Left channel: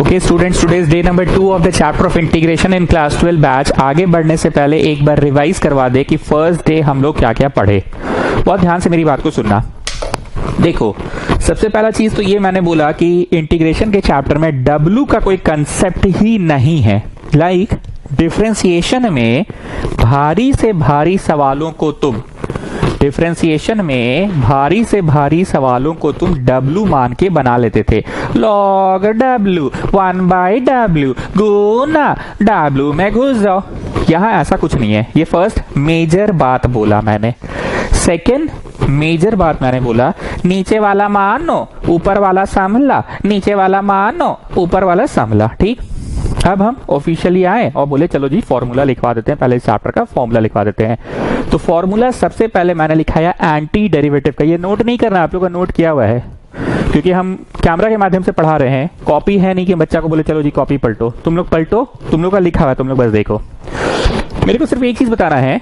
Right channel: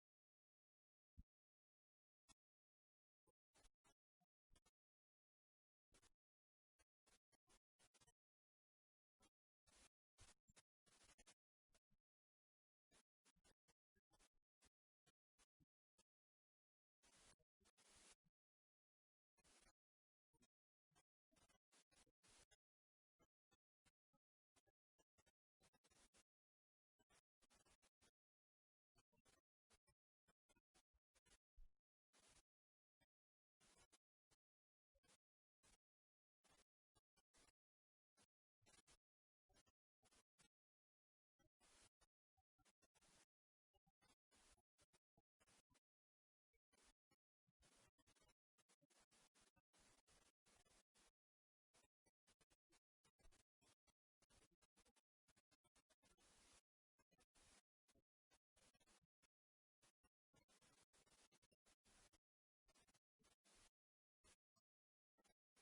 Okay students, today's day number 2 of the chapter of integration in class 12 batch. आगे बढ़ने से पहले एक बार रिवाइज करवा दे कि फर्स्ट डे हम लोग क्या क्या पढ़े। बहुत ध्यान से मेरी बात को सुनना। देखो, सबसे पहला चीज तो ये मैंने बोला कि इंटीग्रेशन के चैप्टर में W का कोई कंसेप्ट ही नहीं है। लाइक डिफरेंशिएशन में भारी से भारी सवालों को तुम W मान के बना लेते थे। log W 1/W गुना W में घुस जाओ। यहां ऐसा कुछ नहीं है। ये फर्स्ट मेजर बात बोला मैंने। सेकेंड मेजर बात मैंने बोला, नीचे वाला मानो ऊपर वाला संभला, नीचे वाला मानो ऊपर वाला संभला। ठीक, अब हम ऑफिशियली आए और बोले चलो जी फॉर्मूला लिखवा देते हैं। पहले इस चैप्टर का फॉर्मूला लिखवा देते हैं। तो फॉर्मूला सबसे पहले मैंने लिखाया एंटी डेरिवेटिव का। ये नोट नहीं करना, आप लोगों का नोट किया हुआ है क्योंकि हम कैमरा के माध्यम से पढ़ा रहे हैं। कॉपी है नहीं कि बच्चा को बोले चलो जी कॉपी पलटो। तुम लोग पलटो, तुम लोग का लिखा हुआ है, तुम लोग बस देखो। मेरे को सिर्फ एक चीज बताना है।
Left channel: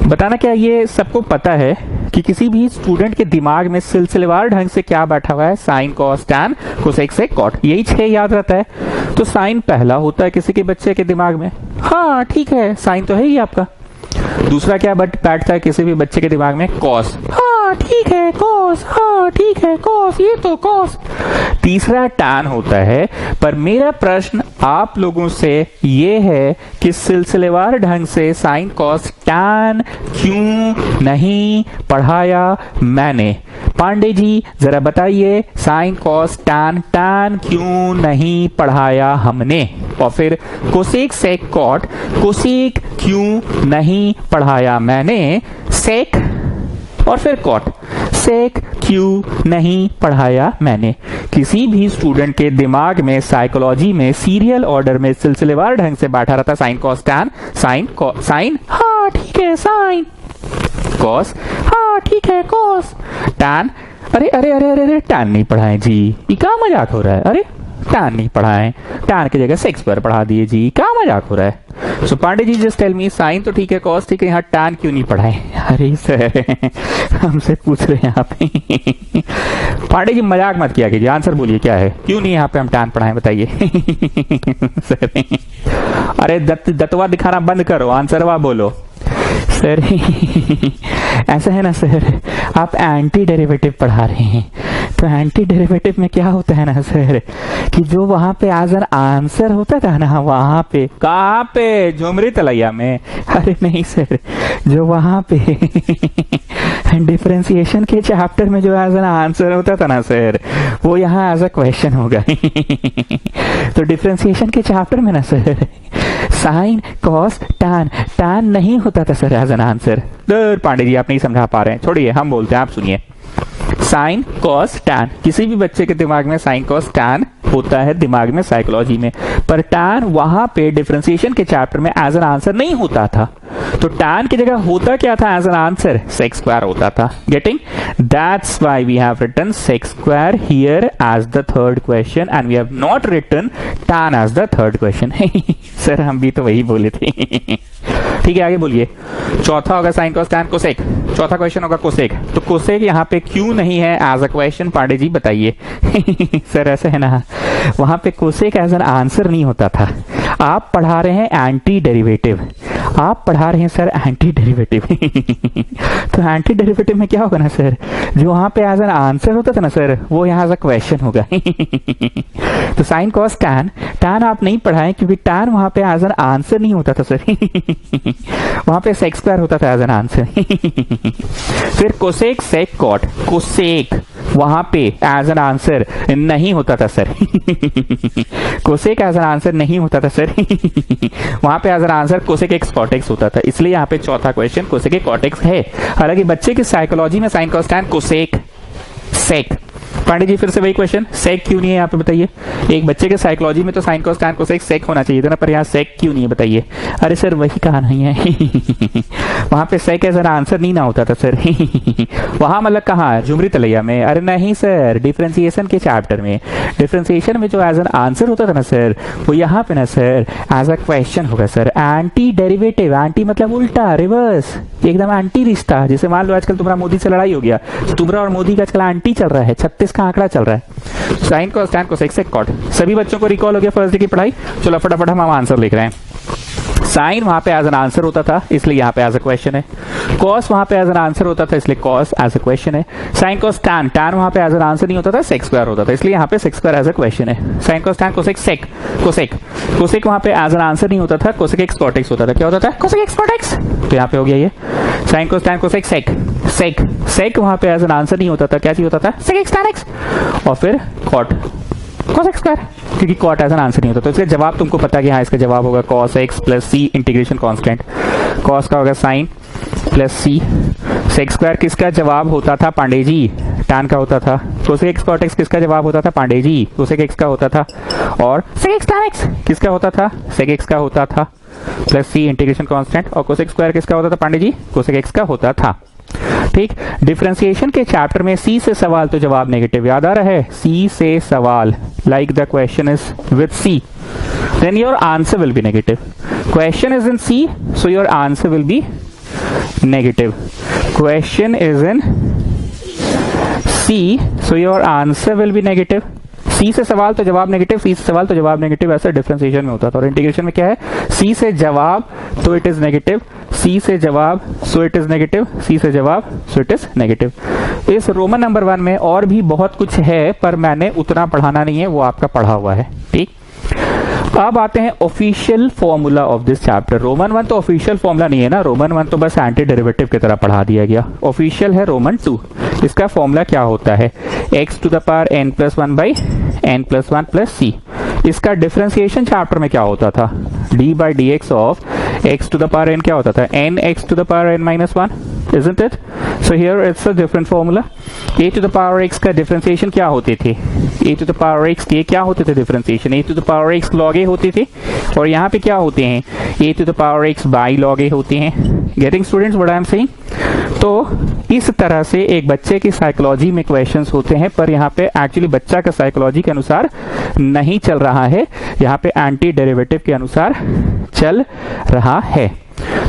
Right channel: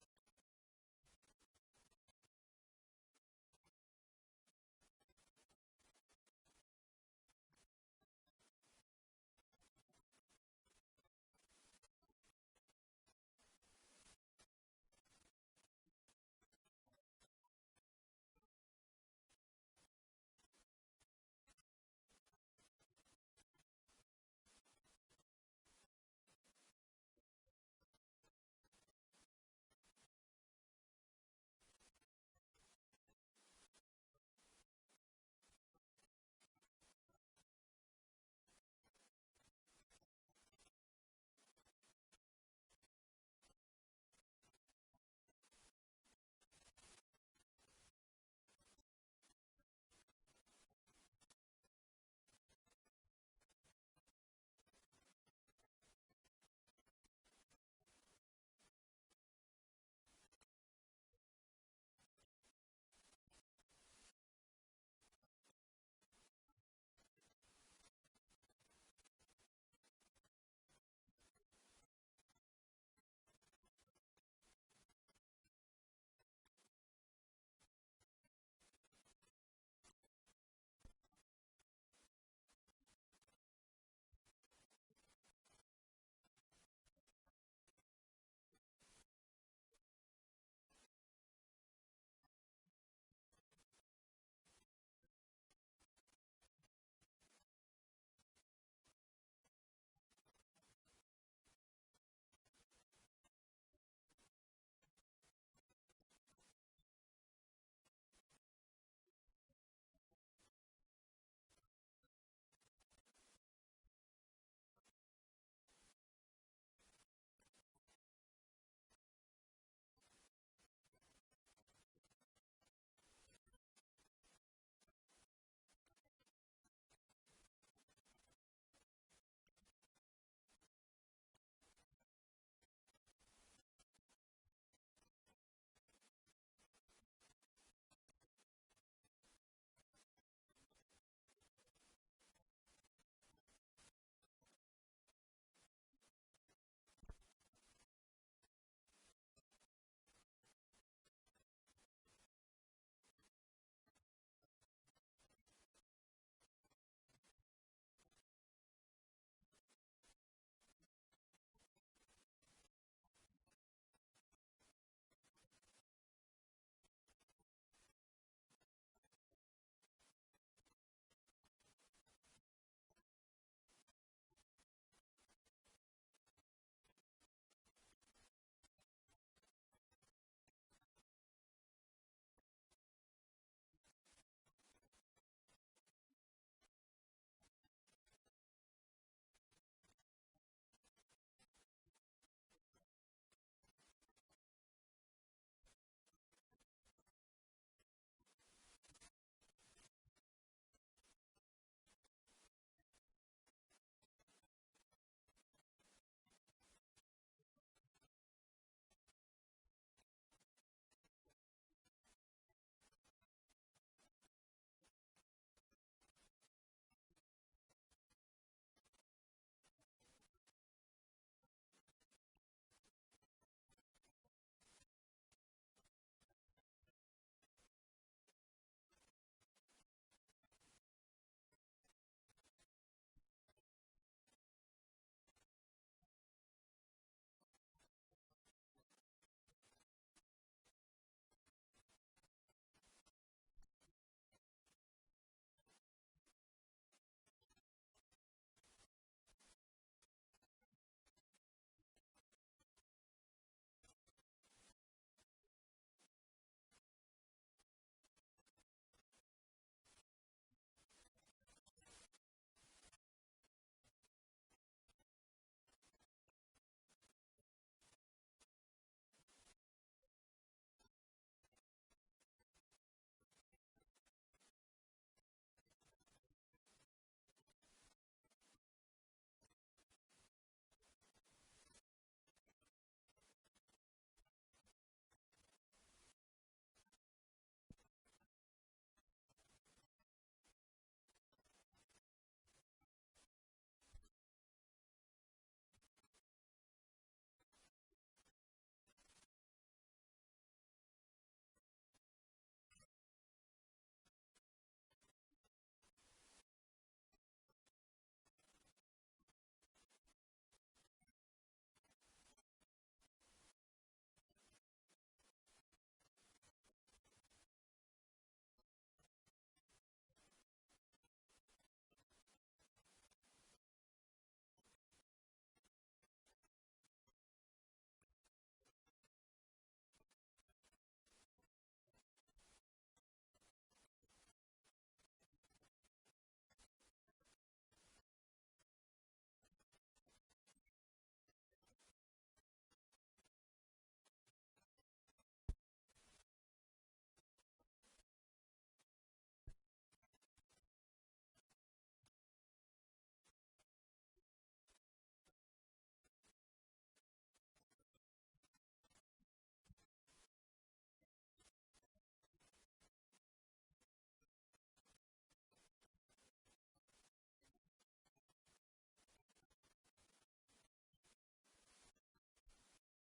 बताना क्या, ये सबको पता है कि किसी भी स्टूडेंट के दिमाग में सिलसिलेवार ढंग से क्या बैठा हुआ है, sine cos tan cosec sec cot, यही 6 याद रहता है। तो साइन पहला होता है किसी के बच्चे के दिमाग में, हाँ ठीक है साइन तो है ही आपका। दूसरा क्या बैठता है किसी भी बच्चे के दिमाग में, कॉस, हाँ ठीक है कॉस, हाँ ठीक है कॉस, ये तो कॉस। तीसरा टैन होता है। पर मेरा प्रश्न आप लोगों से ये है कि सिलसिलेवार ढंग से साइन कॉस टैन क्यों नहीं पढ़ाया मैंने? पांडे जी जरा बताइए, साइन कॉस टैन टैन क्यों नहीं पढ़ाया हमने? और फिर कोसेक सेक कॉट, कोसेक क्यों नहीं पढ़ाया मैंने? सेक और फिर कॉट, सेक क्यों नहीं पढ़ाया मैंने? किसी भी स्टूडेंट के दिमाग में साइकोलॉजी में सीरियल ऑर्डर में सिलसिलेवार ढंग से बैठा रहता साइन कॉस टैन, साइन हाँ ठीक है साइन, कॉस हाँ ठीक है कॉस, टैन अरे अरे अरे अरे अरे टैन नहीं पढ़ाए जी, ये क्या मजाक हो रहा है? अरे टैन नहीं पढ़ाए, टैन की जगह सेक्स पर पढ़ा दिए जी, क्या मजाक हो रहा है? सो पांडे जी जस्ट टेल मी, साइन तो ठीक है कॉस ठीक है, यहाँ टैन क्यों नहीं पढ़ाए? अरे सर हमसे पूछ रहे हैं आप पांडे जी मजाक मत किया कीजिए, आंसर बोलिए क्या है, क्यों नहीं यहाँ पे हम टैन पढ़ाए बताइए सर अरे दतवा दिखाना बंद करो, आंसरवा बोलो। सर ऐसा है ना सर, आप एंटी डेरिवेटिव पढ़ा रहे हैं, तो एंटी डेरिवेटिव में क्या होता है ना सर कि जो वहां पे एज एन आंसर होता था ना, वहां पे कहाँ पे, झुमरी तलैया में? अरे नहीं सर, जो वहां पे डिफरेंशिएशन के चैप्टर में जो एज एन आंसर होता था ना सर, वो यहाँ एज अ क्वेश्चन होगा तो डिफरेंशिएशन के चैप्टर में ना sir sine cos tan, tan नहीं होता था sir as an answer. Pandey ji आप नहीं समझा पा रहे हैं, छोड़िए हम बोलते हैं, आप सुनिए। साइन कॉस टैन, किसी भी बच्चे के दिमाग में साइन कॉस टैन होता है दिमाग में साइकोलॉजी में, पर टैन वहां पे डिफरेंशिएशन के चैप्टर में एज एन आंसर नहीं होता था। तो टैन की जगह होता क्या था as an answer? Sec square होता था। Getting? That's why we have written sec square here as the third question and we have not written tan as the third question sir हम भी तो वही बोले थे ठीक है आगे बोलिए। चौथा होगा साइन कॉस टैन कोसेक, चौथा क्वेश्चन होगा कोसेक। तो कोसेक यहाँ पे क्यों नहीं है as a question? Pandey ji बताइए सर ऐसे है ना, वहां पे कोसेक एज एन आंसर नहीं होता था। आप पढ़ा रहे हैं एंटी डेरिवेटिव, आप पढ़ा रहे हैं सर एंटी डेरिवेटिव तो एंटी डेरिवेटिव में क्या होगा ना सर, जो वहां पे एज एन आंसर होता था ना सर, वो यहाँ एज अ क्वेश्चन होगा तो साइन कॉस टैन, टैन आप नहीं पढ़ाए क्योंकि टैन वहां पे एज एन आंसर नहीं होता था सर वहां पे सेक स्क्वायर होता था एज एन आंसर फिर कोसेक सेक कॉट, कोसेक वहां पे एज एन आंसर नहीं होता था sir cosec as an answer नहीं होता था सर वहां पे as an answer cosec x cot x होता था, इसलिए यहाँ पे चौथा क्वेश्चन कोसेक कॉट एक्स है। हालांकि बच्चे की साइकोलॉजी में sine cos tan cosec sec. Pandey ji फिर से वही क्वेश्चन, सेक क्यों नहीं है यहाँ पे बताइए? एक बच्चे के साइकोलॉजी में तो sine cos tan cosec sec होना चाहिए था ना, पर यहाँ सेक क्यों नहीं है बताइए? अरे सर वही कहा नहीं है वहां पे सेक एज एन आंसर नहीं ना होता था सर वहां मतलब कहाँ, झुमरी तलैया में? अरे नहीं सर, डिफरेंशिएशन के चैप्टर में। डिफरेंशिएशन में जो एज एन आंसर होता था ना सर, वो यहाँ पे ना सर एज अ क्वेश्चन होगा सर। एंटी डेरिवेटिव, एंटी मतलब उल्टा, रिवर्स, एकदम एंटी रिश्ता। जैसे मान लो आजकल तुम्हारा मोदी से लड़ाई हो गया, तो तुम्हारा और मोदी का आजकल एंटी चल रहा है, 36 का आंकड़ा चल रहा है। Sine cos tan cosec sec cot. सभी बच्चों को रिकॉल हो गया फर्स्ट डे की पढ़ाई? चलो फटाफट हम आंसर लिख रहे हैं। साइन वहां पे एज एन आंसर होता था, इसलिए यहाँ पे एज अ क्वेश्चन है। कॉस वहां पे एज एन आंसर होता था, इसलिए कॉस एज अ क्वेश्चन है। साइन कॉस टैन, टैन वहां पे एज एन आंसर नहीं होता था, सेक स्क्वायर होता था, इसलिए यहाँ पे sec square as a question है। Sine cos tan cosec sec, cosec, cosec वहां पे एज एन आंसर नहीं होता था, कोसेक एक्स कॉट एक्स होता था। क्या होता था? Cosec x cot x. तो यहाँ पे हो गया ये sine cos tan cosec sec, sec, sec वहां पे एज एन आंसर नहीं होता था, क्या चीज होता था? Sec x tan x. और फिर कॉट, cos x स्क्वायर, क्योंकि कॉट एज एन आंसर नहीं होता। तो इसका जवाब तुमको पता है कि हाँ, इसका जवाब होगा cos x प्लस सी इंटीग्रेशन कांस्टेंट। cos का होगा साइन प्लस सी। सेक स्क्वायर किसका जवाब होता था पांडे जी? tan का होता था। कोसेक x cot x किसका जवाब होता था पांडे जी? कोसेक x का होता था। और सेक x tan x किसका होता था? सेक x का होता था प्लस सी इंटीग्रेशन कांस्टेंट। और कोसेक स्क्वायर किसका होता था पांडे जी? कोसेक x का होता था। ठीक, डिफरेंशिएशन के चैप्टर में सी से सवाल तो जवाब नेगेटिव याद आ रहा है। सी से सवाल, like the question is with C, then your answer will be negative. Question is in C, so your answer will be negative. Question is in C, so your answer will be negative. C से सवाल तो जवाब negative, C से सवाल तो जवाब negative, ऐसा differentiation में होता था। और इंटीग्रेशन में क्या है? सी से जवाब तो इट इज नेगेटिव, सी से जवाब so it is negative, C से जवाब सो इट इज नेगेटिव। इस रोमन नंबर 1 में और भी बहुत कुछ है, पर मैंने उतना पढ़ाना नहीं है, वो आपका पढ़ा हुआ है। ठीक, अब आते हैं official formula of this chapter. Roman 1 तो ऑफिशियल फॉर्मूला नहीं है ना, रोमन 1 तो बस एंटी डेरिवेटिव की तरह पढ़ा दिया गया। ऑफिशियल है रोमन 2। इसका फॉर्मूला क्या होता है? x to the power n plus 1 by n plus 1 plus c. इसका डिफरेंशिएशन चैप्टर में क्या होता था? d by D x of x to the power n क्या होता था? n x to the power n minus 1, isn't it? So here it's a different formula. a to the power x का differentiation क्या होते थे? a to the power x के क्या होते थे differentiation? a to the power x log a होते थे, और यहाँ पे क्या होते हैं? a to the power x by log a होते हैं। Getting students what I am saying? तो इस तरह से एक बच्चे की साइकोलॉजी में क्वेश्चंस होते हैं, पर यहाँ पे एक्चुअली बच्चा का साइकोलॉजी के अनुसार नहीं चल रहा है, यहाँ पे एंटी डेरिवेटिव के अनुसार चल रहा है।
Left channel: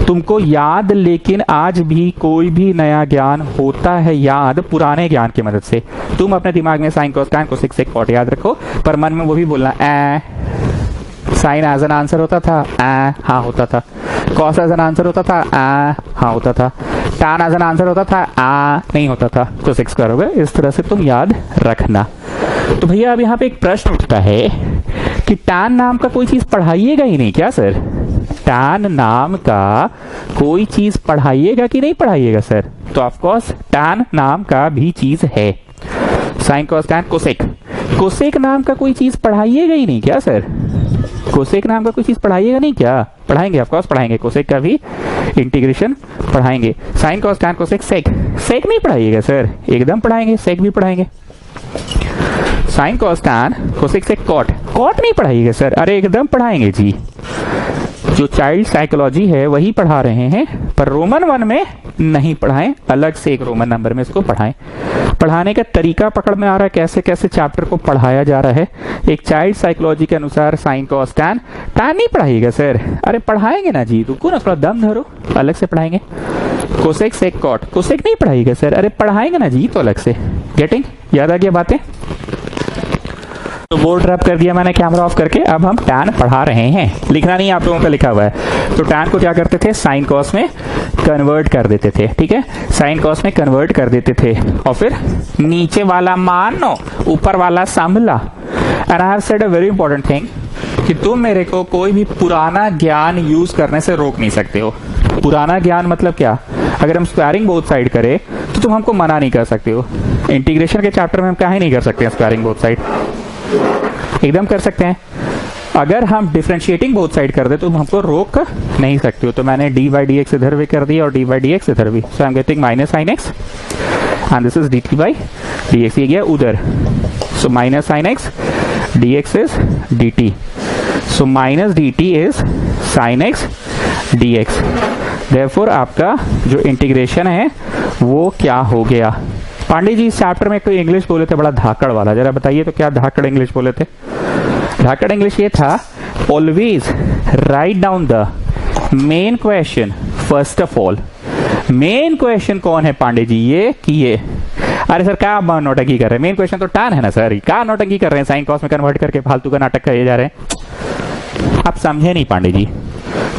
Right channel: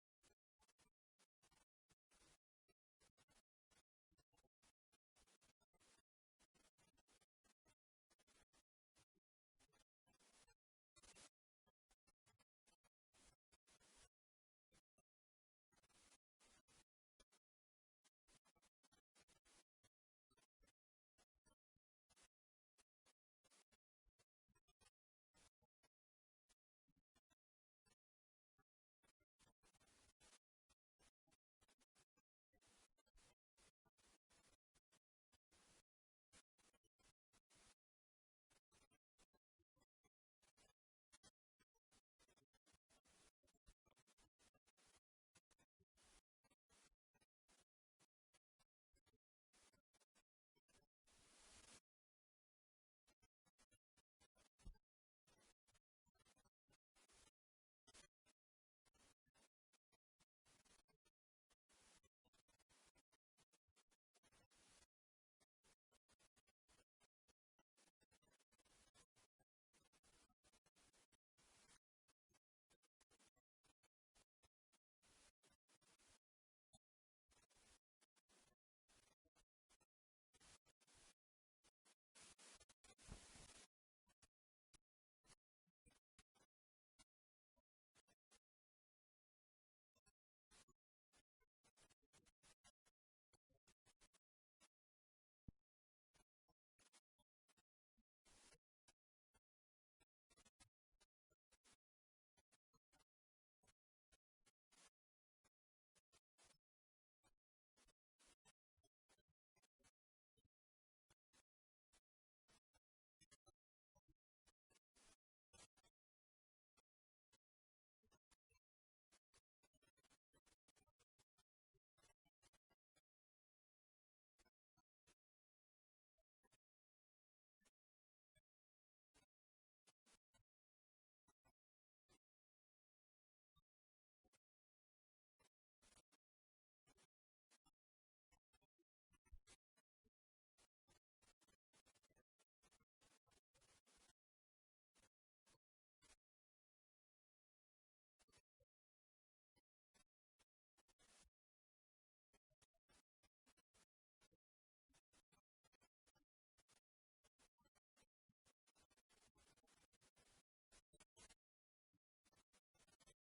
तुमको याद, लेकिन आज भी कोई भी नया ज्ञान होता है याद पुराने ज्ञान की मदद से। तुम अपने दिमाग में sine cos tan cosec sec cot याद रखो, पर मन में वो भी बोलना साइन एज एन आंसर होता था, हाँ होता था। कॉस एज एन आंसर होता था, हाँ होता था। टैन एज एन आंसर होता था, नहीं होता था। तो सेक स्क्वायर हो गया। इस तरह से तुम याद रखना। तो भैया अब यहाँ पे एक प्रश्न उठता है कि टैन नाम का कोई चीज पढ़ाइएगा ही नहीं क्या सर? टैन नाम का कोई चीज पढ़ाइएगा कि नहीं पढ़ाइएगा सर? तो ऑफकोर्स टैन नाम का भी चीज है। Sine cos tan cosec, cosec नाम का कोई चीज पढ़ाइएगा ही नहीं क्या सर? कोसेक नाम का कोई चीज पढ़ाइएगा नहीं क्या? पढ़ाएंगे, ऑफकोर्स पढ़ाएंगे। कोसेक का भी इंटीग्रेशन पढ़ाएंगे। Sine cos tan cosec sec, sec नहीं पढ़ाइएगा सर? एकदम पढ़ाएंगे, सेक भी पढ़ाएंगे। Sine cos tan cosec sec cot, cot नहीं पढ़ाइएगा सर? अरे एकदम पढ़ाएंगे जी। जो चाइल्ड साइकोलॉजी है वही पढ़ा रहे हैं, पर रोमन 1 में नहीं पढ़ाएं, अलग से एक रोमन नंबर में इसको पढ़ाएं। पढ़ाने का तरीका पकड़ में आ रहा है, कैसे कैसे चैप्टर को पढ़ाया जा रहा है। एक चाइल्ड साइकोलॉजी के अनुसार साइन कॉस टैन, टैन नहीं पढ़ाइएगा सर? अरे पढ़ाएंगे ना जी, रुको ना, थोड़ा दम धरो, अलग से पढ़ाएंगे। कोसेक सेक कॉट, कोसेक नहीं पढ़ाइएगा सर? अरे पढ़ाएंगे ना जी, तो अलग से। गेटिंग? याद आ गया बातें? तो बोर्ड रब कर दिया मैंने कैमरा ऑफ करके। अब हम टैन पढ़ा रहे हैं, लिखना नहीं आप लोगों का लिखा हुआ है। तो टैन को क्या करते थे? साइन कॉस में कन्वर्ट कर देते थे। ठीक है, साइन कॉस में कन्वर्ट कर देते थे, और फिर नीचे वाला मानो ऊपर वाला संभला। And I have said a very important thing कि तुम मेरे को कोई भी पुराना ज्ञान यूज करने से रोक नहीं सकते हो। पुराना ज्ञान मतलब क्या? अगर हम स्क्वायरिंग बोथ साइड करें तो तुम हमको मना नहीं कर सकते हो। इंटीग्रेशन के चैप्टर में हम क्या ही नहीं कर सकते हैं स्क्वायरिंग बोथ साइड, एकदम कर सकते हैं। अगर हम डिफरेंशिएटिंग बोथ साइड कर दे तो हमको रोक नहीं सकते हो। तो मैंने डी बाई डी एक्स इधर भी कर दिया और डी बाई डी एक्स इधर भी। So I am getting minus sine x and this is d T by D x, ये गया उधर। So minus sine x d x is d t, so minus d T is sine x d x. Therefore आपका जो integration है वो क्या हो गया? पांडे जी इस चैप्टर में एक तो इंग्लिश बोले थे बड़ा धाकड़ वाला, जरा बताइए तो क्या धाकड़ इंग्लिश बोले थे? धाकड़ इंग्लिश ये था, always write down the main question first of all. Main question कौन है पांडे जी? ये कि ये अरे सर क्या आप नौटंकी कर रहे हैं, मेन क्वेश्चन तो tan है ना सर, क्या नौटंकी कर रहे हैं, साइन कॉस में कन्वर्ट करके फालतू का नाटक करे जा रहे हैं। आप समझे नहीं पांडे जी,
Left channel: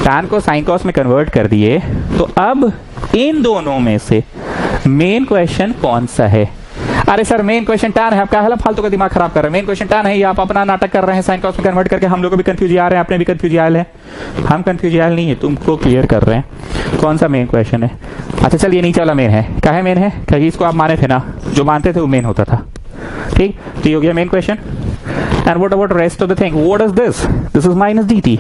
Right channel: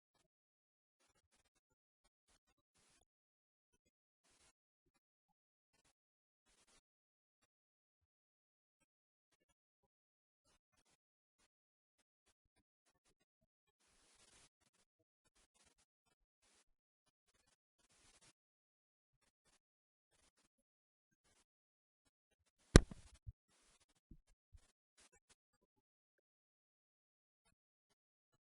tan को साइन कॉस में कन्वर्ट कर दिए, तो अब इन दोनों में से मेन क्वेश्चन कौन सा है। अरे सर मेन क्वेश्चन tan है, आप क्या है फालतू का दिमाग खराब कर रहे हैं, मेन क्वेश्चन tan है, ये आप अपना नाटक कर रहे हैं साइन कॉस में कन्वर्ट करके, हम लोग को भी कंफ्यूज आ रहे हैं, आपने भी कंफ्यूज आयल है, हम कंफ्यूज आयल नहीं है, तुमको क्लियर कर रहे हैं कौन सा मेन क्वेश्चन है। अच्छा चलिए नीचे वाला मेन है, क्या है मेन है, क्योंकि इसको आप माने थे ना, जो मानते थे वो मेन होता था, ठीक, तो ये हो गया main question. And what about rest of the thing, what is this, this is minus d T,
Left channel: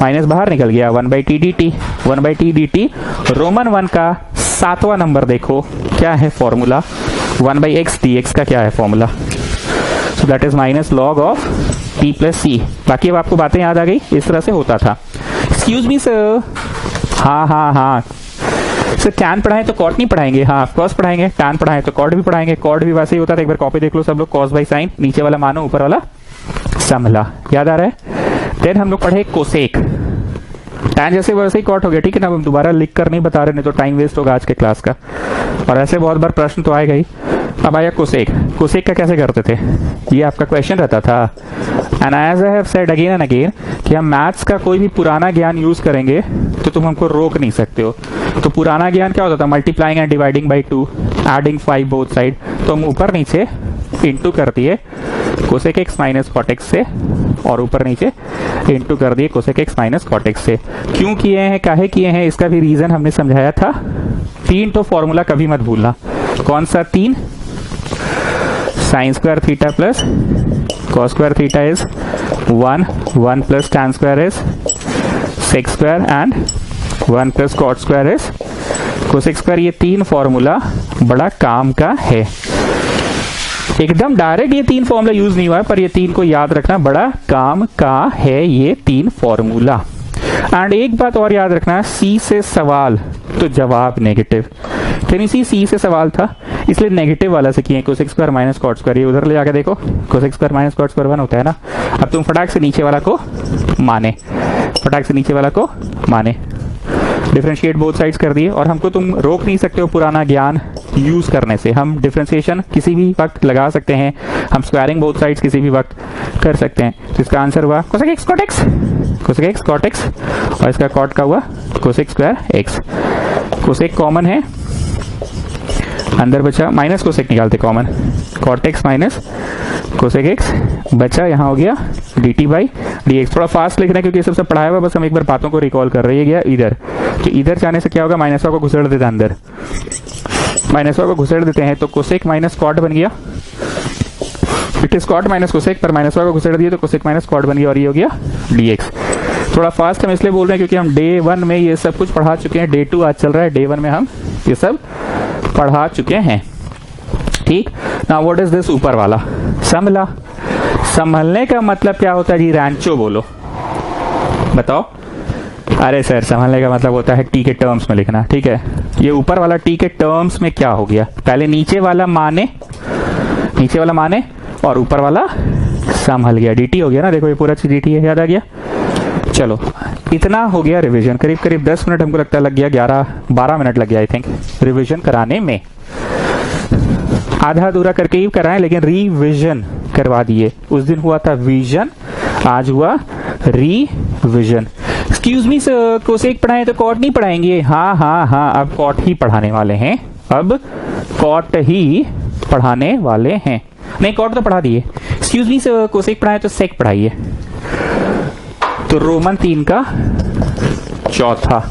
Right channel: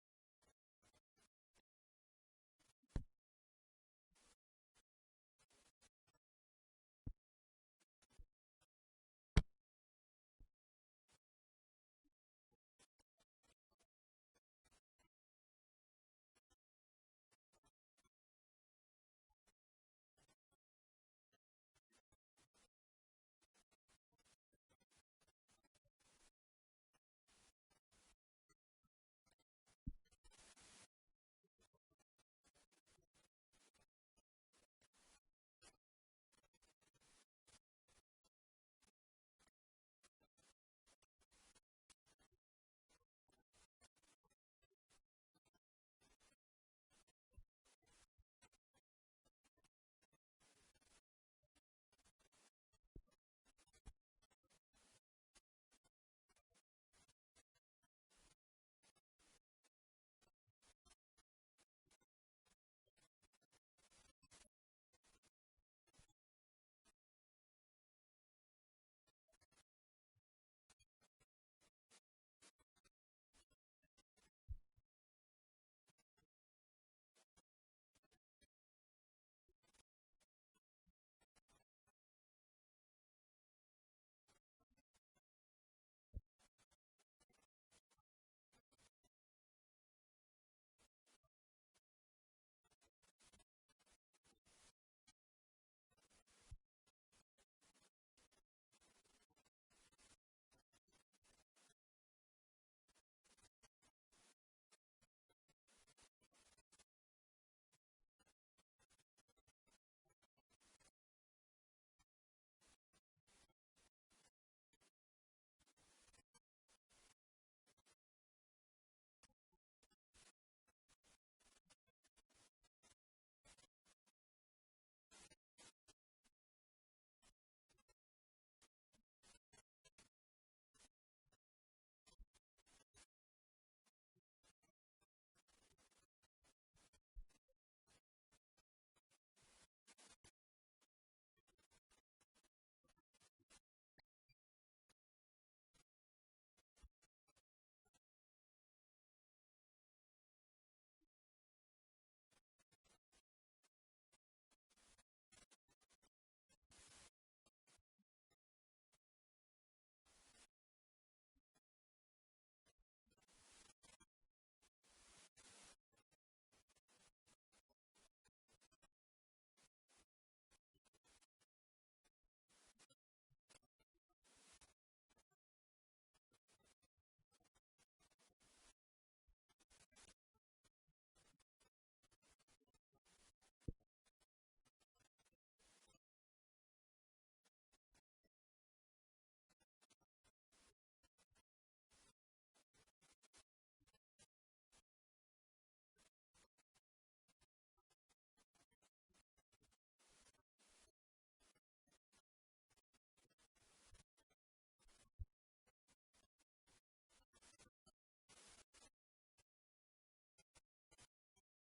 minus बाहर निकल गया, 1/t dt, 1/t dt, Roman 1 का 7वां नंबर देखो क्या है फॉर्मूला, 1/x dx का क्या है formula, so that is minus log of t plus c. बाकी अब आपको बातें याद आ गई, इस तरह से होता था। एक्सक्यूज मी सर, हाँ सर tan पढ़ाएं तो कॉट नहीं पढ़ाएंगे, हाँ कॉस पढ़ाएंगे, tan पढ़ाएं तो कॉट भी पढ़ाएंगे, कॉट भी वैसे ही होता था, एक बार कॉपी देख लो सब लोग, कॉस बाई साइन, नीचे वाला मानो ऊपर वाला समला, याद आ रहा है। देन हम लोग पढ़े कोसेक, tan जैसे वैसे ही कॉट हो गया, ठीक है ना, हम दोबारा लिख कर नहीं बता रहे, नहीं तो टाइम वेस्ट होगा आज के क्लास का, और ऐसे बहुत बार प्रश्न तो आएगा ही। अब आया कोसेक, कोसेक का कैसे करते थे, ये आपका क्वेश्चन रहता था। And as I have said again and again कि हम मैथ्स का कोई भी पुराना ज्ञान यूज करेंगे तो तुम हमको रोक नहीं सकते हो। तो पुराना ज्ञान क्या होता था, multiplying and dividing by 2, adding 5 both side, तो हम ऊपर नीचे इंटू कर दिए cosec x minus cot x से, और ऊपर नीचे इंटू कर दिए cosec x minus cot x से। क्यों किए हैं, काहे किए हैं, इसका भी रीजन हमने समझाया था। 3 तो फॉर्मूला कभी मत भूलना, कौन सा 3, sine square theta plus cos square theta is 1 plus tan square is sec square and 1 plus cot square is cosec square. ये 3 फॉर्मूला बड़ा काम का है, एकदम डायरेक्ट ये 3 फॉर्मूला यूज नहीं हुआ है, पर ये 3 को याद रखना बड़ा काम का है, ये 3 फॉर्मूला। एंड एक बात और याद रखना, सी से सवाल तो जवाब नेगेटिव, सी से सवाल था इसलिए नेगेटिव वाला से किए, cosec square minus cot square, ये उधर ले जाके देखो, cosec square minus cot square 1 होता है ना। अब तुम फटाक से नीचे वाला को माने, फटाक से नीचे वाला को माने, डिफरेंशिएट बोथ साइड्स कर दिए, और हमको तुम रोक नहीं सकते हो पुराना ज्ञान यूज करने से। हम डिफरेंशिएशन किसी भी वक्त लगा सकते हैं, हम स्क्वायरिंग बोथ साइड्स किसी भी वक्त कर सकते हैं। तो इसका आंसर हुआ cosec x cot x, cosec x cot x, और इसका कॉट का हुआ cosec square x. Cosec common है, अंदर बचा माइनस कोसेक निकालते common, cot x minus cosec x बचा, यहाँ हो गया d T by D x. थोड़ा फास्ट लिख रहे हैं क्योंकि ये सबसे पढ़ाया हुआ, बस हम एक बार बातों को रिकॉल कर रहे हैं। गया इधर, तो इधर जाने से क्या होगा, माइनस को घुसेड़ देते हैं अंदर, माइनस को घुसेड़ देते हैं तो कोसेक माइनस कॉट बन गया, it is cot minus cosec, पर माइनस को घुसेड़ दिए तो कोसेक माइनस कॉट बन गया, और ये हो गया डी एक्स। थोड़ा फास्ट हम इसलिए बोल रहे हैं क्योंकि हम डे 1 में ये सब कुछ पढ़ा चुके हैं, डे 2 आज चल रहा है, डे 1 में हम ये सब पढ़ा चुके हैं, ठीक ना। व्हाट इज दिस, ऊपर वाला समला, संभलने का मतलब क्या होता है जी, रैंचो बोलो, बताओ। अरे सर संभलने का मतलब होता है टी के टर्म्स में लिखना, ठीक है। ये ऊपर वाला टी के टर्म्स में क्या हो गया, पहले नीचे वाला माने, नीचे वाला माने, और ऊपर वाला संभल गया, dt हो गया ना, देखो ये पूरा चीज dt है, याद आ गया। चलो इतना हो गया रिवीजन, करीब करीब 10 मिनट हमको लगता है लग गया, 11-12 मिनट लग गया आई थिंक रिवीजन कराने में। आधा अधूरा करके ही कराएं, लेकिन रिवीजन करवा दिए। उस दिन हुआ था विजन, आज हुआ revision. Excuse me sir, cosec पढ़ाएं तो कॉट नहीं पढ़ाएंगे? हाँ, अब कॉट ही पढ़ाने वाले हैं, अब कॉट ही पढ़ाने वाले हैं। नहीं कॉट तो पढ़ा दिए। एक्सक्यूज मी सर, कोसेक पढ़ाएं तो सेक पढ़ाइए। तो रोमन 3 का चौथा,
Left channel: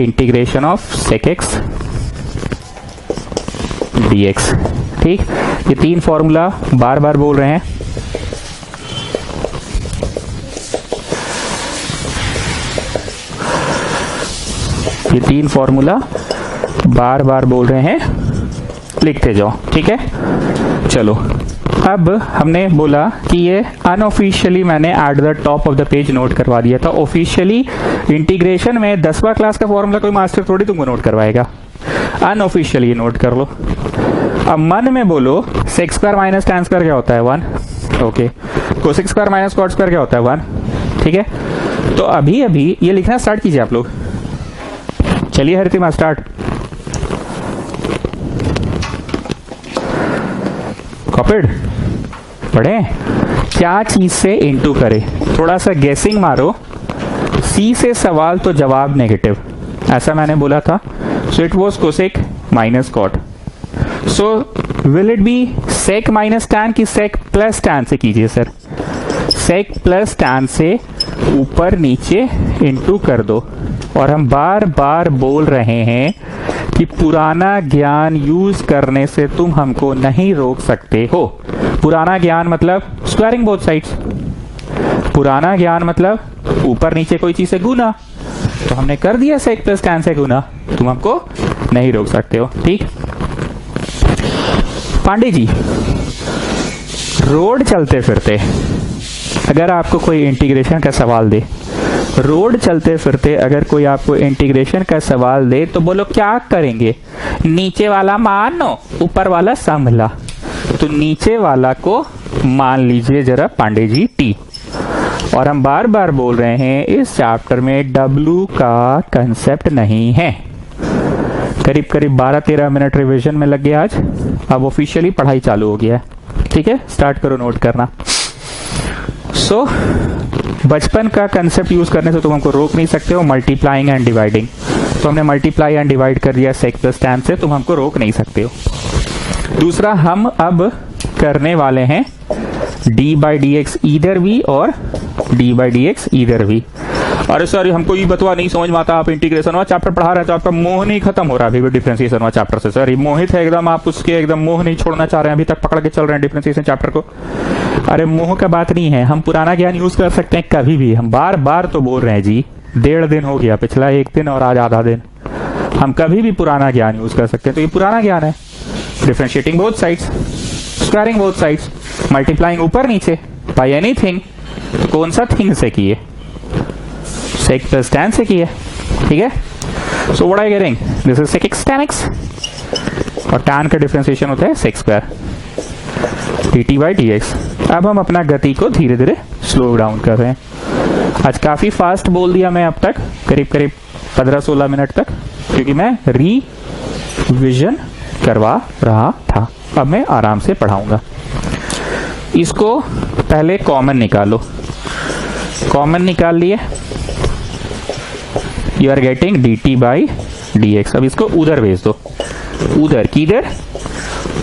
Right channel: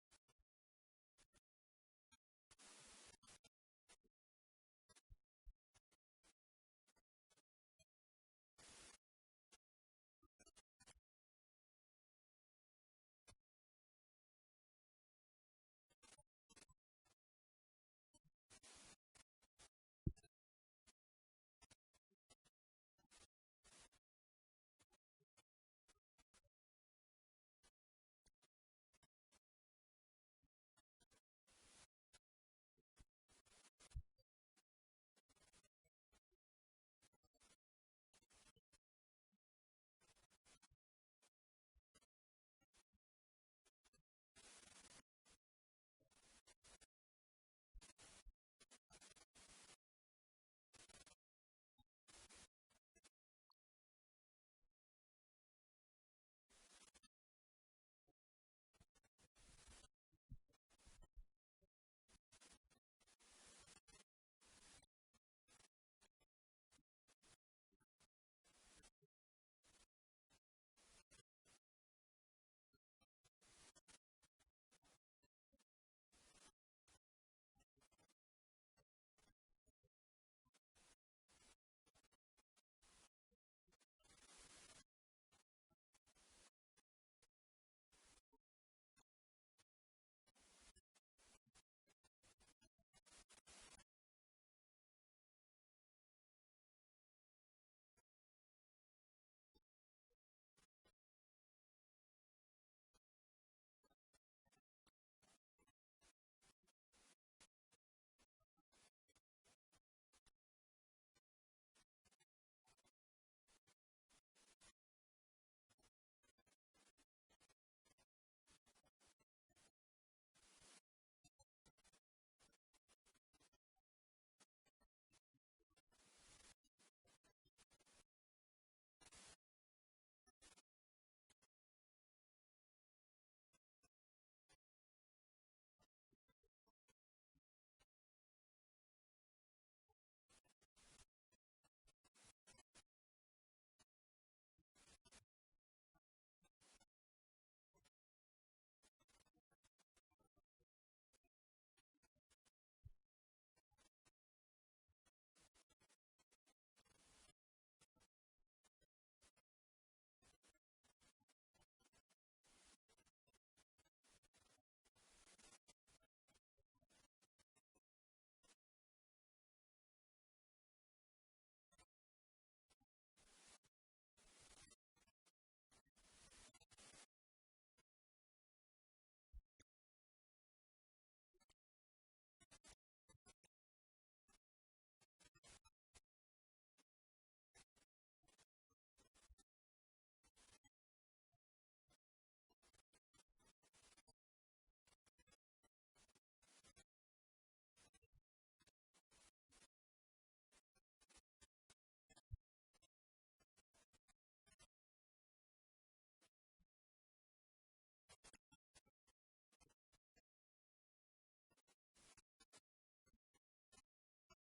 integration of sec x dx, ठीक। ये 3 फॉर्मूला बार बार बोल रहे हैं, ये 3 फॉर्मूला बार बार बोल रहे हैं, लिखते जाओ, ठीक है। चलो अब हमने बोला कि ये अनऑफिशियली मैंने at the top of the page note करवा दिया था। ऑफिशियली इंटीग्रेशन में 10वां क्लास का फॉर्मूला कोई मास्टर थोड़ी तुमको नोट करवाएगा, अनऑफिशियली नोट कर लो। अब मन में बोलो sec square minus tan square क्या होता है 1, okay. Cosec square minus cot square क्या होता है 1, ठीक है। तो अभी अभी ये लिखना स्टार्ट कीजिए आप लोग, चलिए हरितिमा स्टार्ट। कॉपीड पढ़े क्या चीज से इनटू करे, थोड़ा सा गेसिंग मारो। सी से सवाल तो जवाब नेगेटिव, ऐसा मैंने बोला था। So it was cosec minus cot. So will it be sec minus tan की सेक प्लस टैन से कीजिए सर? सेक प्लस टैन से ऊपर नीचे इनटू कर दो। और हम बार बार बोल रहे हैं कि पुराना ज्ञान यूज करने से तुम हमको नहीं रोक सकते हो। पुराना ज्ञान मतलब स्क्वायरिंग बोथ साइड्स, पुराना ज्ञान मतलब ऊपर नीचे कोई चीज से गुना। तो हमने कर दिया सेक प्लस टैन से गुना, तुम हमको नहीं रोक सकते हो। ठीक पांडे जी, रोड चलते फिरते अगर आपको कोई इंटीग्रेशन का सवाल दे, रोड चलते फिरते अगर कोई आपको इंटीग्रेशन का सवाल दे तो बोलो क्या करेंगे? नीचे वाला मानो ऊपर वाला संभला। तो नीचे वाला को मान लीजिए जरा पांडे जी टी। और हम बार बार बोल रहे हैं इस चैप्टर में W का कंसेप्ट नहीं है। करीब करीब 12-13 मिनट रिवीजन में लग गया आज। अब ऑफिशियली पढ़ाई चालू हो गया है। ठीक है, स्टार्ट करो नोट करना। सो बचपन का कंसेप्ट यूज करने से तुम हमको रोक नहीं सकते हो, मल्टीप्लाइंग एंड डिवाइडिंग। तो हमने मल्टीप्लाई एंड डिवाइड कर दिया सेक प्लस टैन से, तुम हमको रोक नहीं सकते हो। दूसरा हम अब करने वाले हैं d by D x either v और d by D x either v. अरे सर हमको ये बतवा नहीं समझ में आता, आप इंटीग्रेशन वाला चैप्टर पढ़ा रहे हैं तो आपका मोह नहीं खत्म हो रहा अभी भी डिफरेंशिएशन वाला चैप्टर से। सर ये मोहित है एकदम, आप उसके एकदम मोह नहीं छोड़ना चाह रहे हैं, अभी तक पकड़ के चल रहे हैं डिफरेंशिएशन चैप्टर को। अरे मोह का बात नहीं है, हम पुराना ज्ञान यूज कर सकते हैं कभी भी। हम बार बार तो बोल रहे हैं जी, 1.5 दिन हो गया, पिछला 1 दिन और आज आधा दिन, हम कभी भी पुराना ज्ञान यूज कर सकते हैं। तो ये पुराना ज्ञान है, differentiating both sides, squaring both sides, multiplying ऊपर नीचे बाय एनीथिंग। कौन सा थिंग से किए? सेक प्लस टैन से किए। ठीक है, so what I getting, this is sec x tan x और टैन का डिफरेंशिएशन होता है sec square dt by D x. अब हम अपना गति को धीरे धीरे स्लो डाउन कर रहे हैं। आज काफी फास्ट बोल दिया मैं अब तक, करीब करीब 15-16 मिनट तक, क्योंकि मैं रिविजन करवा रहा था। अब मैं आराम से पढ़ाऊंगा। इसको पहले कॉमन निकालो, कॉमन निकाल लिए, you are getting dt by D x. अब इसको उधर भेज दो, उधर किधर,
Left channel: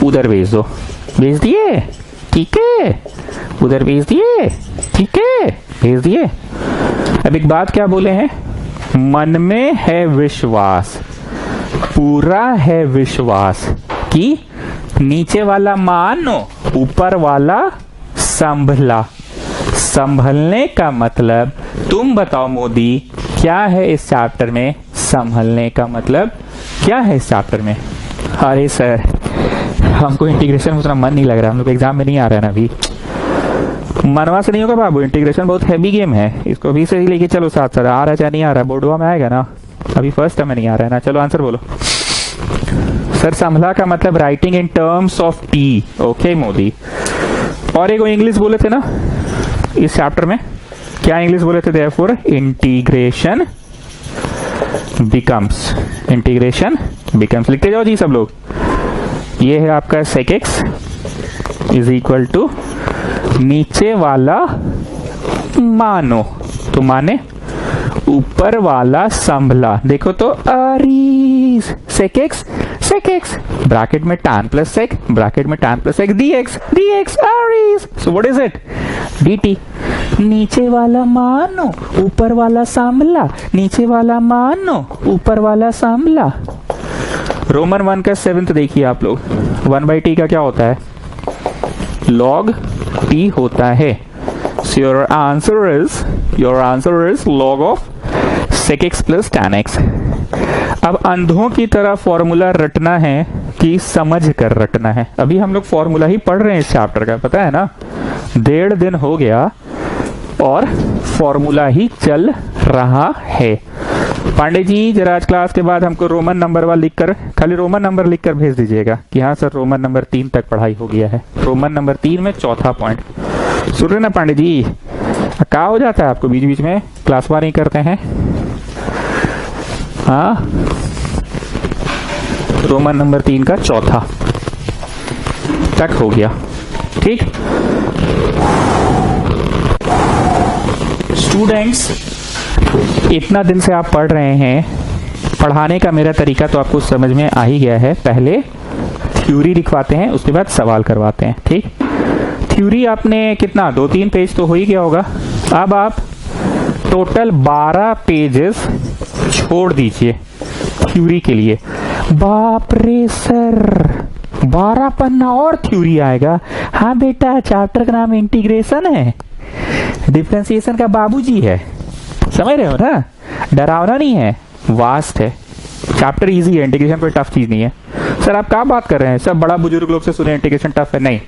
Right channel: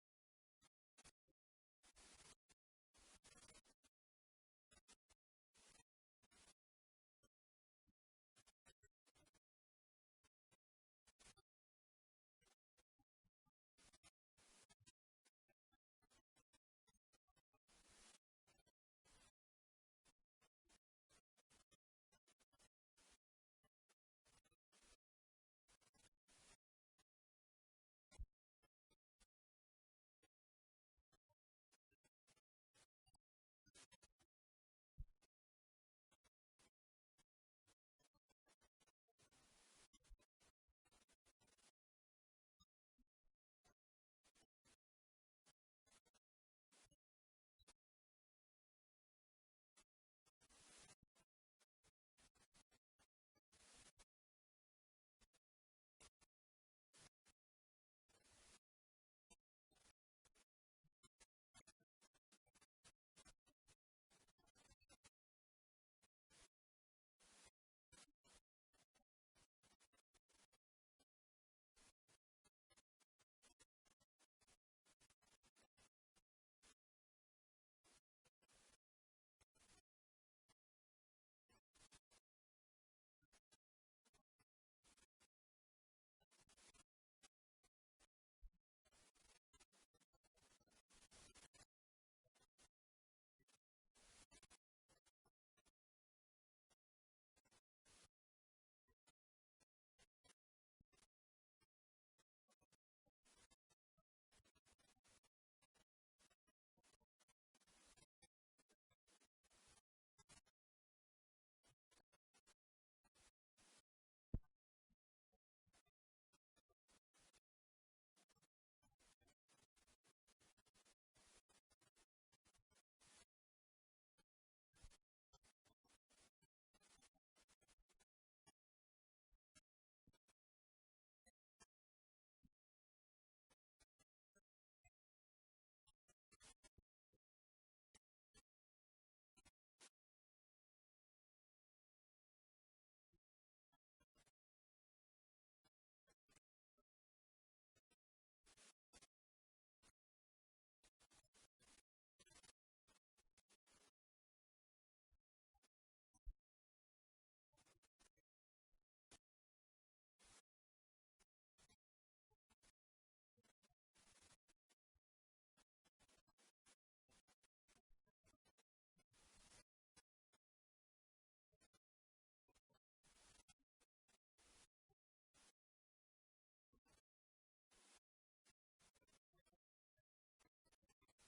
उधर भेज दो, भेज दिए? ठीक है, उधर भेज दिए? ठीक है, भेज दिए। अब एक बात क्या बोले हैं, मन में है विश्वास, पूरा है विश्वास कि नीचे वाला मानो ऊपर वाला संभला। संभलने का मतलब तुम बताओ मोदी, क्या है इस चैप्टर में? संभलने का मतलब क्या है इस चैप्टर में? अरे सर हमको इंटीग्रेशन में उतना मन नहीं लग रहा, हम लोग एग्जाम में नहीं आ रहा है ना अभी। मनवा से नहीं होगा बाबू, इंटीग्रेशन बहुत हैवी गेम है, इसको भी से ही लेके चलो साथ साथ। आ रहा है या नहीं आ रहा है, बोर्डवा में आएगा ना, अभी फर्स्ट टर्म में नहीं आ रहा है ना। चलो आंसर बोलो। सर संभला का मतलब writing in terms of T. Okay Modi. और एक इंग्लिश बोले थे ना इस चैप्टर में, क्या इंग्लिश बोले थे? Therefore integration becomes, integration becomes. लिखते जाओ जी सब लोग। ये है आपका sec x is equal to नीचे वाला मानो, तो माने ऊपर वाला संभला। देखो तो अरीज सेक एक्स ब्रैकेट में tan प्लस सेक, ब्रैकेट में tan plus sec dx arise. So what is it? dt। नीचे वाला मानो ऊपर वाला संभला, नीचे वाला मानो ऊपर वाला संभला। रोमन 1 का 7th देखिए आप लोग, 1/t का क्या होता है? log t होता है। So your answer is log of sec x plus tan x। अब अंधों की तरह फॉर्मूला रटना है कि समझ कर रटना है? अभी हम लोग फॉर्मूला ही पढ़ रहे हैं इस चैप्टर का, पता है ना, 1.5 दिन हो गया और फॉर्मूला ही चल रहा है। पांडे जी जरा आज क्लास के बाद हमको रोमन नंबर वाला लिखकर, खाली रोमन नंबर लिखकर भेज दीजिएगा कि हाँ सर रोमन नंबर 3 तक पढ़ाई हो गया है। रोमन नंबर 3 में चौथा पॉइंट। सुन रहे ना पांडे जी, क्या हो जाता है आपको बीच बीच में, क्लास वार नहीं करते हैं? हाँ, रोमन नंबर 3 का चौथा तक हो गया। ठीक। स्टूडेंट्स, इतना दिन से आप पढ़ रहे हैं, पढ़ाने का मेरा तरीका तो आपको समझ में आ ही गया है। पहले थ्योरी लिखवाते हैं, उसके बाद सवाल करवाते हैं, ठीक। थ्योरी आपने कितना 2-3 पेज तो हो ही गया होगा। अब आप टोटल 12 पेजेस छोड़ दीजिए थ्योरी के लिए। बाप रे सर, 12 पन्ना और थ्योरी आएगा? हाँ बेटा, चैप्टर का नाम इंटीग्रेशन है, डिफरेंशिएशन का बाबूजी है, समझ रहे हो ना? डरावना नहीं है, वास्ट है। चैप्टर इजी है, इंटीग्रेशन कोई टफ चीज नहीं है। सर आप क्या बात कर रहे हैं? सब बड़ा बुजुर्ग लोग से सुने इंटीग्रेशन टफ है। नहीं,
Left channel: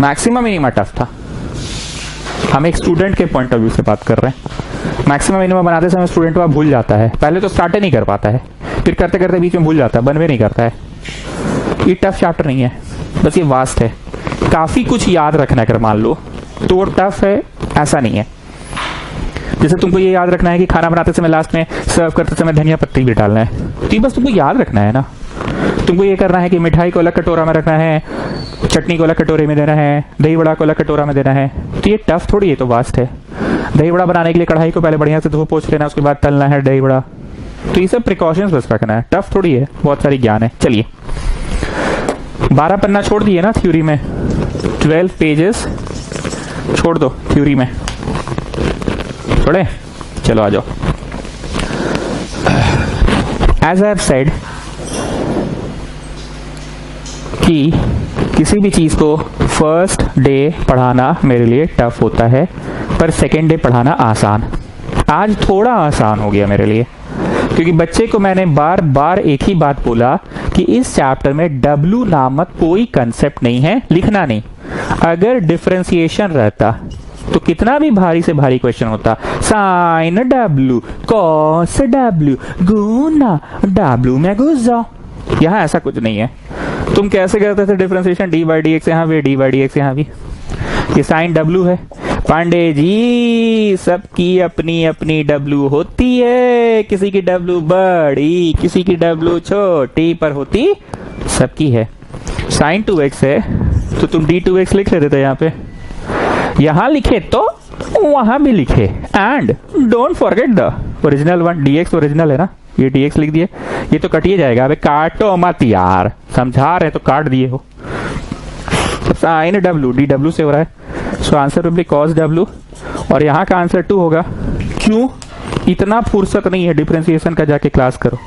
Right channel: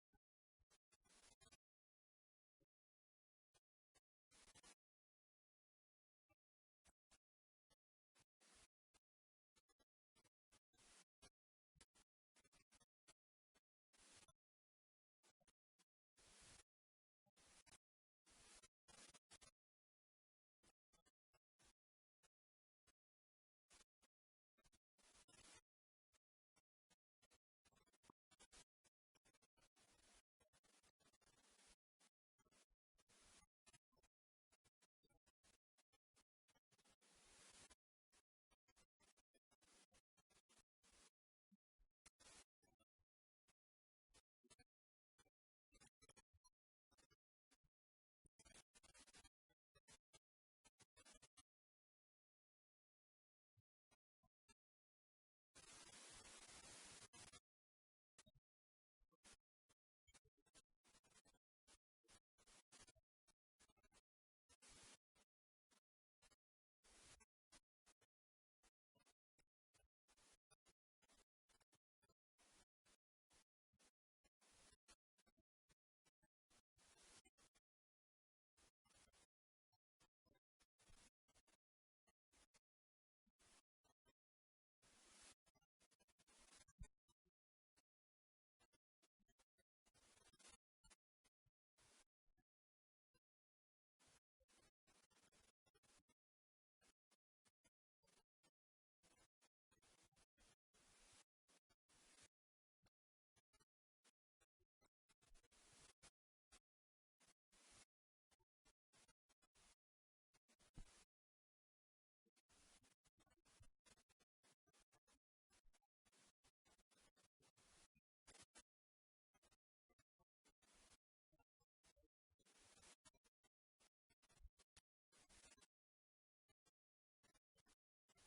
मैक्सिमम मिनिमम टफ था। हम एक स्टूडेंट के पॉइंट ऑफ व्यू से बात कर रहे हैं। मैक्सिमम मिनिमम बनाते समय स्टूडेंट वह भूल जाता है, पहले तो स्टार्ट नहीं कर पाता है, फिर करते करते बीच में भूल जाता है, बनवे नहीं करता है। ये टफ चैप्टर नहीं है, बस ये वास्ट है। काफी कुछ याद रखना अगर मान लो तो टफ है, ऐसा नहीं है। जैसे तुमको ये याद रखना है कि खाना बनाते समय लास्ट में सर्व करते समय धनिया पत्ती भी डालना है, तो ये बस तुमको याद रखना है ना। तुमको ये करना है कि मिठाई को अलग कटोरा में रखना है, चटनी को अलग कटोरे में देना है, दही बड़ा को अलग कटोरा में देना है। तो ये टफ थोड़ी है, तो वास्ट है। दही बड़ा बनाने के लिए कढ़ाई को पहले बढ़िया से धो पोंछ लेना, उसके बाद तलना है दही बड़ा। तो ये सब प्रिकॉशंस बस रखना है, टफ थोड़ी है, बहुत सारी ज्ञान है। चलिए 12 पन्ना छोड़ दिए ना थ्योरी में, 12 पेजेस छोड़ दो थ्योरी में, छोड़े? चलो आ जाओ। एज आई हैव सेड कि किसी भी चीज को फर्स्ट डे पढ़ाना मेरे लिए टफ होता है, पर सेकेंड डे पढ़ाना आसान। आज थोड़ा आसान हो गया मेरे लिए, क्योंकि बच्चे को मैंने बार बार एक ही बात बोला कि इस चैप्टर में W नामक कोई कंसेप्ट नहीं है, लिखना नहीं। अगर डिफरेंशिएशन रहता तो कितना भी भारी से भारी क्वेश्चन होता, साइन W, कॉस W, गुना W में घुस जाओ। यहाँ ऐसा कुछ नहीं है। तुम कैसे करते थे differentiation? D by D x, यहाँ भी डी बाई डी एक्स, यहाँ भी ये साइन W है। पांडे जी, सबकी अपनी अपनी W होती है, किसी की W बड़ी, किसी की W छोटी, पर होती सबकी है। साइन 2x है तो तुम d2x लिख लेते थे, यहाँ पे यहां लिखे तो वहां भी लिखे। And don't forget the original one, dx original है ना, ये dx लिख दिए। ये तो कटिए जाएगा, अबे काटो मत यार, समझा रहे तो काट दिए हो। साइन W dw से हो रहा है, so answer will B cos W, और यहाँ का आंसर 2 होगा। क्यों? इतना फुर्सत नहीं है डिफरेंशिएशन का, जाके क्लास करो।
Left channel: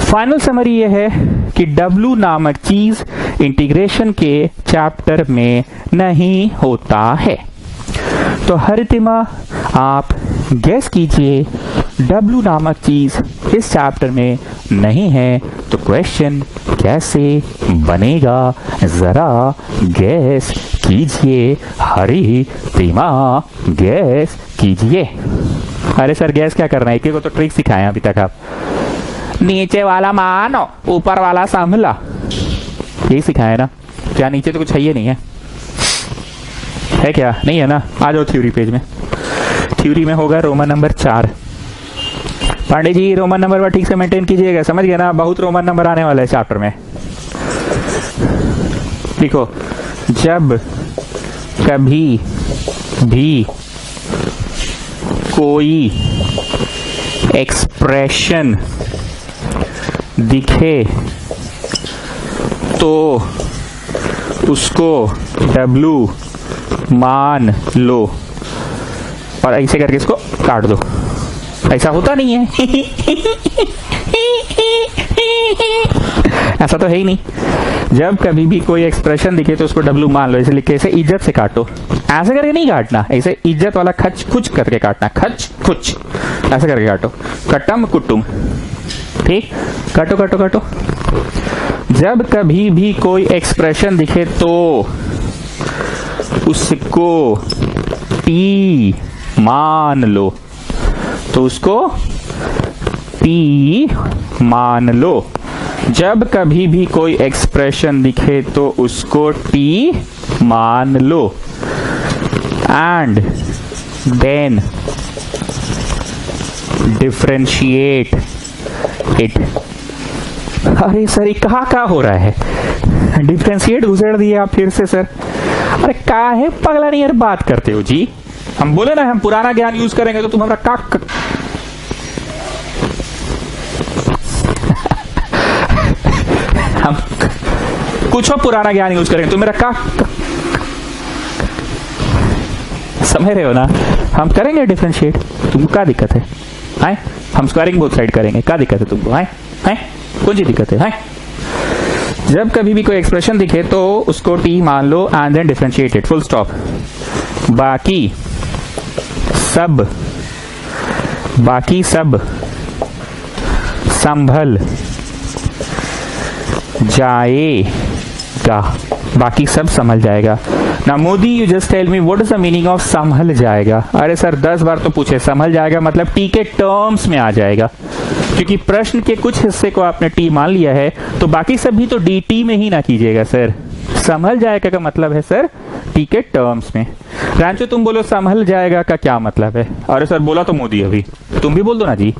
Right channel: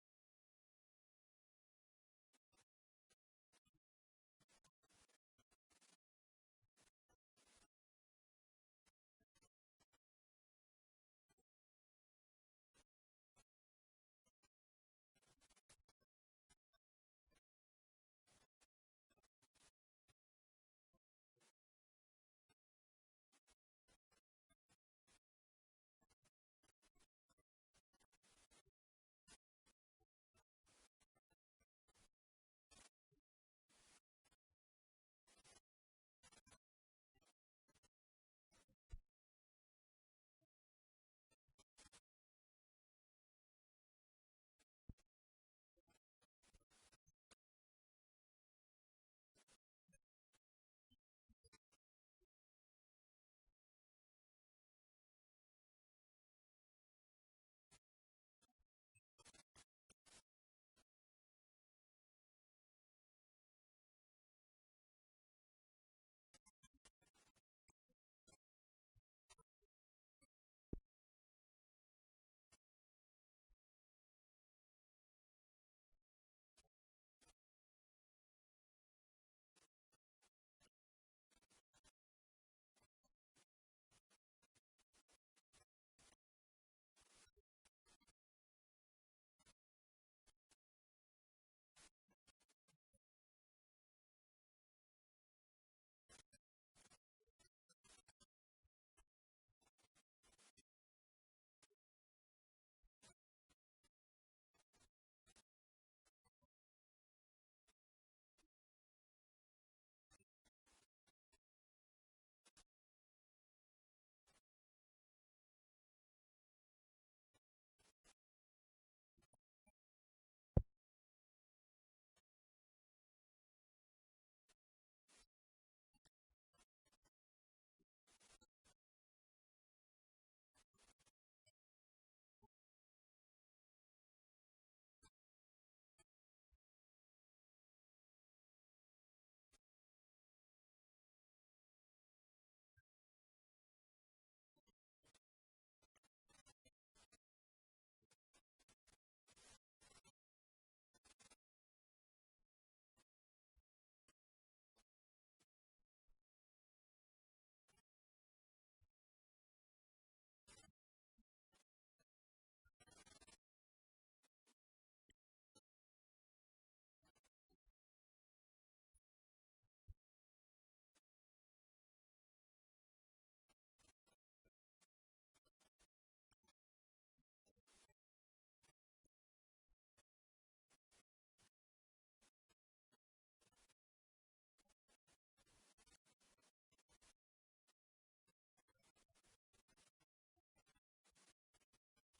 फाइनल समरी ये है कि W नामक चीज इंटीग्रेशन के चैप्टर में नहीं होता है। तो हरितिमा आप गेस कीजिए, W नामक चीज इस चैप्टर में नहीं है, तो क्वेश्चन कैसे बनेगा? जरा गेस कीजिए, हरितिमा गेस कीजिए। अरे सर गैस क्या करना है, एक को तो ट्रिक सिखाए अभी तक आप। नीचे वाला मानो, ऊपर वाला संभला, यही सिखाया ना। क्या नीचे तो कुछ है ही नहीं है क्या? नहीं है ना। आ जाओ थ्योरी पेज में। थ्योरी में होगा Roman number 4। Pandey ji Roman number पर ठीक से मेंटेन कीजिएगा, समझ गए ना? बहुत रोमन नंबर आने वाला है चैप्टर में। देखो, जब कभी भी कोई एक्सप्रेशन दिखे तो उसको W मान लो, और ऐसे करके इसको काट दो। ऐसा होता नहीं है ऐसा तो है ही नहीं। जब कभी भी कोई एक्सप्रेशन दिखे तो उसको W मान लो, ऐसे लिख के, ऐसे इज्जत से काटो। ऐसे करके नहीं काटना, ऐसे इज्जत वाला खच कुछ करके काटना, खच कुछ ऐसे करके काटो, कट्टम कुट्टुम। ठीक, काटो काटो काटो। जब कभी भी कोई एक्सप्रेशन दिखे तो उसको P मान लो, तो उसको P मान लो। जब कभी भी कोई एक्सप्रेशन दिखे तो उसको T मान लो, एंड देन डिफरेंशिएट इट। अरे सर ये कहाँ हो रहा है, डिफ्रेंशिएट घुसेड़ दिए आप फिर से सर। अरे का है पगला नहीं यार बात करते हो जी। हम बोले ना हम पुराना ज्ञान यूज करेंगे तो तुम हमारा का हम कुछ और पुराना ज्ञान यूज करेंगे तो मेरा का समझ रहे हो ना। हम करेंगे डिफरेंशिएट, तुमको क्या दिक्कत है? हाय हम स्क्वायरिंग बोथ साइड करेंगे, क्या दिक्कत है तुमको? हाय हाय कौन सी दिक्कत है? हाय जब कभी भी कोई एक्सप्रेशन दिखे तो उसको टी मान लो and then differentiate it, full stop. बाकी सब संभल जाएगा, बाकी सब संभल जाएगा ना। Modi you just tell me what is the meaning of संभल जाएगा? अरे सर 10 बार तो पूछे, संभल जाएगा मतलब टी के टर्म्स में आ जाएगा, क्योंकि प्रश्न के कुछ हिस्से को आपने टी मान लिया है तो बाकी सब भी तो डी टी में ही ना कीजिएगा सर। संभल जाएगा का मतलब है सर टी के टर्म्स में। रांचो तुम बोलो संभल जाएगा का क्या मतलब है? अरे सर बोला तो मोदी अभी, तुम भी बोल दो ना जी।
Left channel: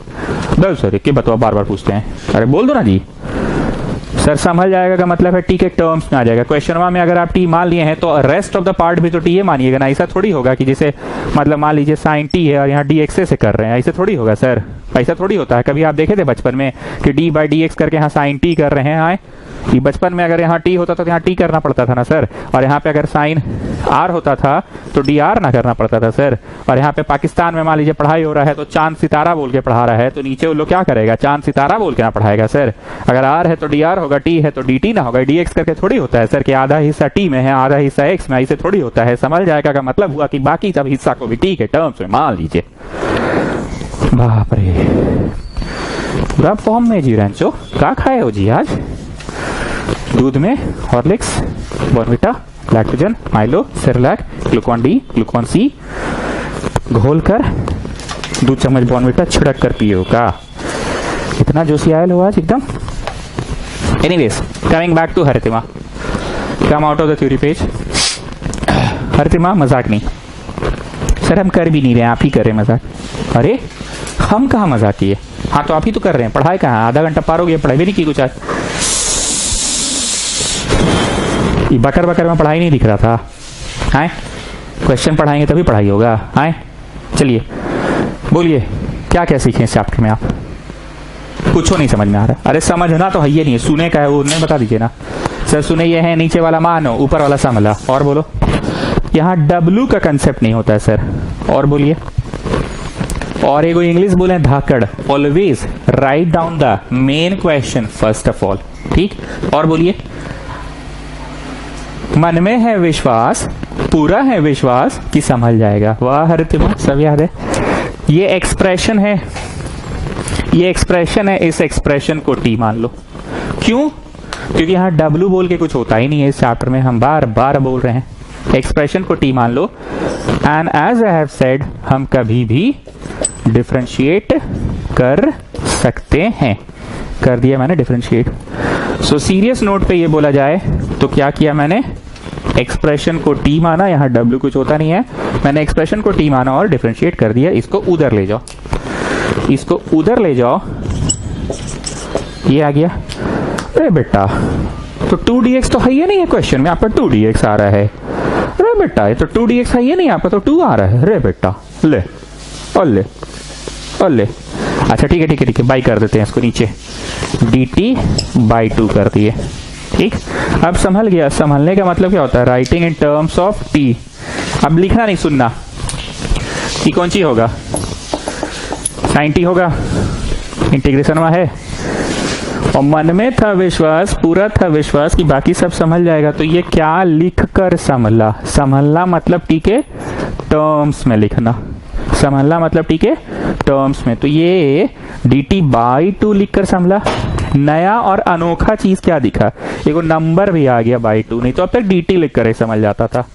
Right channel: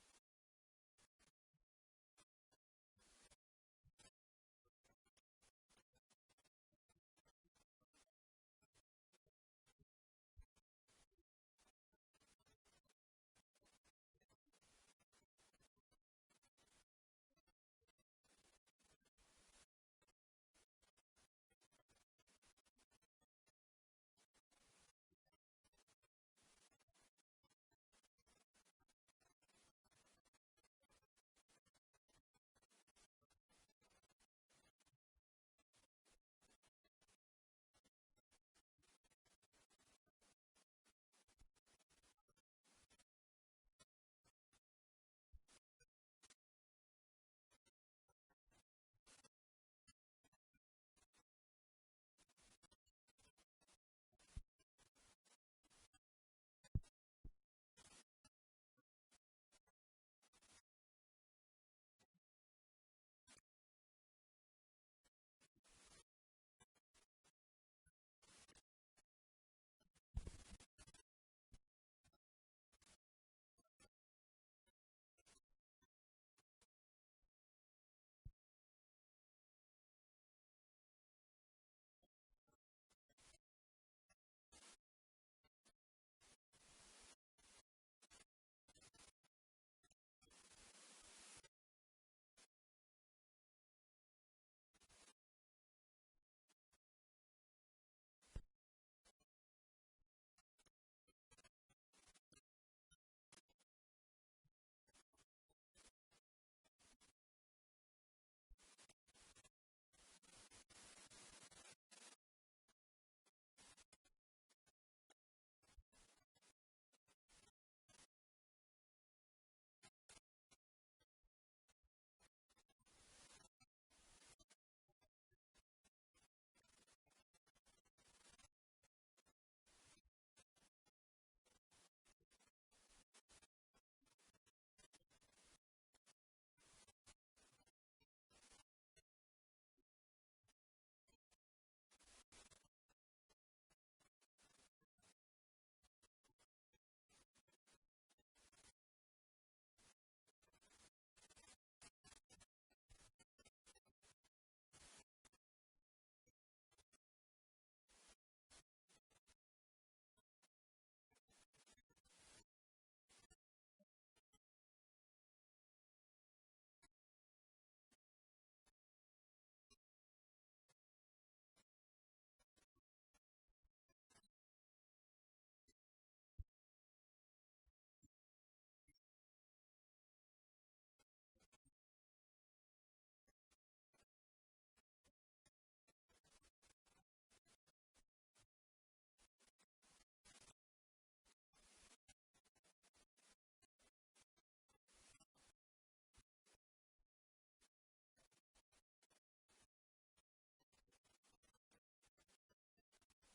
दो सर क्या बताओ, बार बार पूछते हैं। अरे बोल दो ना जी। सर संभल जाएगा का मतलब है टी के टर्म्स में आ जाएगा। क्वेश्चन में अगर आप टी मान लिए हैं तो रेस्ट ऑफ द पार्ट भी तो टी मानिएगा ना। ऐसा थोड़ी होगा कि जैसे मतलब मान लीजिए साइन टी है और यहाँ डी एक्स से कर रहे हैं, ऐसे थोड़ी होगा सर, ऐसा थोड़ी होता है। कभी आप देखे थे बचपन में कि डी बाई डी एक्स करके यहाँ साइन टी कर रहे हैं? हाँ ये बचपन में अगर यहाँ टी होता था तो यहाँ टी करना पड़ता था ना सर, और यहाँ पे अगर साइन आर होता था तो डी आर ना करना पड़ता था सर। और यहाँ पे पाकिस्तान में मान लीजिए पढ़ाई हो रहा है तो चांद सितारा बोल के पढ़ा रहा है तो नीचे वो लोग क्या करेगा, चांद सितारा बोल के ना पढ़ाएगा सर। अगर आर है तो डी आर होगा, टी है तो डी टी ना होगा। डी एक्स करके थोड़ी होता है सर कि आधा हिस्सा टी में है आधा हिस्सा एक्स में, ऐसे थोड़ी होता है। समझ जाएगा का मतलब हुआ कि बाकी सब हिस्सा को भी टी के टर्म्स में मान लीजिए। बाप रे पूरा फॉर्म में जी। रैंचो क्या खाए हो जी आज? दूध में Horlicks, Bournvita, Lactogen, Milo, Cerelac, Glucon D, Glucon C घोल कर 2 चम्मच बॉर्नविटा छिड़क कर पियो का? इतना जोशी आयल हो आज एकदम। Anyways coming back to Haritima, come out of the theory page. Haritima मजाक नहीं सर, हम कर भी नहीं रहे, आप ही कर रहे मजाक। अरे हम कहाँ मजाक किए? हाँ तो आप ही तो कर रहे हैं। पढ़ाई कहाँ? आधा घंटा पार हो गया, पढ़ाई भी नहीं की कुछ आज। बकर बकर में पढ़ाई नहीं दिख रहा था। हाय क्वेश्चन पढ़ाएंगे तभी पढ़ाई होगा। हाय चलिए बोलिए क्या क्या सीखे इस चैप्टर में आप? कुछ नहीं समझ में आ रहा। अरे समझना तो है ये नहीं है, सुने का है वो नहीं बता दीजिए ना सर। सुने ये है नीचे वाला मानो ऊपर वाला समला। और बोलो यहाँ डब्लू का कंसेप्ट नहीं होता है सर। और बोलिए। और एगो इंग्लिश बोले धाकड़, always write down the main question first of all. ठीक। और बोलिए मन में है विश्वास, पूरा है विश्वास कि संभल जाएगा। वाह हरितिमा सब याद है। ये एक्सप्रेशन है, ये एक्सप्रेशन है, इस एक्सप्रेशन को टी मान लो। क्यों? क्योंकि यहाँ डब्लू बोल के कुछ होता ही नहीं है इस चैप्टर में, हम बार बार बोल रहे हैं। एक्सप्रेशन को टी मान लो and as I have said हम कभी भी डिफरेंशिएट कर सकते हैं। कर दिया मैंने डिफरेंशिएट। सो सीरियस नोट पे ये बोला जाए तो क्या किया मैंने? एक्सप्रेशन को टी माना, यहाँ डब्ल्यू कुछ होता नहीं है, मैंने एक्सप्रेशन को टी माना और डिफरेंशिएट कर दिया। इसको उधर ले जाओ, इसको उधर ले जाओ, ये आ गया। अरे बेटा तो 2dx तो है ही नहीं है क्वेश्चन में, आपका 2dx आ रहा है। अरे बेटा ये तो 2dx है ही नहीं, आपका तो 2 आ रहा है। अरे बेटा ले और ले और ले। अच्छा ठीक है ठीक है ठीक है, बाई कर देते हैं इसको नीचे, dt बाई 2 कर दिए। ठीक। अब संभल गया। संभलने का मतलब क्या होता है? Writing in terms of t। अब लिखना नहीं, सुनना कि कौन सी होगा, साइन टी होगा, इंटीग्रेशन में है। और मन में था विश्वास, पूरा था विश्वास कि बाकी सब संभल जाएगा। तो ये क्या लिख कर संभला? संभलना मतलब टी के टर्म्स में लिखना, संभलना मतलब टी के टर्म्स में। तो ये dt बाई 2 लिखकर संभला। नया और अनोखा चीज क्या दिखा? एक नंबर भी आ गया बाई 2, नहीं तो अब तक dt लिखकर ही समझ जाता था।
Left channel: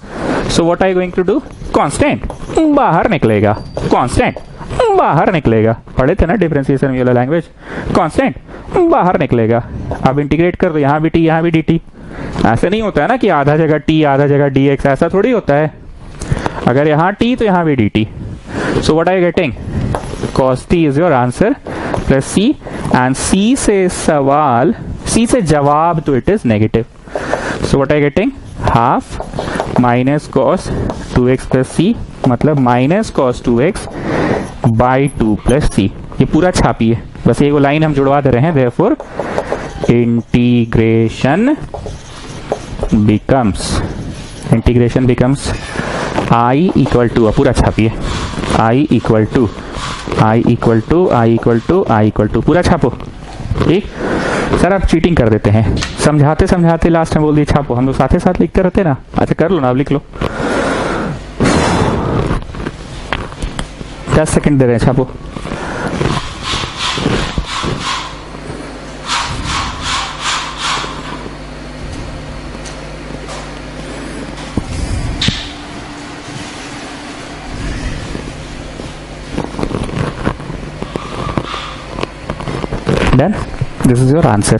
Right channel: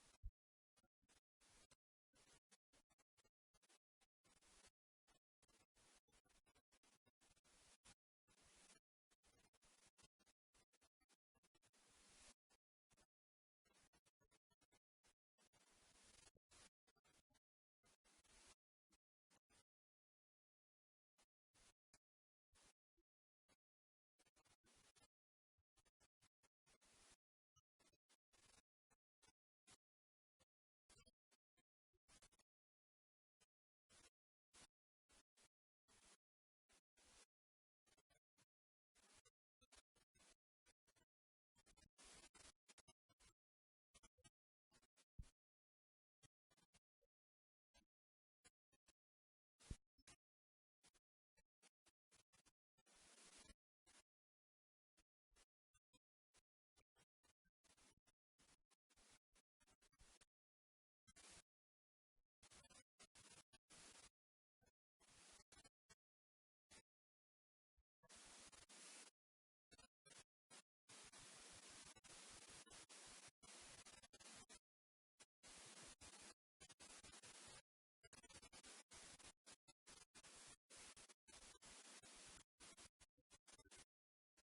So what I going to do? Constant बाहर निकलेगा, कांस्टेंट बाहर निकलेगा। पढ़े थे ना डिफरेंशिएशन वाला लैंग्वेज, कांस्टेंट बाहर निकलेगा। अब इंटीग्रेट कर दो, यहाँ भी t यहाँ भी dt। ऐसे नहीं होता है ना कि आधा जगह t आधा जगह dx, ऐसा थोड़ी होता है। अगर यहाँ t तो यहाँ भी dt। So what are you getting? Cos t is your answer plus c, and c से सवाल सी से जवाब तो it is negative. So what I getting, half minus cos 2x plus c, मतलब minus cos 2x by 2 plus c. ये पूरा छापिए, बस एक लाइन हम जुड़वा दे रहे हैं। Therefore integration becomes I equal to, पूरा छापिए, आई इक्वल टू, पूरा छापो। ठीक सर, आप चीटिंग कर देते हैं, समझाते समझाते लास्ट में बोल दिए छापो। हम लोग साथ ही साथ लिखते रहते ना। अच्छा कर लो ना, अब लिख लो। 10 सेकंड दे रहे हैं, छापो। Done? This is your answer.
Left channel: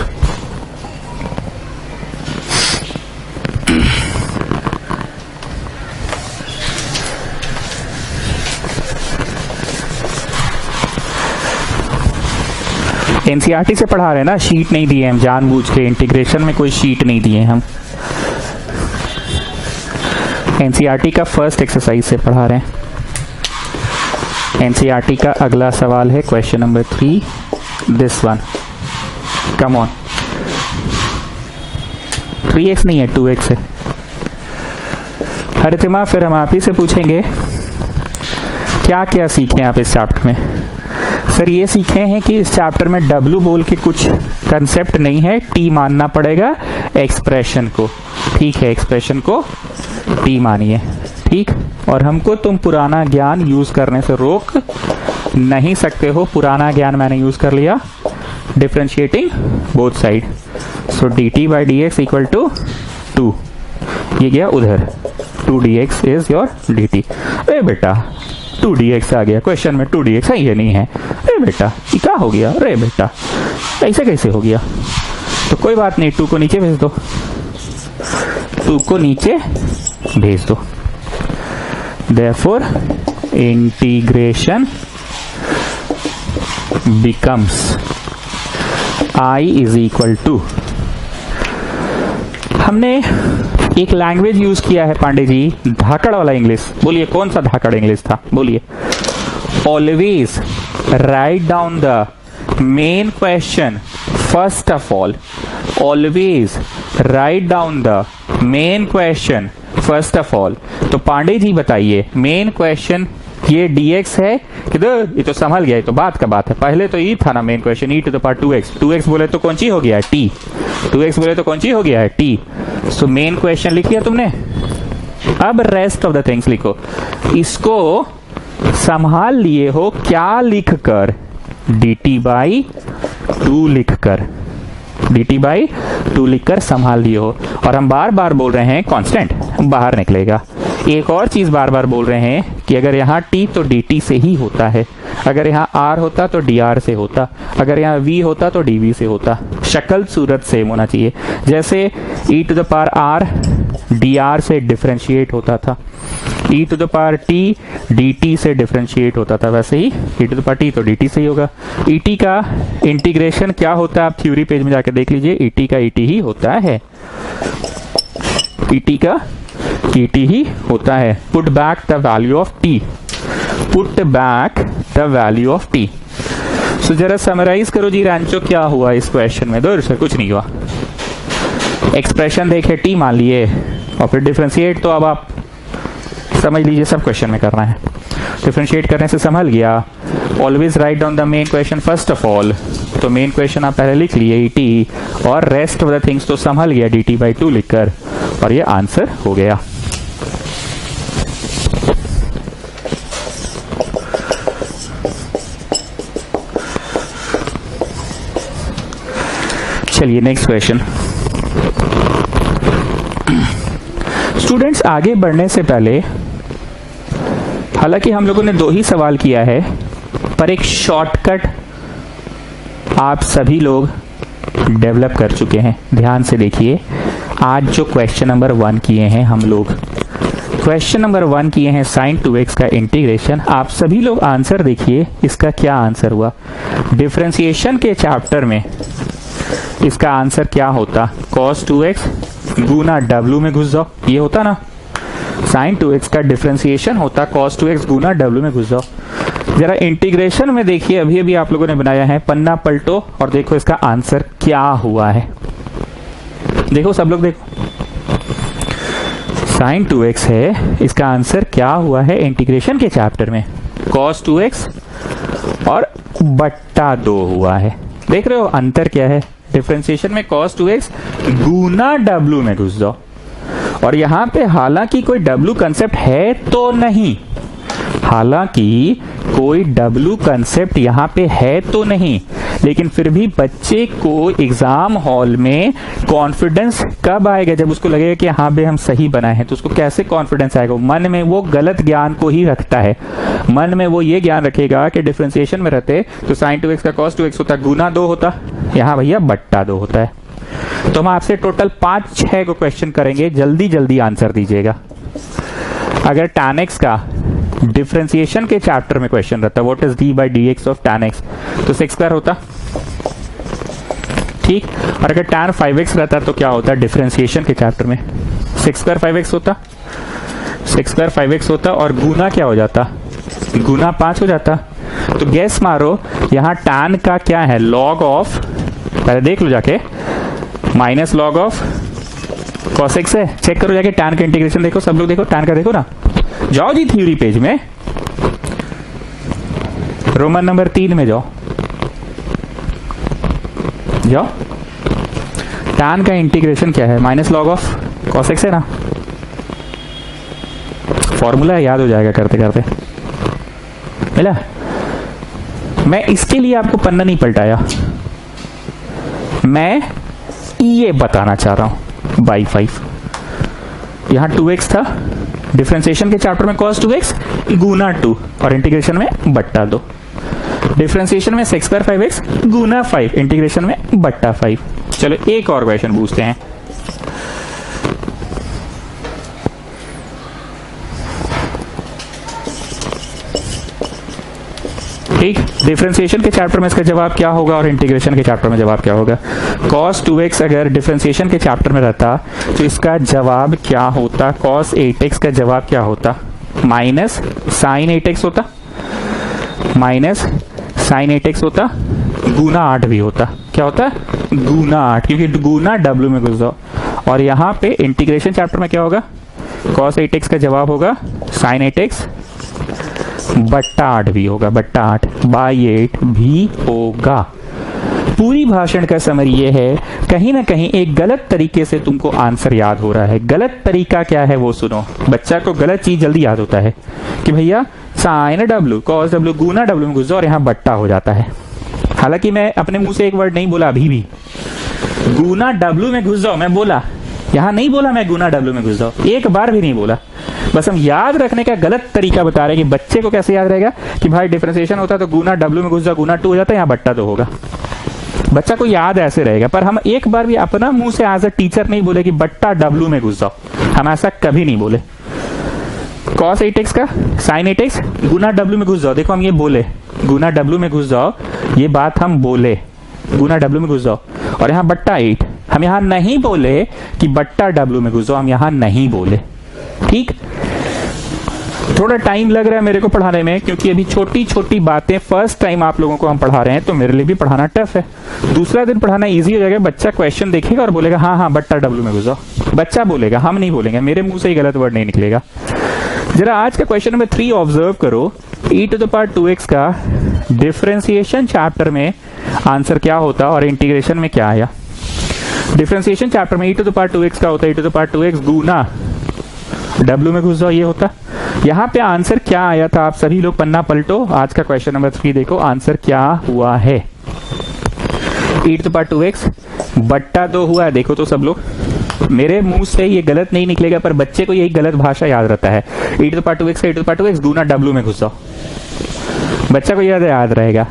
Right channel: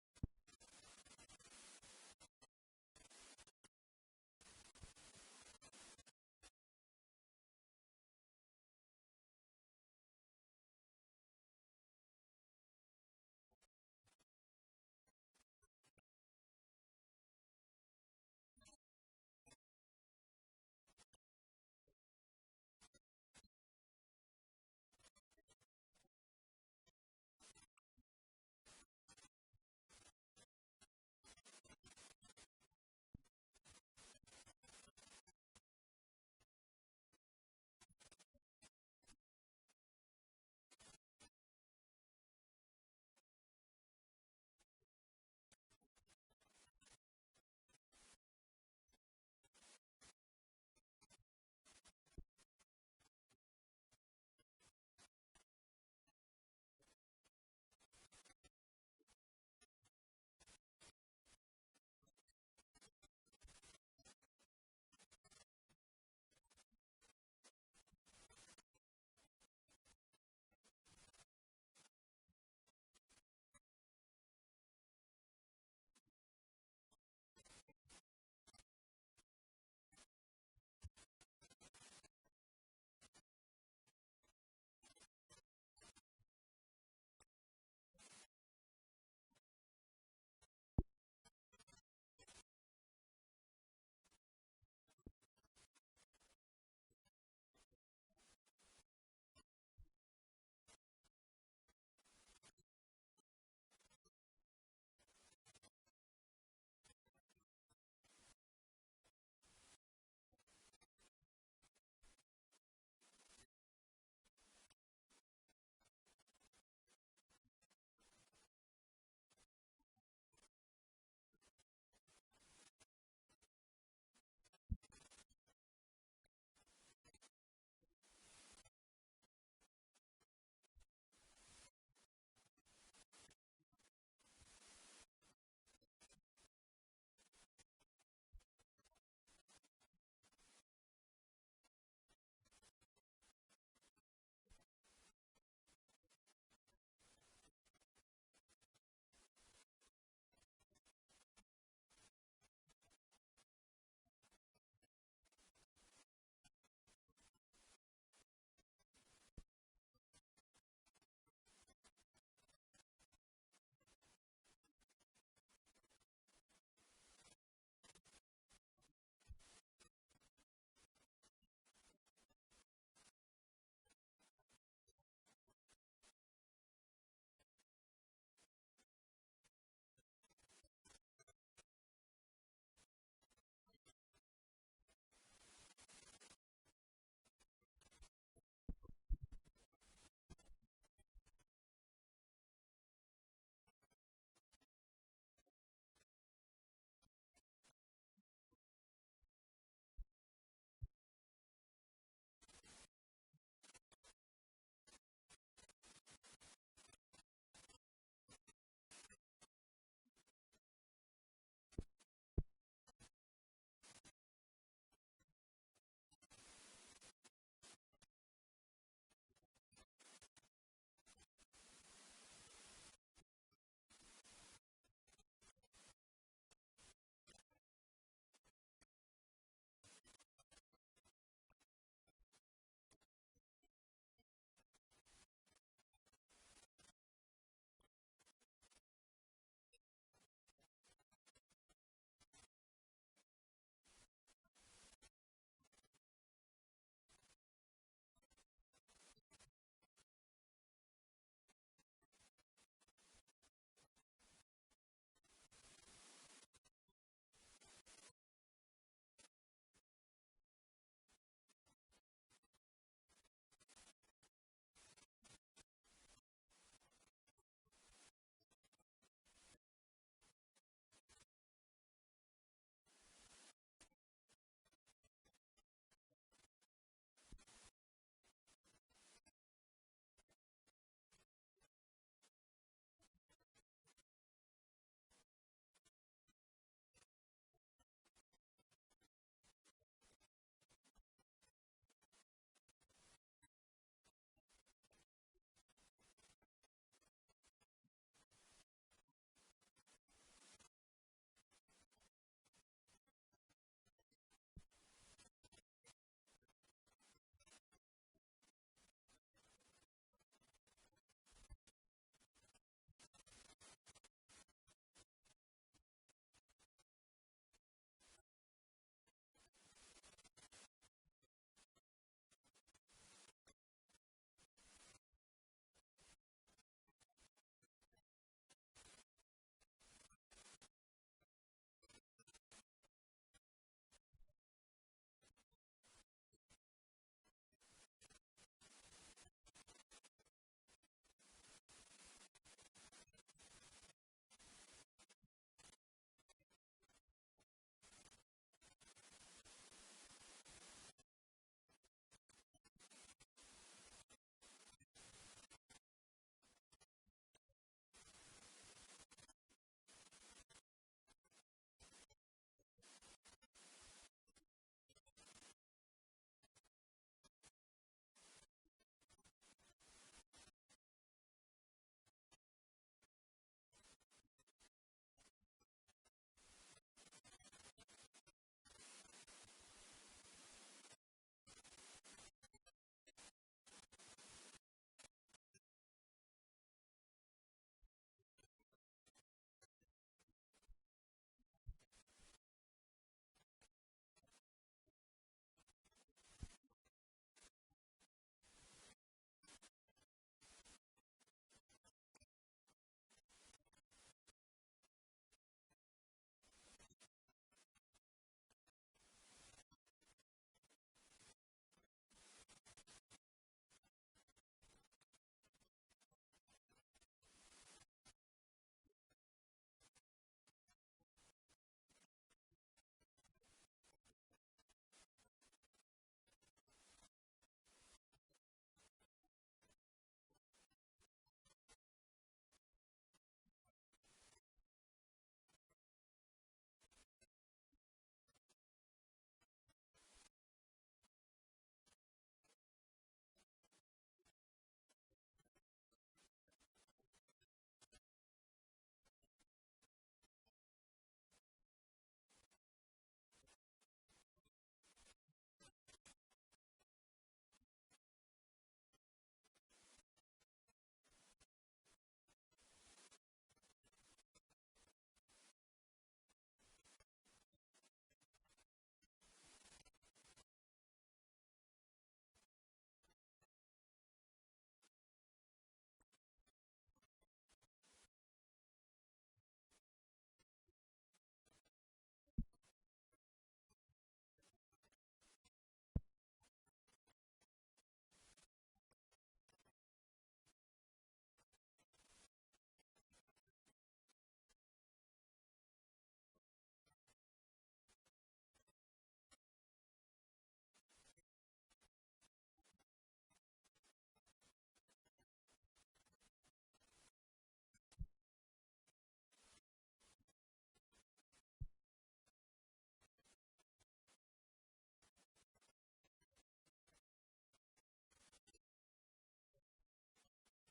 NCERT से पढ़ा रहे हैं ना, शीट नहीं दिए हम जानबूझ के, इंटीग्रेशन में कोई शीट नहीं दिए हम। एनसीईआरटी का फर्स्ट एक्सरसाइज से पढ़ा रहे हैं। एनसीईआरटी का अगला सवाल है question number 3, this one, come on, 3x नहीं है 2x है। हरितिमा, फिर हम आप ही से पूछेंगे क्या क्या सीखे आप इस चैप्टर में। सर ये सीखे हैं कि इस चैप्टर में W बोल के कुछ कंसेप्ट नहीं है, T मानना पड़ेगा एक्सप्रेशन को। ठीक है, एक्सप्रेशन को T मानिए। ठीक, और हमको तुम पुराना ज्ञान यूज करने से रोक नहीं सकते हो। पुराना ज्ञान मैंने यूज कर लिया, differentiating both side. So dt by dx equal to 2, ये गया उधर, 2dx इज योर dt। अरे बेटा 2dx आ गया क्वेश्चन में, 2dx है, ये नहीं है। अरे बेटा ये क्या हो गया, अरे बेटा ऐसे कैसे हो गया। तो कोई बात नहीं, 2 को नीचे भेज दो, 2 को नीचे भेज दो। Therefore integration becomes I is equal to, हमने एक लैंग्वेज यूज किया है पांडे जी, धाकड़ वाला इंग्लिश। बोलिए कौन सा धाकड़ इंग्लिश था, बोलिए। Always write down the main question first of all, always write down the main question first of all. तो पांडे जी बताइए, मेन क्वेश्चन ये dx है किधर, ये तो संभल गया, ये तो बात का बात है। पहले तो ये था ना main question, e to the power 2x, 2x बोले तो कौन सी हो गया है t, 2x बोले तो कौन सी हो गया है t। सो मेन क्वेश्चन लिख लिया तुमने, अब रेस्ट ऑफ द थिंग्स लिखो। इसको संभाल लिए हो क्या लिख कर, dt बाई 2 लिख कर, dt बाई 2 लिखकर संभाल लिए हो। और हम बार बार बोल रहे हैं कांस्टेंट बाहर निकलेगा। एक और चीज बार बार बोल रहे हैं कि अगर यहाँ t तो dt से ही होता है, अगर यहाँ r होता तो dr से होता, अगर यहाँ v होता तो dv से होता। शक्ल सूरत सेम होना चाहिए। जैसे e to the power r dr से डिफरेंशिएट होता था, e to the power t dt से डिफरेंशिएट होता था, वैसे ही e to the power t तो dt से ही होगा। et का इंटीग्रेशन क्या होता है, आप थ्योरी पेज में जाके देख लीजिए, et का et ही होता है, et का et ही होता है। Put back the value of t, put back the value of t। सो जरा समराइज करो जी रांचो, क्या हुआ इस क्वेश्चन में। दो सर कुछ नहीं हुआ, एक्सप्रेशन देखे t मान लिए और फिर डिफरेंशिएट, तो अब आप समझ लीजिए सब क्वेश्चन में करना है। डिफरेंशिएट करने से संभल गया। Always write down the main question first of all, तो मेन क्वेश्चन आप पहले लिख लिए et, और रेस्ट ऑफ द थिंग्स तो संभल गया dt बाई 2 लिखकर, और ये आंसर हो गया। चलिए नेक्स्ट क्वेश्चन। स्टूडेंट्स आगे बढ़ने से पहले, हालांकि हम लोगों ने 2 ही सवाल किया है, पर एक शॉर्टकट आप सभी लोग डेवलप कर चुके हैं। ध्यान से देखिए, आज जो क्वेश्चन नंबर 1 किए हैं हम लोग, क्वेश्चन नंबर 1 किए हैं sin 2x का इंटीग्रेशन। आप सभी लोग आंसर देखिए, इसका क्या आंसर हुआ। डिफरेंशिएशन के चैप्टर में इसका आंसर क्या होता? cos 2x गुना w में घुस जाओ, ये होता ना। sin 2x का डिफरेंशिएशन होता cos 2x गुना w में घुस जाओ। जरा इंटीग्रेशन में देखिए, अभी अभी आप लोगों ने बनाया है, पन्ना पलटो और देखो इसका आंसर क्या हुआ है। देखो सब लोग देखो, sin 2x है, इसका आंसर क्या हुआ है इंटीग्रेशन के चैप्टर में? cos 2x और बट्टा 2 हुआ है। देख रहे हो अंतर क्या है? डिफरेंशिएशन में cos 2x गुना w में घुस जाओ, और यहां पे हालांकि कोई w कंसेप्ट है तो नहीं, हालांकि कोई w कंसेप्ट यहां पे है तो नहीं, लेकिन फिर भी बच्चे को एग्जाम हॉल में कॉन्फिडेंस कब आएगा? जब उसको लगेगा कि हाँ भाई हम सही बनाए हैं। तो उसको कैसे कॉन्फिडेंस आएगा? मन में वो गलत ज्ञान को ही रखता है, मन में वो ये ज्ञान रखेगा कि डिफरेंशिएशन में रहते तो sin 2x का cos 2x होता, गुना 2 होता, यहाँ भैया बट्टा 2 होता है। तो हम आपसे टोटल 5-6 को क्वेश्चन करेंगे, जल्दी जल्दी आंसर दीजिएगा। अगर tan x का डिफरेंशिएशन के चैप्टर में क्वेश्चन रहता, what is d by dx of tan x, तो sec स्क्वायर होता, ठीक। और अगर tan 5x रहता तो क्या होता? डिफरेंशिएशन के चैप्टर में sec स्क्वायर 5x होता, sec स्क्वायर 5x होता, और गुना क्या हो जाता? गुना 5 हो जाता। तो गैस मारो यहाँ tan का क्या है? लॉग ऑफ, पहले देख लो जाके, minus log of cos x है। चेक करो जाके tan का इंटीग्रेशन देखो, सब लोग देखो tan का, देखो ना, जाओ जी थ्योरी पेज में, रोमन नंबर 3 में जाओ, जाओ। tan का इंटीग्रेशन क्या है? Minus log of cos x है ना, फॉर्मूला याद हो जाएगा करते करते, मिला। मैं इसके लिए आपको पन्ना नहीं पलटाया, मैं ये बताना चाह रहा हूं बाई 5। यहां 2x था, डिफरेंशिएशन के चैप्टर में cos 2x गुना 2 और इंटीग्रेशन में बट्टा 2। डिफरेंशिएशन में sec स्क्वायर 5x गुना 5, इंटीग्रेशन में बट्टा 5। चलो एक और क्वेश्चन पूछते हैं। ठीक, डिफरेंशिएशन के चैप्टर में इसका जवाब क्या होगा और इंटीग्रेशन के चैप्टर में जवाब क्या होगा? cos 2x अगर डिफरेंशिएशन के चैप्टर में रहता तो इसका जवाब क्या होता? cos 8x का जवाब क्या होता? माइनस sin 8x होता, माइनस sin 8x होता, गुना 8 भी होता। क्या होता? गुना 8, क्योंकि गुना w में घुस जाओ। और यहाँ पे इंटीग्रेशन चैप्टर में क्या होगा? cos 8x का जवाब होगा sin 8x बट्टा 8 भी होगा, बट्टा 8 बाई 8 भी होगा। पूरी भाषण का समरी ये है, कहीं ना कहीं एक गलत तरीके से तुमको आंसर याद हो रहा है। गलत तरीका क्या है वो सुनो। बच्चा को गलत चीज जल्दी याद होता है कि भैया साइन w cos w गुना w में घुस जाओ और यहाँ बट्टा हो जाता है। हालांकि मैं अपने मुंह से एक वर्ड नहीं बोला अभी भी, गुना w में घुस जाओ मैं बोला, यहाँ नहीं बोला मैं गुना w में घुस जाओ, एक बार भी नहीं बोला। बस हम याद रखने का गलत तरीका बता रहे हैं कि बच्चे को कैसे याद रहेगा कि भाई डिफरेंशिएशन होता है तो गुना w में घुस जाओ, गुना 2 हो जाता है, यहाँ बट्टा 2 होगा। बच्चा को याद ऐसे रहेगा। पर हम एक बार भी अपना मुंह से एज अ टीचर नहीं बोले कि बट्टा w में घुस जाओ, हम ऐसा कभी नहीं बोले। cos 8x का sin 8x गुना w में घुस जाओ, देखो हम ये बोले गुना w में घुस जाओ, ये बात हम बोले गुना w में घुस जाओ। और यहाँ बट्टा 8, हम यहाँ नहीं बोले कि बट्टा w में घुस जाओ, हम यहाँ नहीं बोले। ठीक, थोड़ा टाइम लग रहा है मेरे को पढ़ाने में, क्योंकि अभी छोटी छोटी बातें फर्स्ट टाइम आप लोगों को हम पढ़ा रहे हैं, तो मेरे लिए भी पढ़ाना टफ है। दूसरा दिन पढ़ाना इजी हो जाएगा, बच्चा क्वेश्चन देखेगा और बोलेगा हाँ हाँ बट्टा w में घुस जाओ, बच्चा बोलेगा, हम नहीं बोलेंगे, मेरे मुंह से ही गलत वर्ड नहीं निकलेगा। जरा आज का क्वेश्चन नंबर 3 ऑब्जर्व करो। e⁻2x का डिफरेंशिएशन चैप्टर में आंसर क्या होता और इंटीग्रेशन में क्या आया? डिफरेंशिएशन चैप्टर में e⁻2x का होता है e⁻2x गुना w में घुस जाओ, ये होता। यहाँ पे आंसर क्या आया था? आप सभी लोग पन्ना पलटो, आज का क्वेश्चन नंबर 3 देखो आंसर क्या हुआ है। e⁻2x बट्टा 2 हुआ है, देखो तो सब लोग, मेरे मुंह से ये गलत नहीं निकलेगा पर बच्चे को यही गलत भाषा याद रहता है। e⁻2x का e⁻2x गुना w में घुस जाओ, बच्चा को याद रहेगा।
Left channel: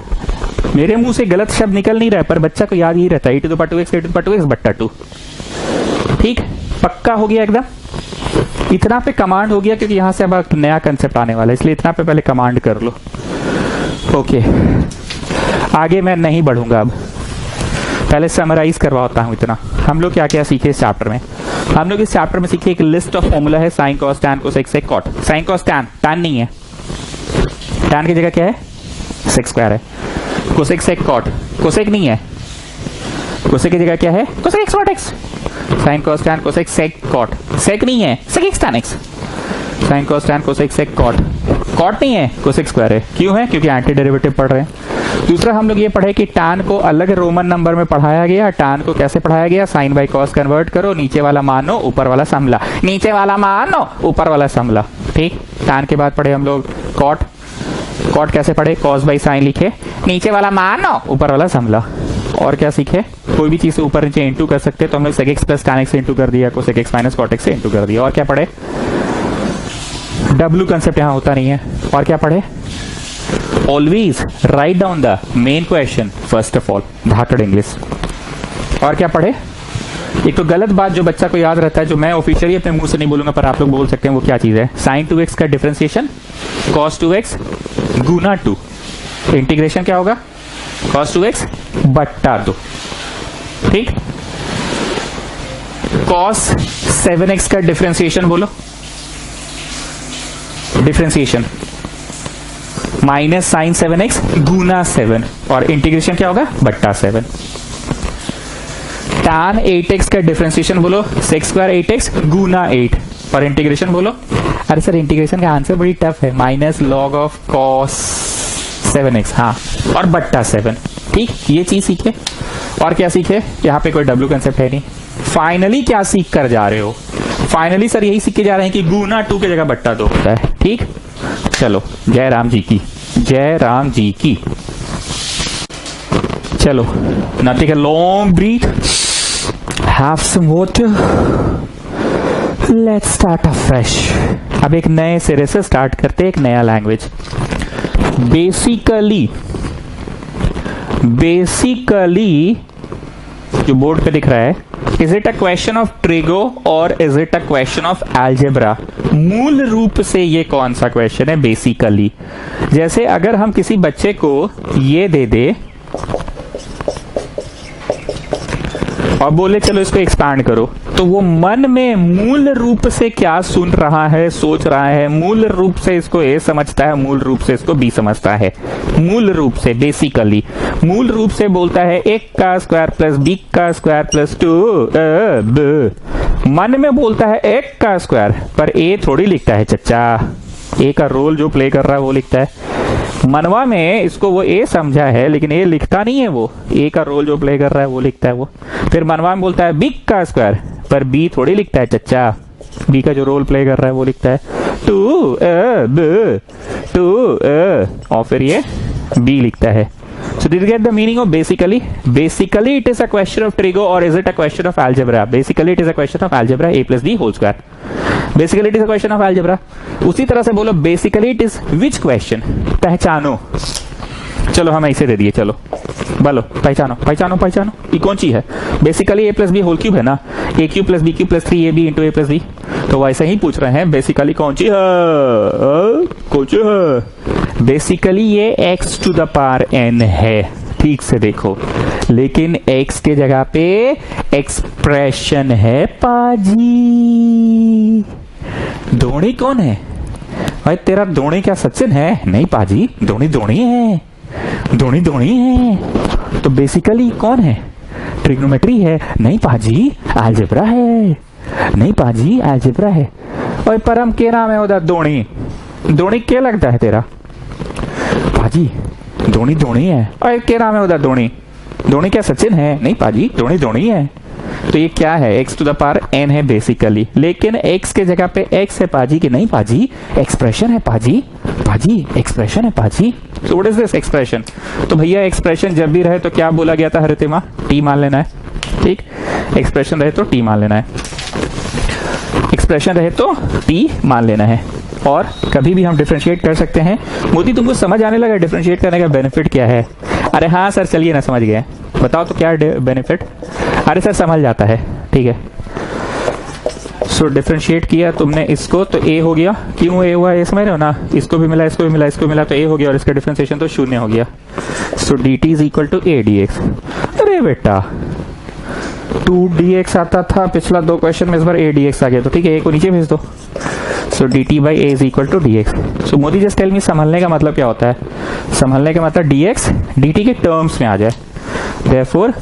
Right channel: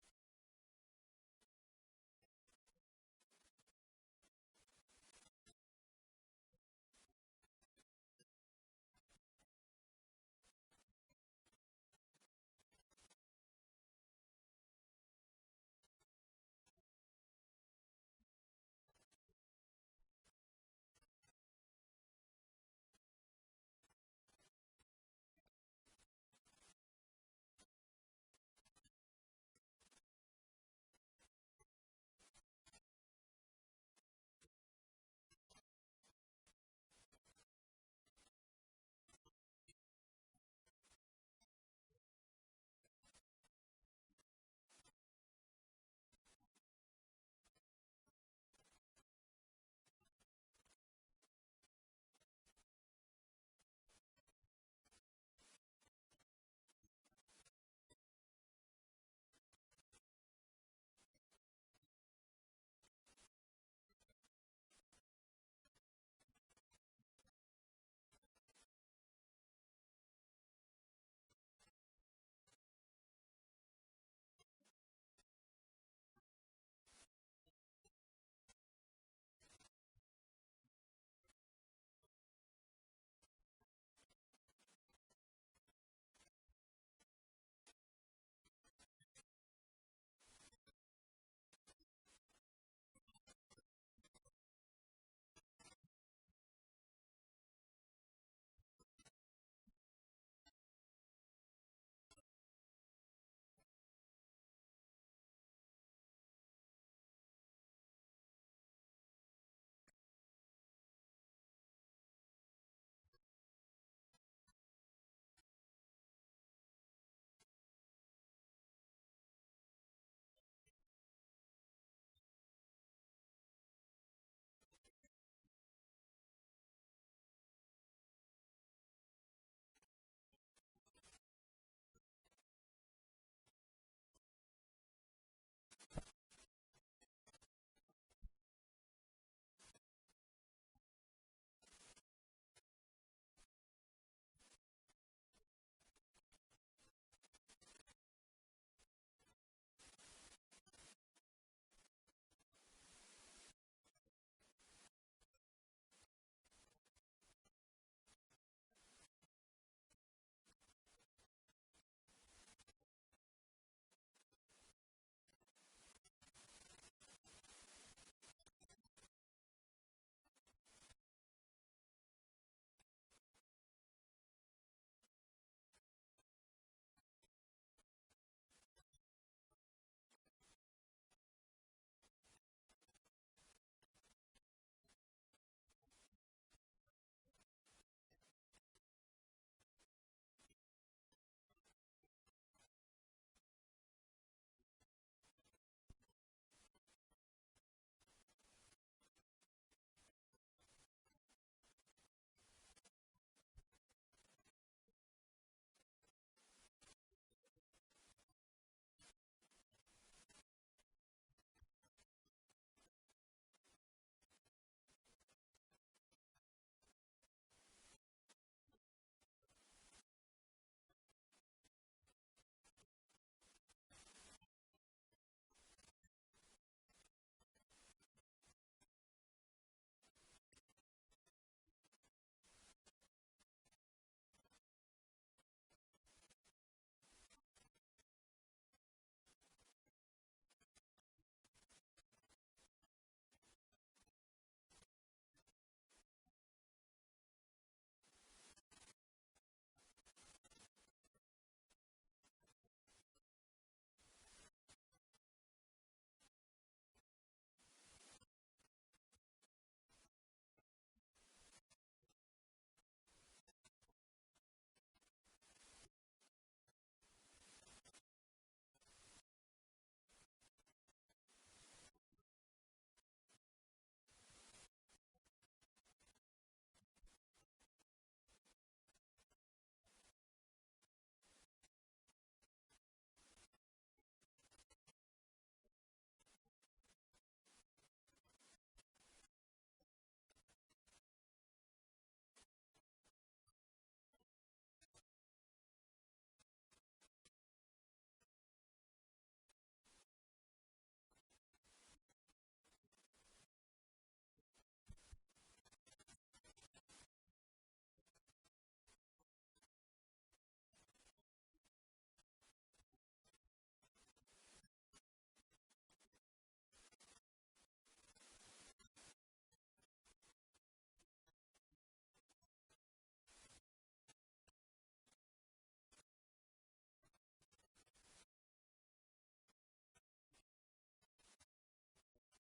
मेरे मुंह से गलत शब्द निकल नहीं रहा है पर बच्चा को याद ही रहता है e⁻2x का e⁻2x बट्टा 2। ठीक, पक्का हो गया एकदम। इतना पे कमांड हो गया क्योंकि यहां से अब नया कंसेप्ट आने वाला है, इसलिए इतना पे पहले कमांड कर लो। ओके, आगे मैं नहीं बढ़ूंगा अब। पहले समराइज करवाता हूं इतना। हम लोग क्या क्या सीखे इस चैप्टर में? हम लोग इस चैप्टर में सीखे एक लिस्ट ऑफ फॉर्मूला है sine cos tan cosec sec cot. Sine cos tan, tan नहीं है, टैन की जगह क्या है? सेक स्क्वायर है। कोसेक सेक कॉट, कोसेक नहीं है, कोसेक की जगह क्या है? Cosec x cot x. Sine cos tan cosec sec cot, sec नहीं है, sec x tan x. Sine cos tan cosec sec cot, cot नहीं है, कोसेक स्क्वायर है। क्यों है? क्योंकि एंटी डेरिवेटिव पढ़ रहे हैं। दूसरा हम लोग ये पढ़े कि टैन को अलग रोमन नंबर में पढ़ाया गया। टैन को कैसे पढ़ाया गया? साइन बाई कॉस कन्वर्ट करो, नीचे वाला मानो ऊपर वाला समला, नीचे वाला मानो ऊपर वाला समला। ठीक। टैन के बाद पढ़े हम लोग कॉट। कॉट कैसे पढ़े? कॉस बाई साइन लिखे, नीचे वाला मानो ऊपर वाला समला। और क्या सीखे? कोई भी चीज से ऊपर नीचे इंटू कर सकते, तो हम लोग sec x plus tan x से इंटू कर दिया, cosec x minus cot x से इंटू कर दिया। और क्या पढ़े? डब्ल्यू कंसेप्ट यहां होता नहीं है। और क्या पढ़े? Always write down the main question first of all, Dhakad English. और क्या पढ़े? एक तो गलत बात जो बच्चा को याद रहता है, जो मैं ऑफिशियली अपने मुंह से नहीं बोलूंगा पर आप लोग बोल सकते हैं, वो क्या चीज है? साइन 2x का डिफरेंशिएशन cos 2x गुना 2, इंटीग्रेशन क्या होगा? cos 2x बट्टा 2। ठीक। cos 7x का डिफरेंशिएशन बोलो, डिफरेंशिएशन माइनस साइन 7x गुना 7, और इंटीग्रेशन क्या होगा? बट्टा 7। tan 8x का डिफरेंशिएशन बोलो, सेक स्क्वायर 8x गुना 8, और इंटीग्रेशन बोलो। अरे सर इंटीग्रेशन का आंसर बड़ी टफ है, minus log of cos 7x, हाँ, और बट्टा 7। ठीक, ये चीज सीखे। और क्या सीखे? यहाँ पे कोई डब्ल्यू कंसेप्ट है नहीं। फाइनली क्या सीख कर जा रहे हो? फाइनली सर यही सीख के जा रहे हैं कि गुना 2 की जगह बट्टा 2 होता है। ठीक, चलो, जय राम जी की, जय राम जी की। चलो, now take a long breath, have some water, let's start afresh। अब एक नए सिरे से स्टार्ट करते हैं, एक नया लैंग्वेज। बेसिकली जो बोर्ड पे दिख रहा है, is it a question of trigo और is it a question of algebra? मूल रूप से ये कौन सा क्वेश्चन है? बेसिकली, जैसे अगर हम किसी बच्चे को ये दे दे और बोले चलो इसको एक्सपैंड करो, तो वो मन में मूल रूप से क्या सुन रहा है, सोच रहा है? मूल रूप से इसको ए समझता है, मूल रूप से इसको बी समझता है। मूल रूप से, बेसिकली मूल रूप से बोलता है एक का स्क्वायर प्लस बी का स्क्वायर प्लस 2। मन में बोलता है एक का स्क्वायर, पर ए थोड़ी लिखता है चच्चा, ए का रोल जो प्ले कर रहा है वो लिखता है। मनवा में इसको वो ए समझा है, लेकिन ए लिखता नहीं है, वो ए का रोल जो प्ले कर रहा है वो लिखता है वो। फिर मनवा में बोलता है बी का स्क्वायर, पर बी थोड़ी लिखता है चच्चा, बी का जो रोल प्ले कर रहा है वो लिखता है 2 और फिर ये बी लिखता है। So did you get the meaning of basically? Basically it is a question of trigo or is it a question of algebra? Basically it is a question of algebra, a plus b whole square. Basically it is a question of algebra. उसी तरह से बोलो basically it is which question? पहचानो। चलो हम ऐसे दे दिए, चलो बोलो पहचानो पहचानो पहचानो, ये कौन सी है? Basically A plus B whole cube है ना, A cube plus B cube plus 3ab into A plus B. तो वैसे ही पूछ रहे हैं बेसिकली कौन सी है, कौन सी है? बेसिकली ये x to the power n है, ठीक से देखो, लेकिन x के जगह पे एक्सप्रेशन है पाजी। धोनी कौन है भाई? तेरा धोनी क्या सचिन है? नहीं पाजी, धोनी धोनी है, धोनी धोनी है। तो बेसिकली कौन है? ट्रिग्नोमेट्री है? नहीं पाजी, अलजेब्रा है। नहीं पाजी, अलजेब्रा है। और परम के नाम है उधर धोनी, धोनी क्या लगता है तेरा? पाजी धोनी धोनी है। और क्या नाम है उधर? धोनी, धोनी क्या सचिन है? नहीं पाजी, धोनी धोनी है। तो ये क्या है? x to the power n है बेसिकली, लेकिन x के जगह पे x है पाजी कि नहीं पाजी? एक्सप्रेशन है पाजी, पाजी एक्सप्रेशन है पाजी। सो व्हाट इज दिस एक्सप्रेशन? तो भैया एक्सप्रेशन जब भी रहे तो क्या बोला गया था हरितिमा? t मान लेना है। ठीक, एक्सप्रेशन रहे तो t मान लेना है, एक्सप्रेशन रहे तो t मान लेना है। और कभी भी हम डिफरेंशिएट कर सकते हैं। मोदी तुमको समझ आने लगा डिफरेंशिएट करने का बेनिफिट क्या है? अरे हाँ सर, चलिए ना, समझ गए, बताओ तो क्या बेनिफिट? अरे सर समझ जाता है, ठीक है। सो डिफरेंशिएट किया तुमने इसको तो ए हो गया, क्यों ए हुआ, ए समझ रहे हो ना, इसको भी मिला इसको भी मिला इसको भी मिला तो ए हो गया और इसका डिफरेंशिएशन तो शून्य हो गया। So D T is equal to A D X. अरे बेटा 2dx आता था पिछला 2 क्वेश्चन में, इस बार a dx आ गया, तो ठीक है, a को नीचे भेज दो। So dt by A is equal to dx। So Modi just tell me संभलने का मतलब क्या होता है, संभलने का मतलब dx dt के टर्म्स में आ जाए। Therefore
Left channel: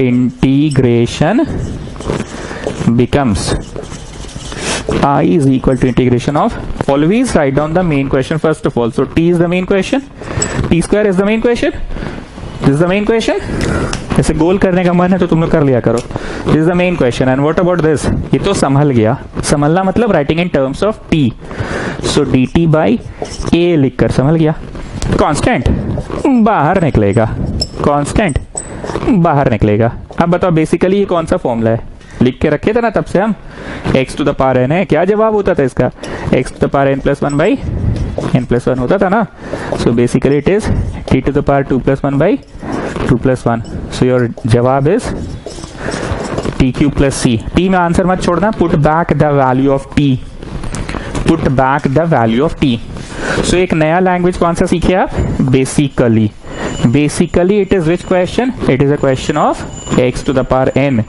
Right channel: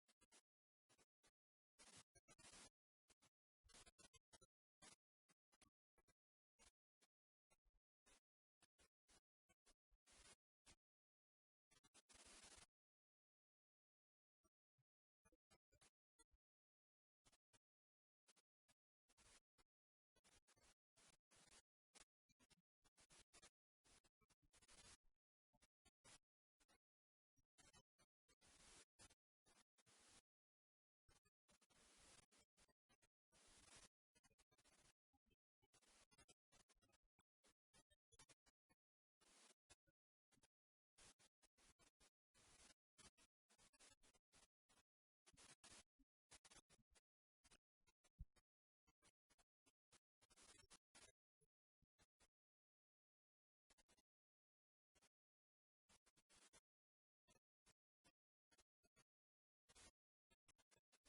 integration becomes I is equal to integration of, always write down the main question first of all. So t is the main question, t square is the main question, this is the main question। जैसे गोल करने का मन है तो तुम लोग कर लिया करो। This is the main question and what about this, ये तो संभल गया। संभलना मतलब writing in terms of T. So D T by A लिखकर संभल गया। कांस्टेंट बाहर निकलेगा, कांस्टेंट बाहर निकलेगा। अब बताओ बेसिकली ये कौन सा फॉर्मूला है, लिख के रखे थे ना तब से हम, x to the power n है। क्या जवाब होता था इसका, x to the power n plus 1 by n plus 1 होता था ना। So basically it is t to the power 2 plus 1 by 2 plus 1। So your जवाब is T cube plus C. T में आंसर मत छोड़ना, put back the value of T, put back the value of T. So एक नया language कौन सा सीखे आप, basically. Basically it is which question, it is a question of x to the power n,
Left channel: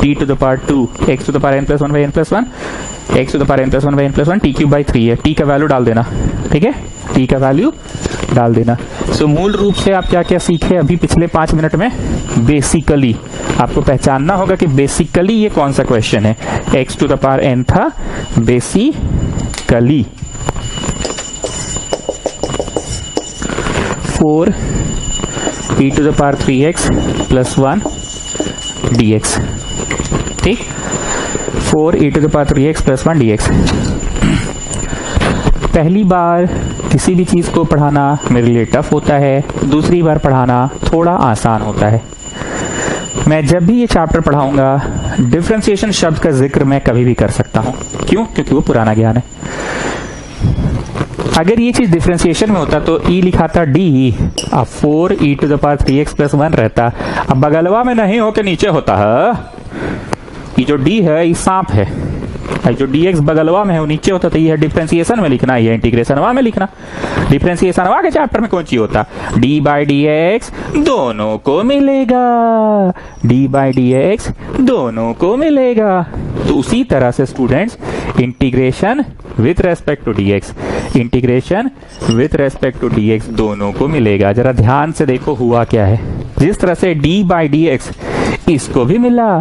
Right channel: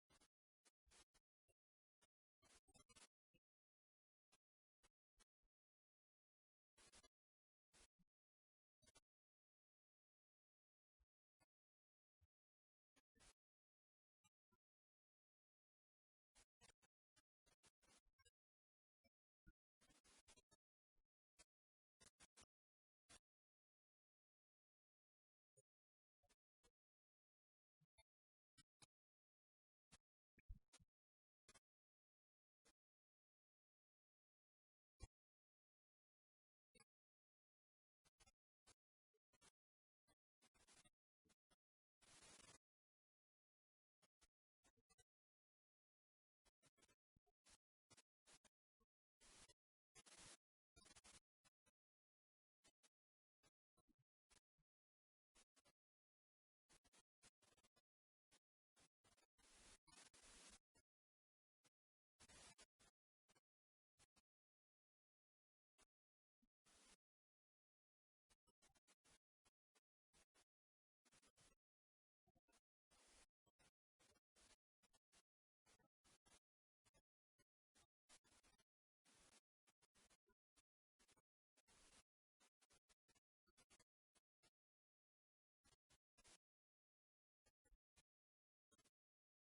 t to the power 2, x to the power n plus 1 by n plus 1, x to the power n plus 1 by n plus 1, t cube by 3 है। t का value डाल देना, ठीक है, t का value डाल देना। सो मूल रूप से आप क्या क्या सीखे अभी पिछले 5 मिनट में, बेसिकली आपको पहचानना होगा कि बेसिकली ये कौन सा क्वेश्चन है। x to the power n था basically. 4 e to the power 3x plus 1 dx, ठीक, 4 e to the power 3x plus 1 dx। पहली बार किसी भी चीज को पढ़ाना मेरे लिए टफ होता है, दूसरी बार पढ़ाना थोड़ा आसान होता है। मैं जब भी ये चैप्टर पढ़ाऊंगा डिफरेंशिएशन शब्द का जिक्र मैं कभी भी कर सकता हूं। क्यों, क्योंकि वो पुराना ज्ञान है। अगर ये चीज डिफरेंशिएशन में होता तो e लिखा था d, अब 4 e to the power 3x plus 1 रहता। अब बगलवा में नहीं हो के नीचे होता है। ये जो d है ये सांप है, जो dx बगलवा में है वो नीचे होता, तो ये है डिफरेंशिएशन में लिखना, ये इंटीग्रेशन में लिखना। डिफरेंशिएशन के चैप्टर में कौन सी होता, d बाई डी एक्स दोनों को मिलेगा, d बाई डी एक्स दोनों को मिलेगा। तो उसी तरह से students integration with respect to dx, integration with respect to dx दोनों को मिलेगा। जरा ध्यान से देखो हुआ क्या है। जिस तरह से d बाई डी एक्स इसको भी मिला,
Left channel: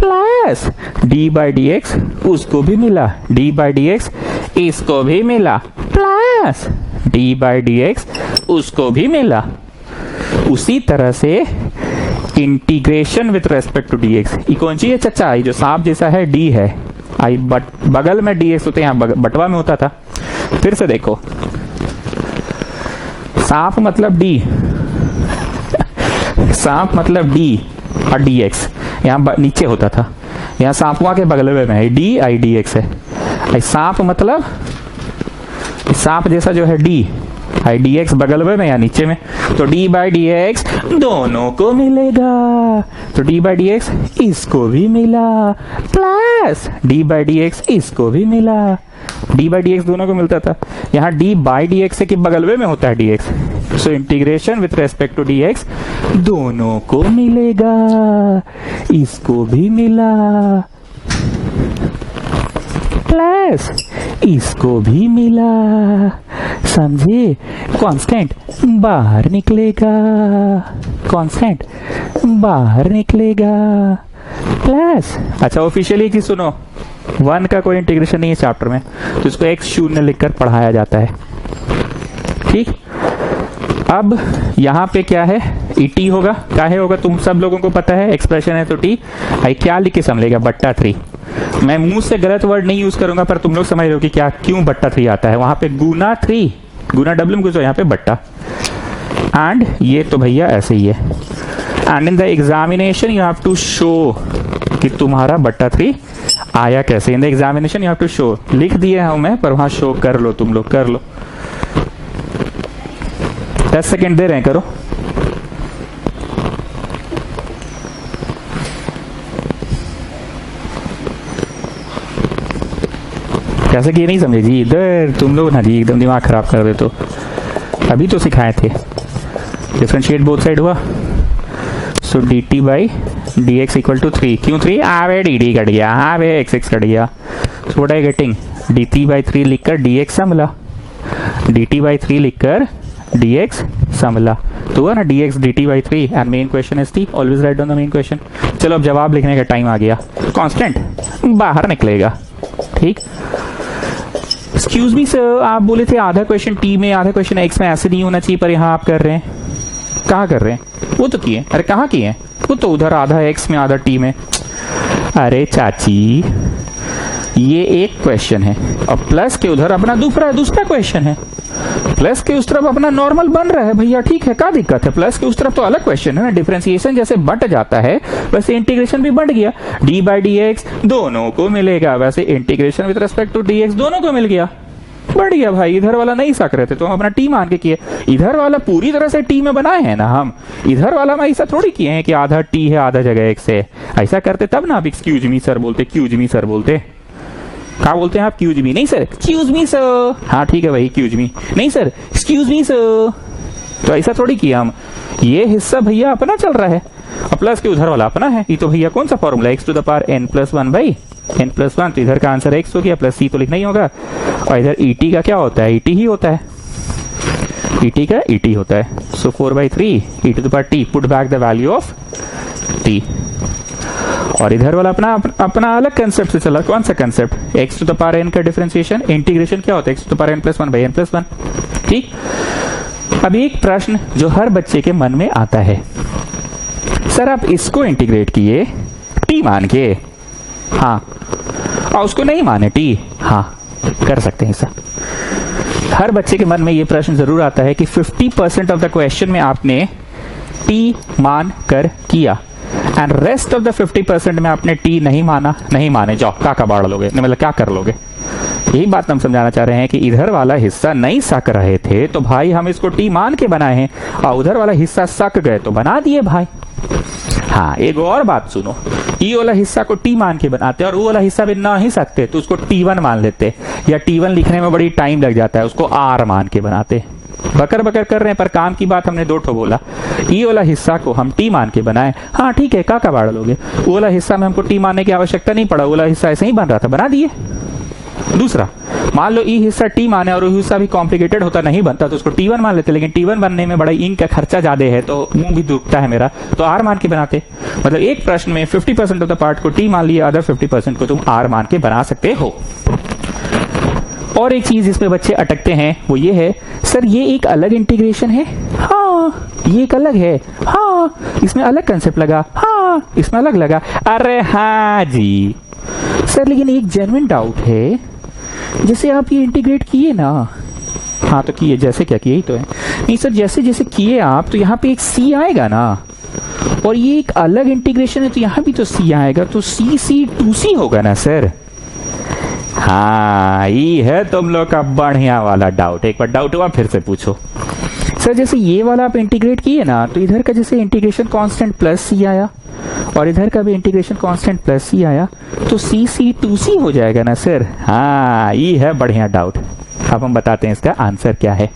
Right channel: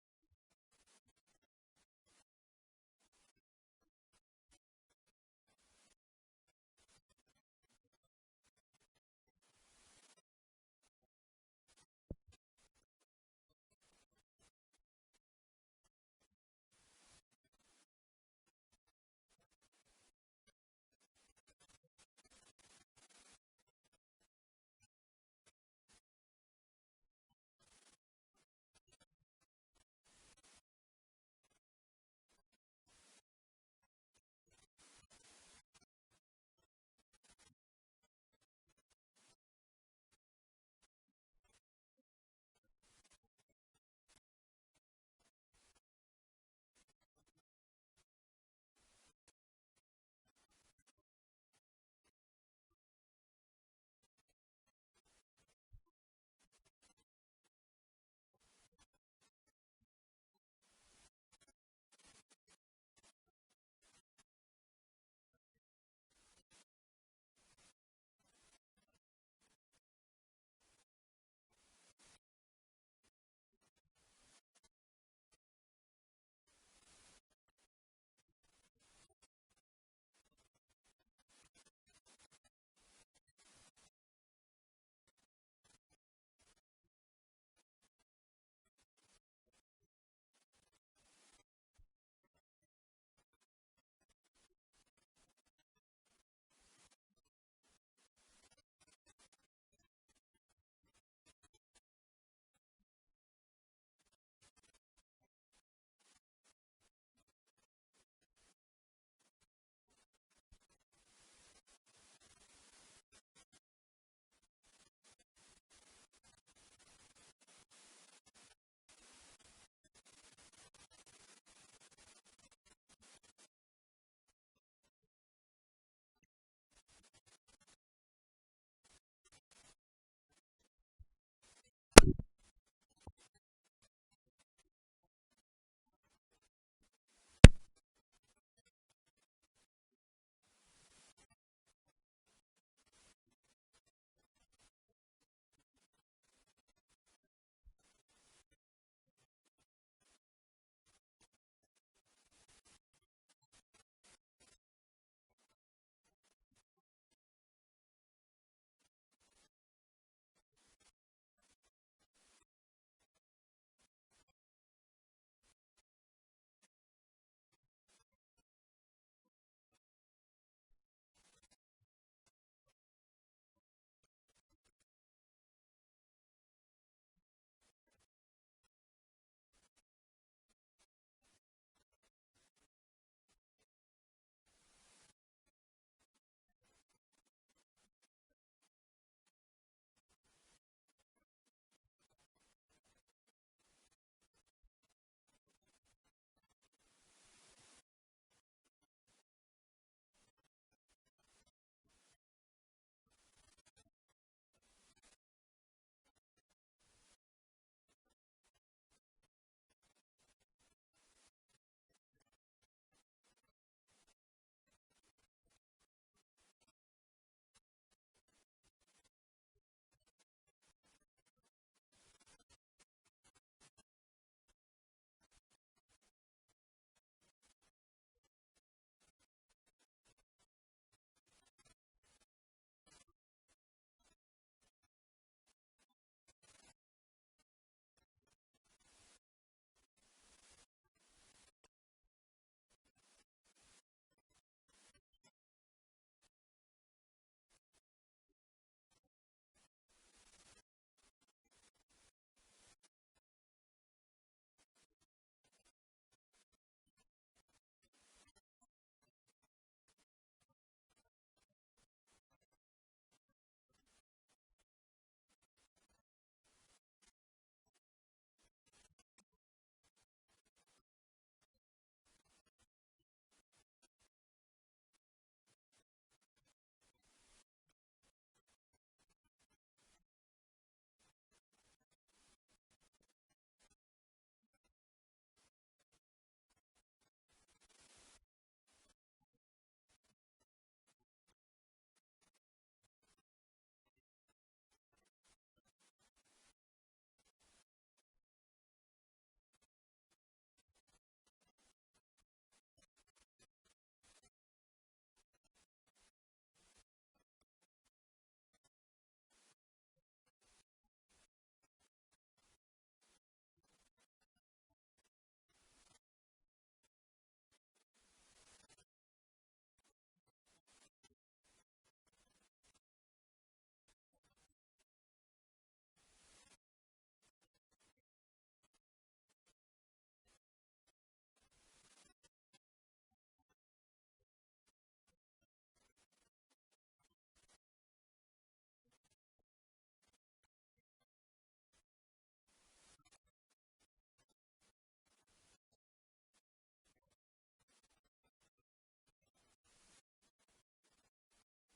plus d by D x उसको भी मिला, d बाई डी एक्स इसको भी मिला, plus d by D x उसको भी मिला। उसी तरह से integration with respect to dx, ये कौन सी है चचा, ये जो सांप जैसा है d है, आई बगल में dx होते, यहाँ बटवा में होता था। फिर से देखो, सांप मतलब d, सांप मतलब d और dx यहाँ नीचे होता था, यहाँ सांपुआ के बगल में है d आई dx है। सांप मतलब सांप जैसा जो है d आई dx बगल में या नीचे में, तो d बाई डी एक्स दोनों को मिलेगा, तो d बाई डी एक्स इसको भी मिला, plus d by D x इसको भी मिला। d बाई डी एक्स दोनों को मिलता था, यहाँ d बाई डी एक्स के बगल में होता है dx। So integration with respect to dx दोनों को मिलेगा, इसको भी मिला, प्लस इसको भी मिला। समझे, कांस्टेंट बाहर निकलेगा, कांस्टेंट बाहर निकलेगा, प्लस। अच्छा ऑफिशियली की सुनो, 1 का कोई इंटीग्रेशन नहीं है चैप्टर में, तो इसको x शून्य लिखकर पढ़ाया जाता है, ठीक। अब यहाँ पे क्या है, टी होगा, क्या है होगा, तुम सब लोगों को पता है, एक्सप्रेशन है तो टी आई क्या लिख के समझेगा, बट्टा 3। मैं मुंह से गलत वर्ड नहीं यूज करूंगा, पर तुम लोग समझ रहे हो कि क्या क्यों बट्टा 3 आता है। वहां पे गुना 3, गुना डब्ल्यू में घुसो, यहाँ पे बट्टा, एंड ये तो भैया ऐसे ही है। And in the examination you have to show कि तुम्हारा बट्टा 3 आया कैसे। In the examination you have to show, लिख दिए हूं मैं, पर वहां शो कर लो, तुम लोग कर लो। 10 सेकेंड दे रहे हैं, करो। कैसे किए नहीं समझे जी, इधर तुम लोग ना जी एकदम दिमाग खराब कर दे। तो अभी तो सिखाए थे, डिफरेंशिएट बोथ साइड हुआ। So D T by D X equal to 3, क्यों 3? आवे डी डी कट गया, आवे एक्स एक्स कट गया। सो what I getting, D T by 3 लिखकर D x Samla, D T by 3 लिखकर डी एक्स समला, तो हुआ ना D x D T by 3 and main question is T, always right on the main question. चलो अब जवाब लिखने का टाइम आ गया, कांस्टेंट बाहर निकलेगा, ठीक। एक्सक्यूज मी सर, आप बोले थे आधा क्वेश्चन टी में आधा क्वेश्चन एक्स में, ऐसे नहीं होना चाहिए, पर यहाँ आप कर रहे हैं। कहाँ कर रहे हैं? वो तो किए, अरे कहाँ किए? वो तो उधर आधा एक्स में आधा टी में। अरे चाची ये एक क्वेश्चन है और प्लस के उधर अपना दूसरा क्वेश्चन है, प्लस के उस तरफ अपना नॉर्मल बन रहा है भैया, ठीक है, क्या दिक्कत है? प्लस के उस तरफ तो अलग क्वेश्चन है ना, डिफरेंशिएशन जैसे बट जाता है वैसे इंटीग्रेशन भी बढ़ गया, डी बाई डी एक्स दोनों को मिलेगा, वैसे integration with respect to D x दोनों को मिल गया, बढ़ गया भाई। इधर वाला नहीं सक रहे थे तो हम अपना टी मान के किए, इधर वाला पूरी तरह से टी में बनाए हैं ना हम, इधर वाला में ऐसा थोड़ी किए हैं कि आधा टी है आधा जगह एक्स है। ऐसा करते तब ना आप एक्सक्यूज मी सर बोलते, क्यूज मी सर बोलते। क्या बोलते हैं आप? क्यूज मी नहीं सर, एक्सक्यूज मी सर। हाँ ठीक है भाई, क्यूज मी नहीं सर, एक्सक्यूज मी सर। तो ऐसा थोड़ी किया हम, ये हिस्सा भैया अपना चल रहा है और प्लस के उधर वाला अपना है। ये तो भैया कौन सा formula, x to the power n plus 1 by n plus 1, तो इधर का आंसर एक्स हो गया, प्लस सी तो लिखना ही होगा, और इधर ईटी का क्या होता है? ईटी ही होता है, ईटी का ईटी होता है। So 4/3 e to the power t, put back the value of t। और इधर वाला अपना अलग कंसेप्ट से चला, कौन सा concept? X to the power n का डिफरेंशिएशन, इंटीग्रेशन क्या होता है? X to the power n plus 1 by n plus 1, ठीक। अब एक प्रश्न जो हर बच्चे के मन में आता है, सर आप इसको इंटीग्रेट किए टी मान के, हाँ, और उसको नहीं माने टी, हाँ, कर सकते हैं ऐसा। हर बच्चे के मन में ये प्रश्न जरूर आता है कि 50% ऑफ द क्वेश्चन में आपने टी मान कर किया एंड रेस्ट ऑफ द 50% में आपने टी नहीं माने, जाओ का बाढ़ लोगे, मतलब क्या कर लोगे? यही बात हम समझाना चाह रहे हैं कि इधर वाला हिस्सा नहीं सक रहे थे तो भाई हम इसको टी मान के बनाए हैं, और उधर वाला हिस्सा सक गए तो बना दिए भाई। हाँ, एक और बात सुनो, ये वाला हिस्सा को टी मान के बनाते और वो वाला हिस्सा भी ना ही सकते तो उसको T1 मान लेते, या T1 लिखने में बड़ी टाइम लग जाता है, उसको R मान के बनाते। बकर बकर कर रहे हैं, पर काम की बात हमने दो ठो बोला। ये वाला हिस्सा को हम टी मान के बनाए, हाँ ठीक है, का बाढ़ लोगे? वो वाला हिस्सा में हमको टी मानने की आवश्यकता नहीं पड़ा, वो वाला हिस्सा ऐसे ही बन रहा था, बना दिए। दूसरा, मान लो ये हिस्सा टी माने और वो हिस्सा भी कॉम्प्लिकेटेड होता नहीं बनता तो उसको T1 मान लेते, लेकिन T1 बनने में बड़ा इंक का खर्चा ज्यादा है तो मुंह भी दुखता है मेरा, तो R मान के बनाते। मतलब एक प्रश्न में 50% ऑफ द पार्ट को टी मान लिया, अदर 50% को तुम R मान के बना सकते हो। और एक चीज जिसमें बच्चे अटकते हैं वो ये है, सर ये एक अलग इंटीग्रेशन है, हाँ ये एक अलग है, हाँ इसमें अलग कंसेप्ट लगा, हाँ इसमें अलग लगा। अरे हाँ जी सर, लेकिन एक जेन्युइन डाउट है, जैसे आप ये इंटीग्रेट किए ना, हाँ तो किए, जैसे क्या किए ही तो है, नहीं सर जैसे जैसे किए आप तो यहाँ पे एक सी आएगा ना, और ये एक अलग इंटीग्रेशन है तो यहाँ भी तो सी आएगा, तो सी सी 2C होगा ना सर। हाँ ये है तुम लोग का बढ़िया वाला डाउट, एक बार डाउट हुआ फिर से पूछो। सर जैसे ये वाला आप इंटीग्रेट किए ना तो इधर का जैसे इंटीग्रेशन कांस्टेंट प्लस सी आया और इधर का भी इंटीग्रेशन कांस्टेंट प्लस सी आया, तो सी सी 2C हो जाएगा ना सर। हाँ ये है बढ़िया डाउट। अब हम बताते हैं इसका आंसर क्या है।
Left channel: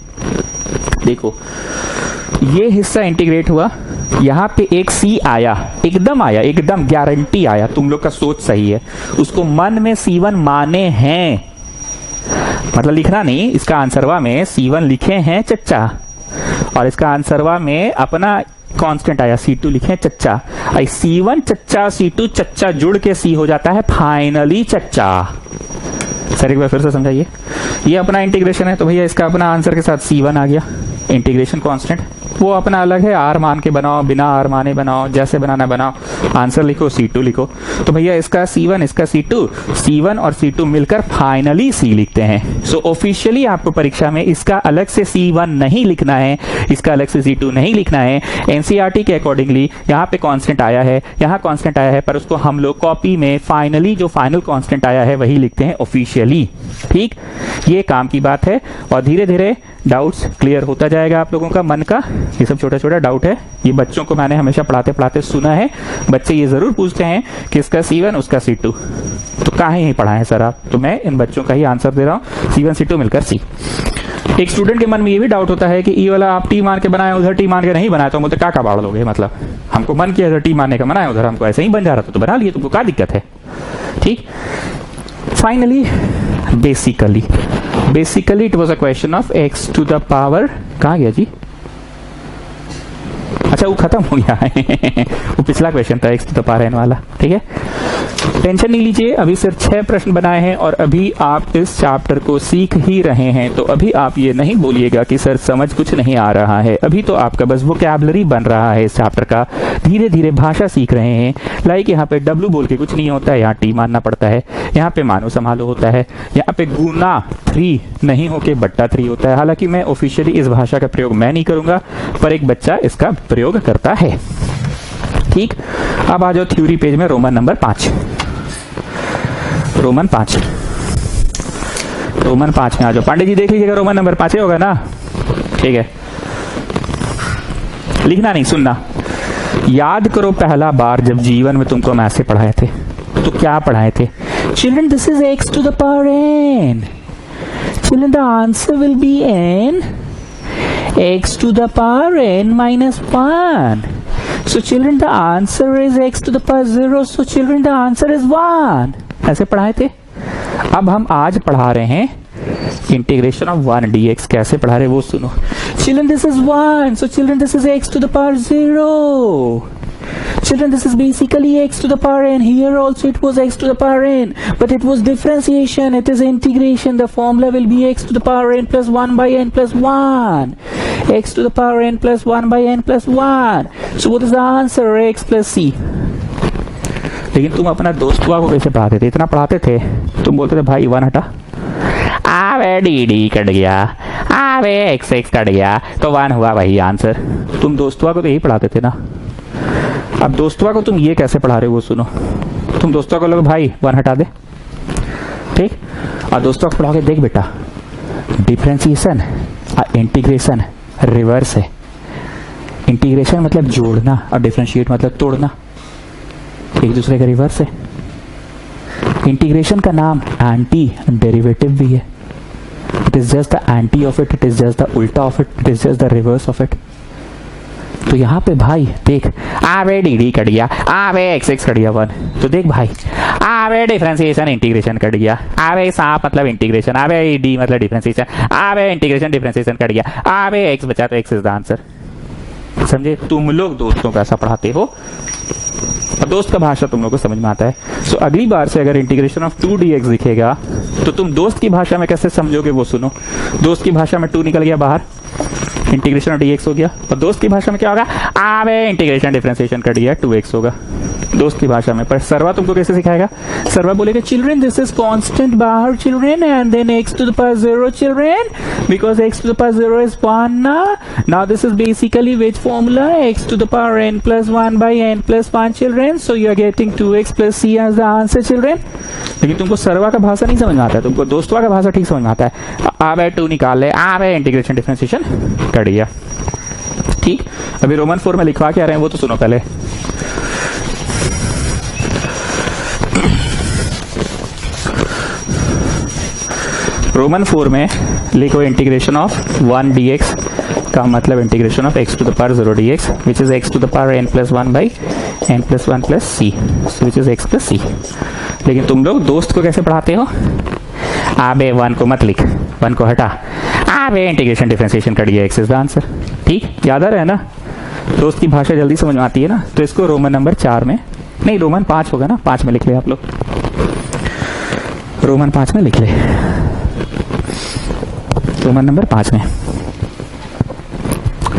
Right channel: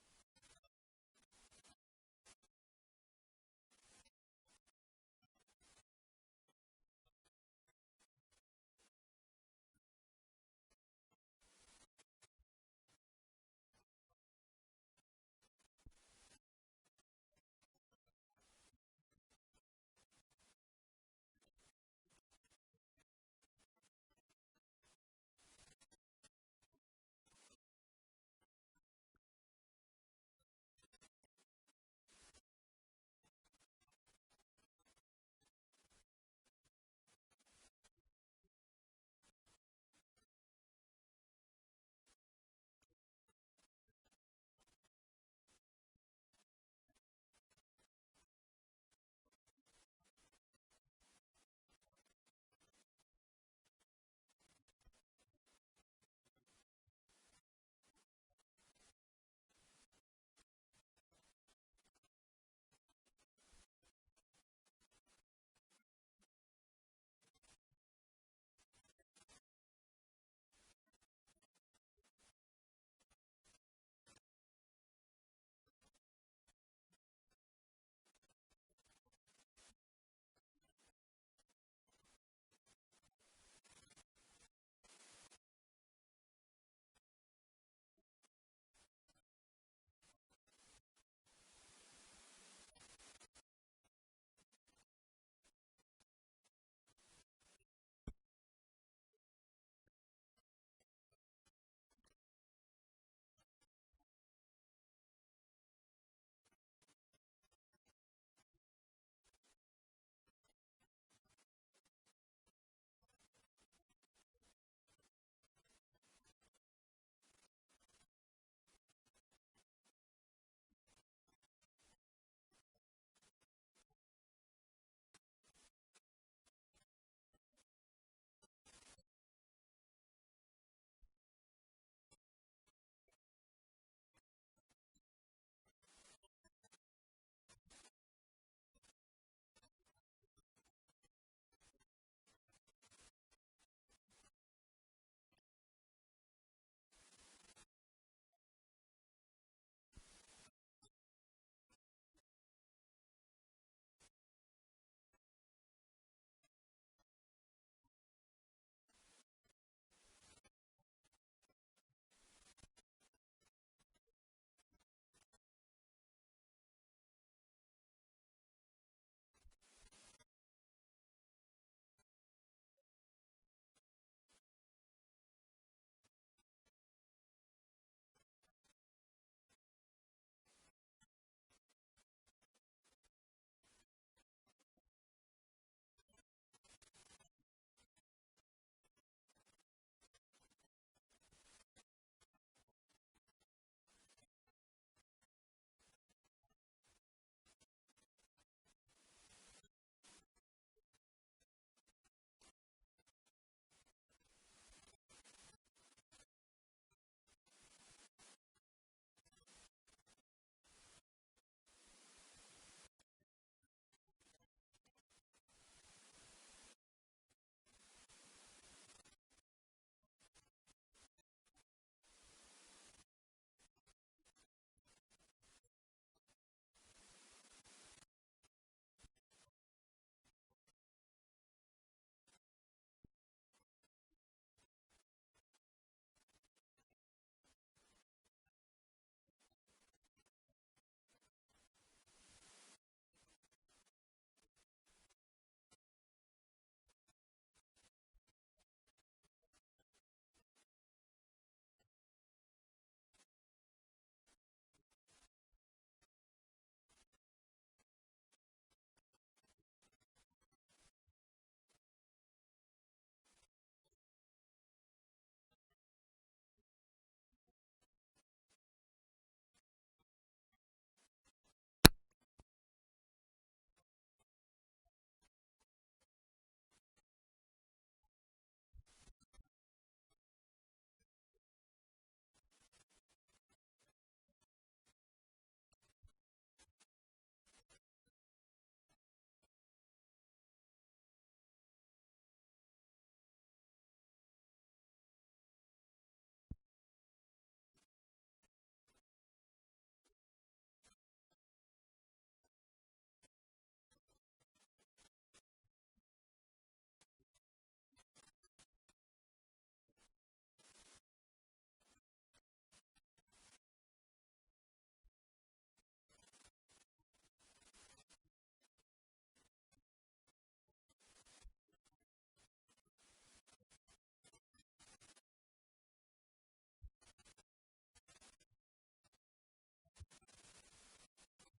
देखो ये हिस्सा इंटीग्रेट हुआ, यहाँ पे एक सी आया, एकदम गारंटी आया, तुम लोग का सोच सही है, उसको मन में C1 माने हैं, मतलब लिखना नहीं, इसका आंसरवा में C1 लिखे हैं चच्चा, और इसका आंसरवा में अपना कांस्टेंट आया C2 लिखे चच्चा। C1 चच्चा C2 चच्चा जुड़ के C हो जाता है फाइनली चच्चा। सर एक बार फिर से समझाइए, ये अपना इंटीग्रेशन है तो भैया इसका अपना आंसर के साथ C1 आ गया, इंटीग्रेशन कांस्टेंट वो अपना अलग है, R मान के बनाओ, बिना R माने बनाओ, जैसे बनाना बनाओ, आंसर लिखो C2 लिखो। तो भैया इसका C1 इसका C2, C1 और C2 मिलकर फाइनली C लिखते हैं। सो ऑफिशियली आपको परीक्षा में इसका अलग से C1 नहीं लिखना है, इसका अलग से C2 नहीं लिखना है। एनसीईआरटी के अकॉर्डिंगली यहाँ पे कांस्टेंट आया है, यहाँ कांस्टेंट आया है, पर उसको हम लोग कॉपी में फाइनली जो फाइनल कांस्टेंट आया है वही लिखते हैं ऑफिशियली। ठीक, ये काम की बात है और धीरे धीरे डाउट्स क्लियर होता जाए। जाएगा आप लोगों का मन का? ये सब छोटा छोटा डाउट है, ये बच्चों को मैंने हमेशा पढ़ाते पढ़ाते सुना है, बच्चे ये जरूर पूछते हैं कि इसका C1 उसका C2, तो कहाँ ही पढ़ाए सर आप? तो मैं इन बच्चों का ही आंसर दे रहा हूँ, C1 C2 मिलकर C। एक स्टूडेंट के मन में ये भी डाउट होता है कि ई वाला आप टी मान के बनाए, उधर टी मान के नहीं बनाया, तो हम बोलते क्या बाढ़ लोगे? मतलब हमको मन किया इधर टी मानने का बनाया, उधर हमको ऐसे ही बन जा रहा था तो बना लिए, तुमको क्या दिक्कत है? ठीक। Finally basically it was a question of x to the power, कहाँ गया जी? अच्छा वो खत्म हो गया है वो पिछला क्वेश्चन था x to the power n वाला। ठीक है, टेंशन नहीं लीजिए, अभी सिर्फ 6 प्रश्न बनाए हैं और अभी आप इस चैप्टर को सीख ही रहे हैं, तो अभी आप ये नहीं बोलिएगा कि सर समझ कुछ नहीं आ रहा है। अभी तो आपका बस वोकैबुलरी बन रहा है इस चैप्टर का, धीरे धीरे भाषा सीख रहे हैं। लाइक यहाँ पे W बोल के कुछ नहीं होता है, यहाँ T मानना पड़ता है, यहाँ पे मानो संभालो होता है, यहाँ पे गुना 3 नहीं होके बट्टा 3 होता है। हालांकि मैं ऑफिशियली इस भाषा का प्रयोग मैं नहीं करूंगा, पर एक बच्चा इसका प्रयोग करता है। ठीक, अब आ जाओ थ्योरी पेज में, रोमन नंबर 5 में आ जाओ। पांडे जी देख लीजिएगा, रोमन नंबर 5 होगा ना? ठीक है, लिखना नहीं, सुनना। याद करो पहला बार जब जीवन में तुमको हम ऐसे पढ़ाए थे तो क्या पढ़ाए थे? Children this is x to the power n। Children the answer will be n x to the power n minus 1. So children, the answer is x to the power 0. So children, the answer is 1. ऐसे पढ़ाए थे। अब हम आज पढ़ा रहे हैं integration of 1 dx। कैसे पढ़ा रहे वो सुनो। Children, this is 1. So children, this is x to the power 0. Children, this is basically x to the power n. Here also it was x to the power n, but it was differentiation. It is integration. The formula will be x to the power n plus 1 by n plus 1. X to the power n plus 1 by n plus 1. So what is the answer? X plus c. लेकिन तुम अपना दोस्तवा को कैसे पढ़ाते थे? इतना पढ़ाते थे, तुम बोलते थे भाई 1 हटा, आवे डी कट गया, आवे x कट गया, तो 1 हुआ वही आंसर। तुम दोस्तवा को तो यही पढ़ाते थे ना। अब दोस्तवा को तुम ये कैसे पढ़ा रहे हो वो सुनो। तुम दोस्तवा को लोग भाई 1 हटा दे, ठीक, और दोस्तवा को पढ़ाओगे, देख बेटा डिफरेंशिएशन और इंटीग्रेशन रिवर्स है। इंटीग्रेशन मतलब जोड़ना और डिफरेंशिएट मतलब तोड़ना, एक दूसरे का रिवर्स है। इंटीग्रेशन का नाम एंटी डेरिवेटिव भी है। It is just the anti of it, it is just the उल्टा of it, it is just the reverse of it. तो यहाँ पे भाई देख, आवे डी कट गया, आवे x कट गया 1, तो देख भाई आवे डिफरेंशिएशन इंटीग्रेशन कट गया, आवे सांप मतलब इंटीग्रेशन, आवे डी मतलब डिफरेंशिएशन, आवे इंटीग्रेशन डिफरेंशिएशन कट गया, आवे x बचा तो x इज द आंसर। समझे? तुम लोग दोस्तों को ऐसा पढ़ाते हो और दोस्त का भाषा तुम लोग को समझ में आता है। सो अगली बार से अगर इंटीग्रेशन ऑफ 2 dx दिखेगा तो तुम दोस्त की भाषा में कैसे समझोगे वो सुनो। दोस्त की भाषा में 2 निकल गया बाहर, इंटीग्रेशन ऑफ dx हो गया, और दोस्त की भाषा में क्या होगा? आवे इंटीग्रेशन डिफरेंशिएशन कर दिया 2x होगा दोस्त की भाषा में। पर सर्वा तुमको कैसे सिखाएगा? सर्वा बोलेगा चिल्ड्रन दिस इज कांस्टेंट बाहर children, and then x to the power 0 children, because x to the power 0 is 1 ना। Now this is basically which formula? x to the power n plus 1 by n plus 1 children, so you are getting 2x plus c as the answer children. लेकिन तुमको सर्वा का भाषा नहीं समझ में आता है, तुमको दोस्तवा का भाषा ठीक समझ में आता है। आवे 2 निकाल ले, आवे इंटीग्रेशन डिफरेंशिएशन कर दिया। ठीक, अभी रोमन 4 में लिखवा के आ रहे हैं वो तो सुनो पहले। रोमन 4 में लिखो इंटीग्रेशन ऑफ 1 dx का मतलब integration of x to the power 0 dx which is x to the power n plus 1 by n plus 1 plus c which is x plus c। लेकिन तुम लोग दोस्त को कैसे पढ़ाते हो? आबे 1 को मत लिख, 1 को हटा, आबे इंटीग्रेशन डिफरेंशिएशन कर दिया, x इज द आंसर। ठीक, याद आ रहा है ना? दोस्त की भाषा जल्दी समझ में आती है ना। तो इसको रोमन नंबर 4 में, नहीं रोमन 5 होगा ना, 5 में लिख ले आप लोग, रोमन 5 में लिख ले, रोमन नंबर 5 में।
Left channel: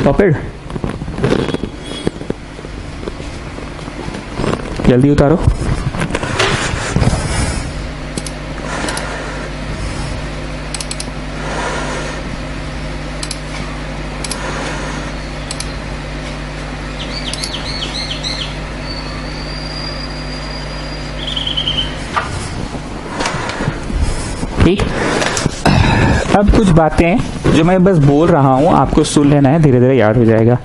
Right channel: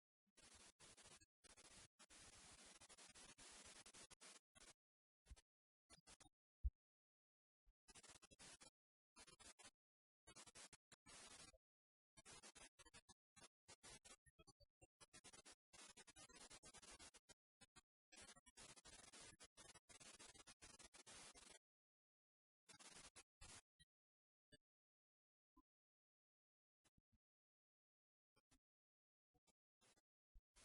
पॉपेड जल्दी उतारो। ठीक, अब कुछ बातें जो मैं बस बोल रहा हूं आपको सुन लेना है, धीरे धीरे याद हो जाएगा।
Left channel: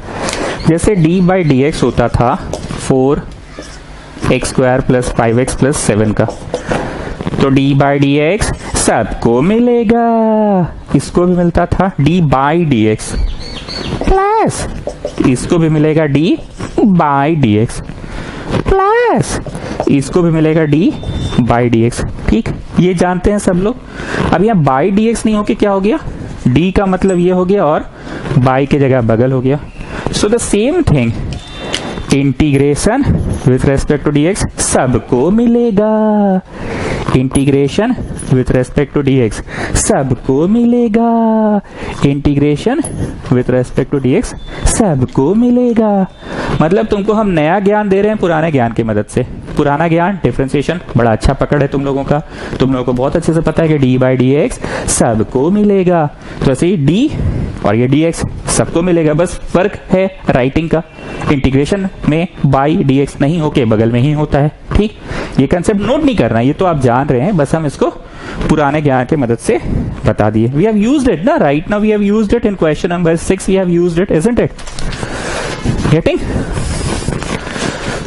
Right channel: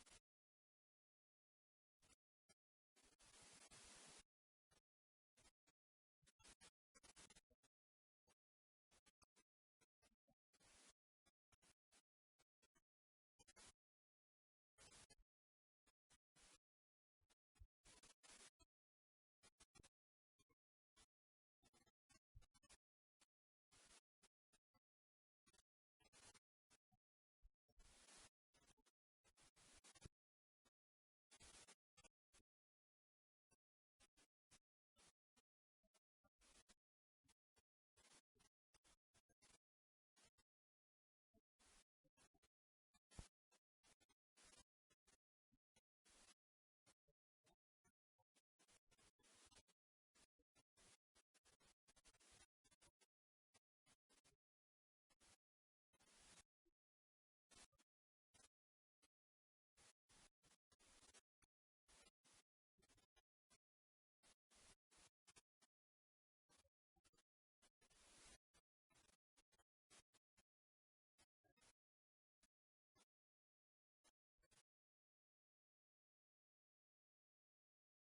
जैसे डी बाई डी एक्स होता था 4x² प्लस 5x प्लस 7 का, तो डी बाई डी एक्स सबको मिलेगा, इसको भी मिलता था D by D x plus इसको भी मिलेगा D by D x plus इसको भी मिलेगा डी बाई डी एक्स। ठीक, ये जानते हैं सब लोग। अब यहाँ बाई डी एक्स नहीं होके क्या हो गया, डी का मतलब ये हो गया और बाई की जगह बगल हो गया। So the same thing, integration with respect to D x सबको मिलेगा, integration with respect to D x सबको मिलेगा, integration with respect to D x सबको मिलेगा। मतलब तुमको हम नया ज्ञान दे रहे हैं पुराने ज्ञान की मदद से। पुराना ज्ञान डिफरेंशिएशन बड़ा अच्छा पकड़ है तुम लोगों का, तुम लोगों को बहुत अच्छे से पता है कि डी बाई डी एक्स सबको मिलेगा, तो ऐसे ही डी और ये डी एक्स सबको मिलेगा। बस फर्क है राइटिंग का, इंटीग्रेशन में बाई डी एक्स नहीं होके बगल में ही होता है। ठीक, ये कंसेप्ट नोट नहीं करना, ये तो आप जान रहे हैं, बस हम इसको पुराने ज्ञान की मदद से बता दिए। वी हैव यूज्ड इट ना, right now we have used it in question number 6, we have used it, isn't it? Getting?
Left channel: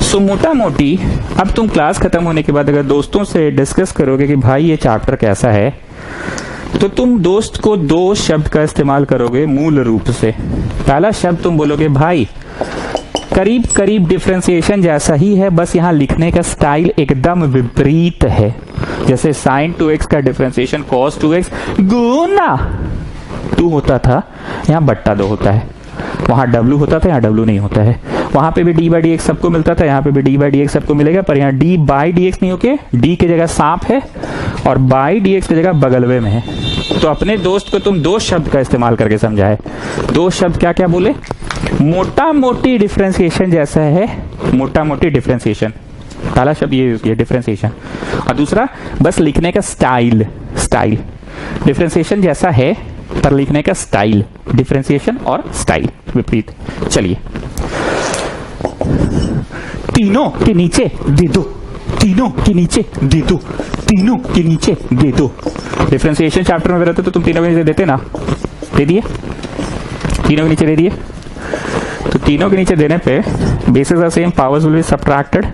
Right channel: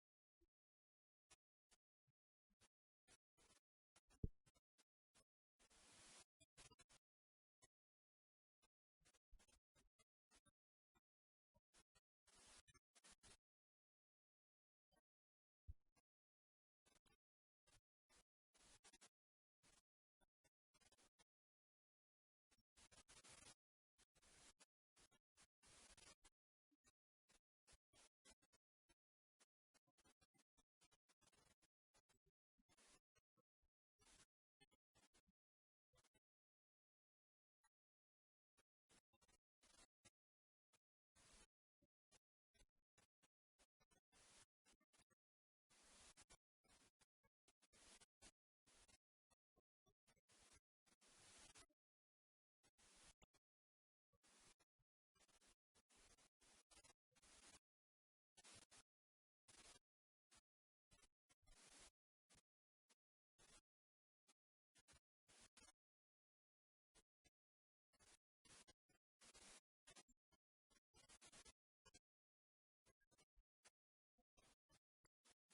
So मोटा मोटी अब तुम क्लास खत्म होने के बाद अगर दोस्तों से डिस्कस करोगे कि भाई ये चैप्टर कैसा है, तो तुम दोस्त को दो शब्द का इस्तेमाल करोगे मूल रूप से। पहला शब्द तुम बोलोगे भाई करीब करीब डिफरेंशिएशन जैसा ही है, बस यहाँ लिखने का स्टाइल एकदम विपरीत है। जैसे sin 2x का डिफरेंशिएशन cos 2x गुना 2 होता था, यहाँ बट्टा 2 होता है। वहां W होता था, यहाँ W नहीं होता है। वहां पे भी d बाई डी एक्स सबको मिलता था, यहाँ पे भी d बाई डी एक्स सबको मिलेगा, पर यहाँ d बाई डी एक्स नहीं होके d की जगह सांप है और बाई डी एक्स की जगह बगलवे में है। तो अपने दोस्त को तुम दो शब्द का इस्तेमाल करके समझाए। दो शब्द क्या क्या बोले? मोटा मोटी डिफरेंशिएशन जैसा है, मोटा मोटी डिफरेंशिएशन, पहला शब्द ये यूज किया डिफरेंशिएशन, और दूसरा बस लिखने का स्टाइल। स्टाइल डिफरेंशिएशन जैसा है पर लिखने का स्टाइल, डिफरेंशिएशन और स्टाइल विपरीत। चलिए, तीनों के नीचे दे दो, तीनों के नीचे दे दो, तीनों के नीचे दे दो। डिफरेंशिएशन चैप्टर में रहते तो तुम तीनों के नीचे देते ना, दे दिए, तीनों के नीचे दे दिए। तो तीनों के नीचे देने पे basis are same, powers will be subtracted,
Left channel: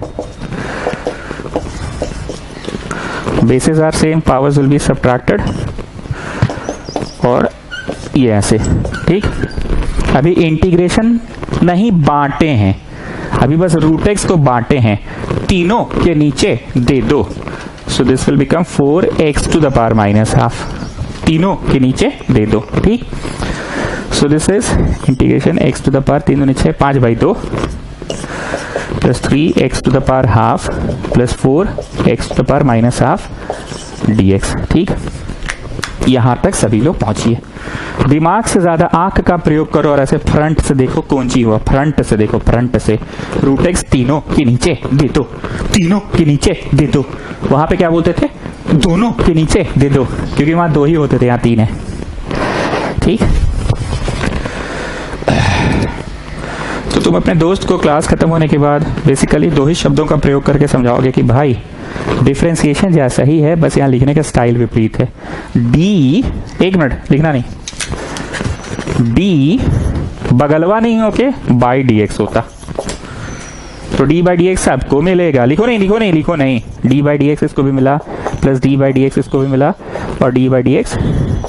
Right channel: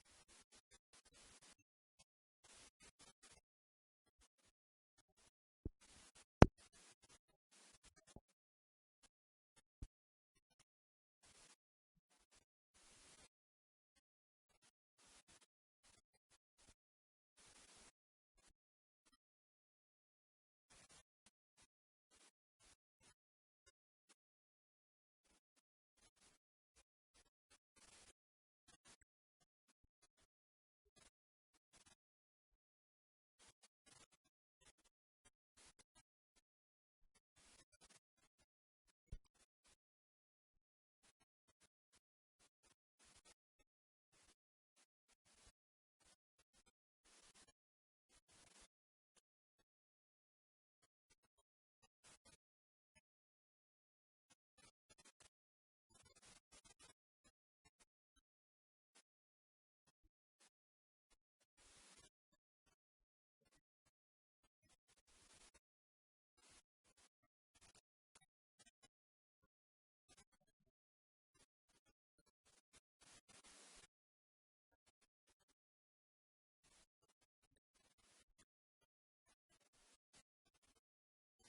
basis are same, powers will be subtracted, और ये ऐसे। ठीक, अभी इंटीग्रेशन नहीं बांटे हैं, अभी बस रूट एक्स को बांटे हैं, तीनों के नीचे दे दो। So this will become 4x to the power minus half, तीनों के नीचे दे दो। ठीक, so this is integration x to the power 3 नीचे 5/2 plus 3x to the power half plus 4x to the power minus half dx। ठीक, यहां तक सभी लोग पहुंचिए। दिमाग से ज्यादा आंख का प्रयोग करो और ऐसे फ्रंट से देखो कौन सी हुआ, फ्रंट से देखो, फ्रंट से। रूट एक्स तीनों के नीचे दे दो, तीनों के नीचे दे दो। वहां पे क्या बोलते थे? दोनों के नीचे दे दो, क्योंकि वहां दो ही होते थे, यहाँ तीन है। ठीक, तो तुम अपने दोस्त को क्लास खत्म होने के बाद बेसिकली दो ही शब्दों का प्रयोग करके समझाओगे कि भाई डिफरेंशिएशन जैसा ही है, बस यहाँ लिखने का स्टाइल विपरीत है। डी, एक मिनट लिखना नहीं, डी बगलवा नहीं होके बाई डी एक्स होता, तो डी बाई डी एक्स आपको मिलेगा। लिखो नहीं, लिखो नहीं, लिखो नहीं, डी बाई डी एक्स इसको भी मिला, plus D by D x इसको भी मिला, और डी बाई डी एक्स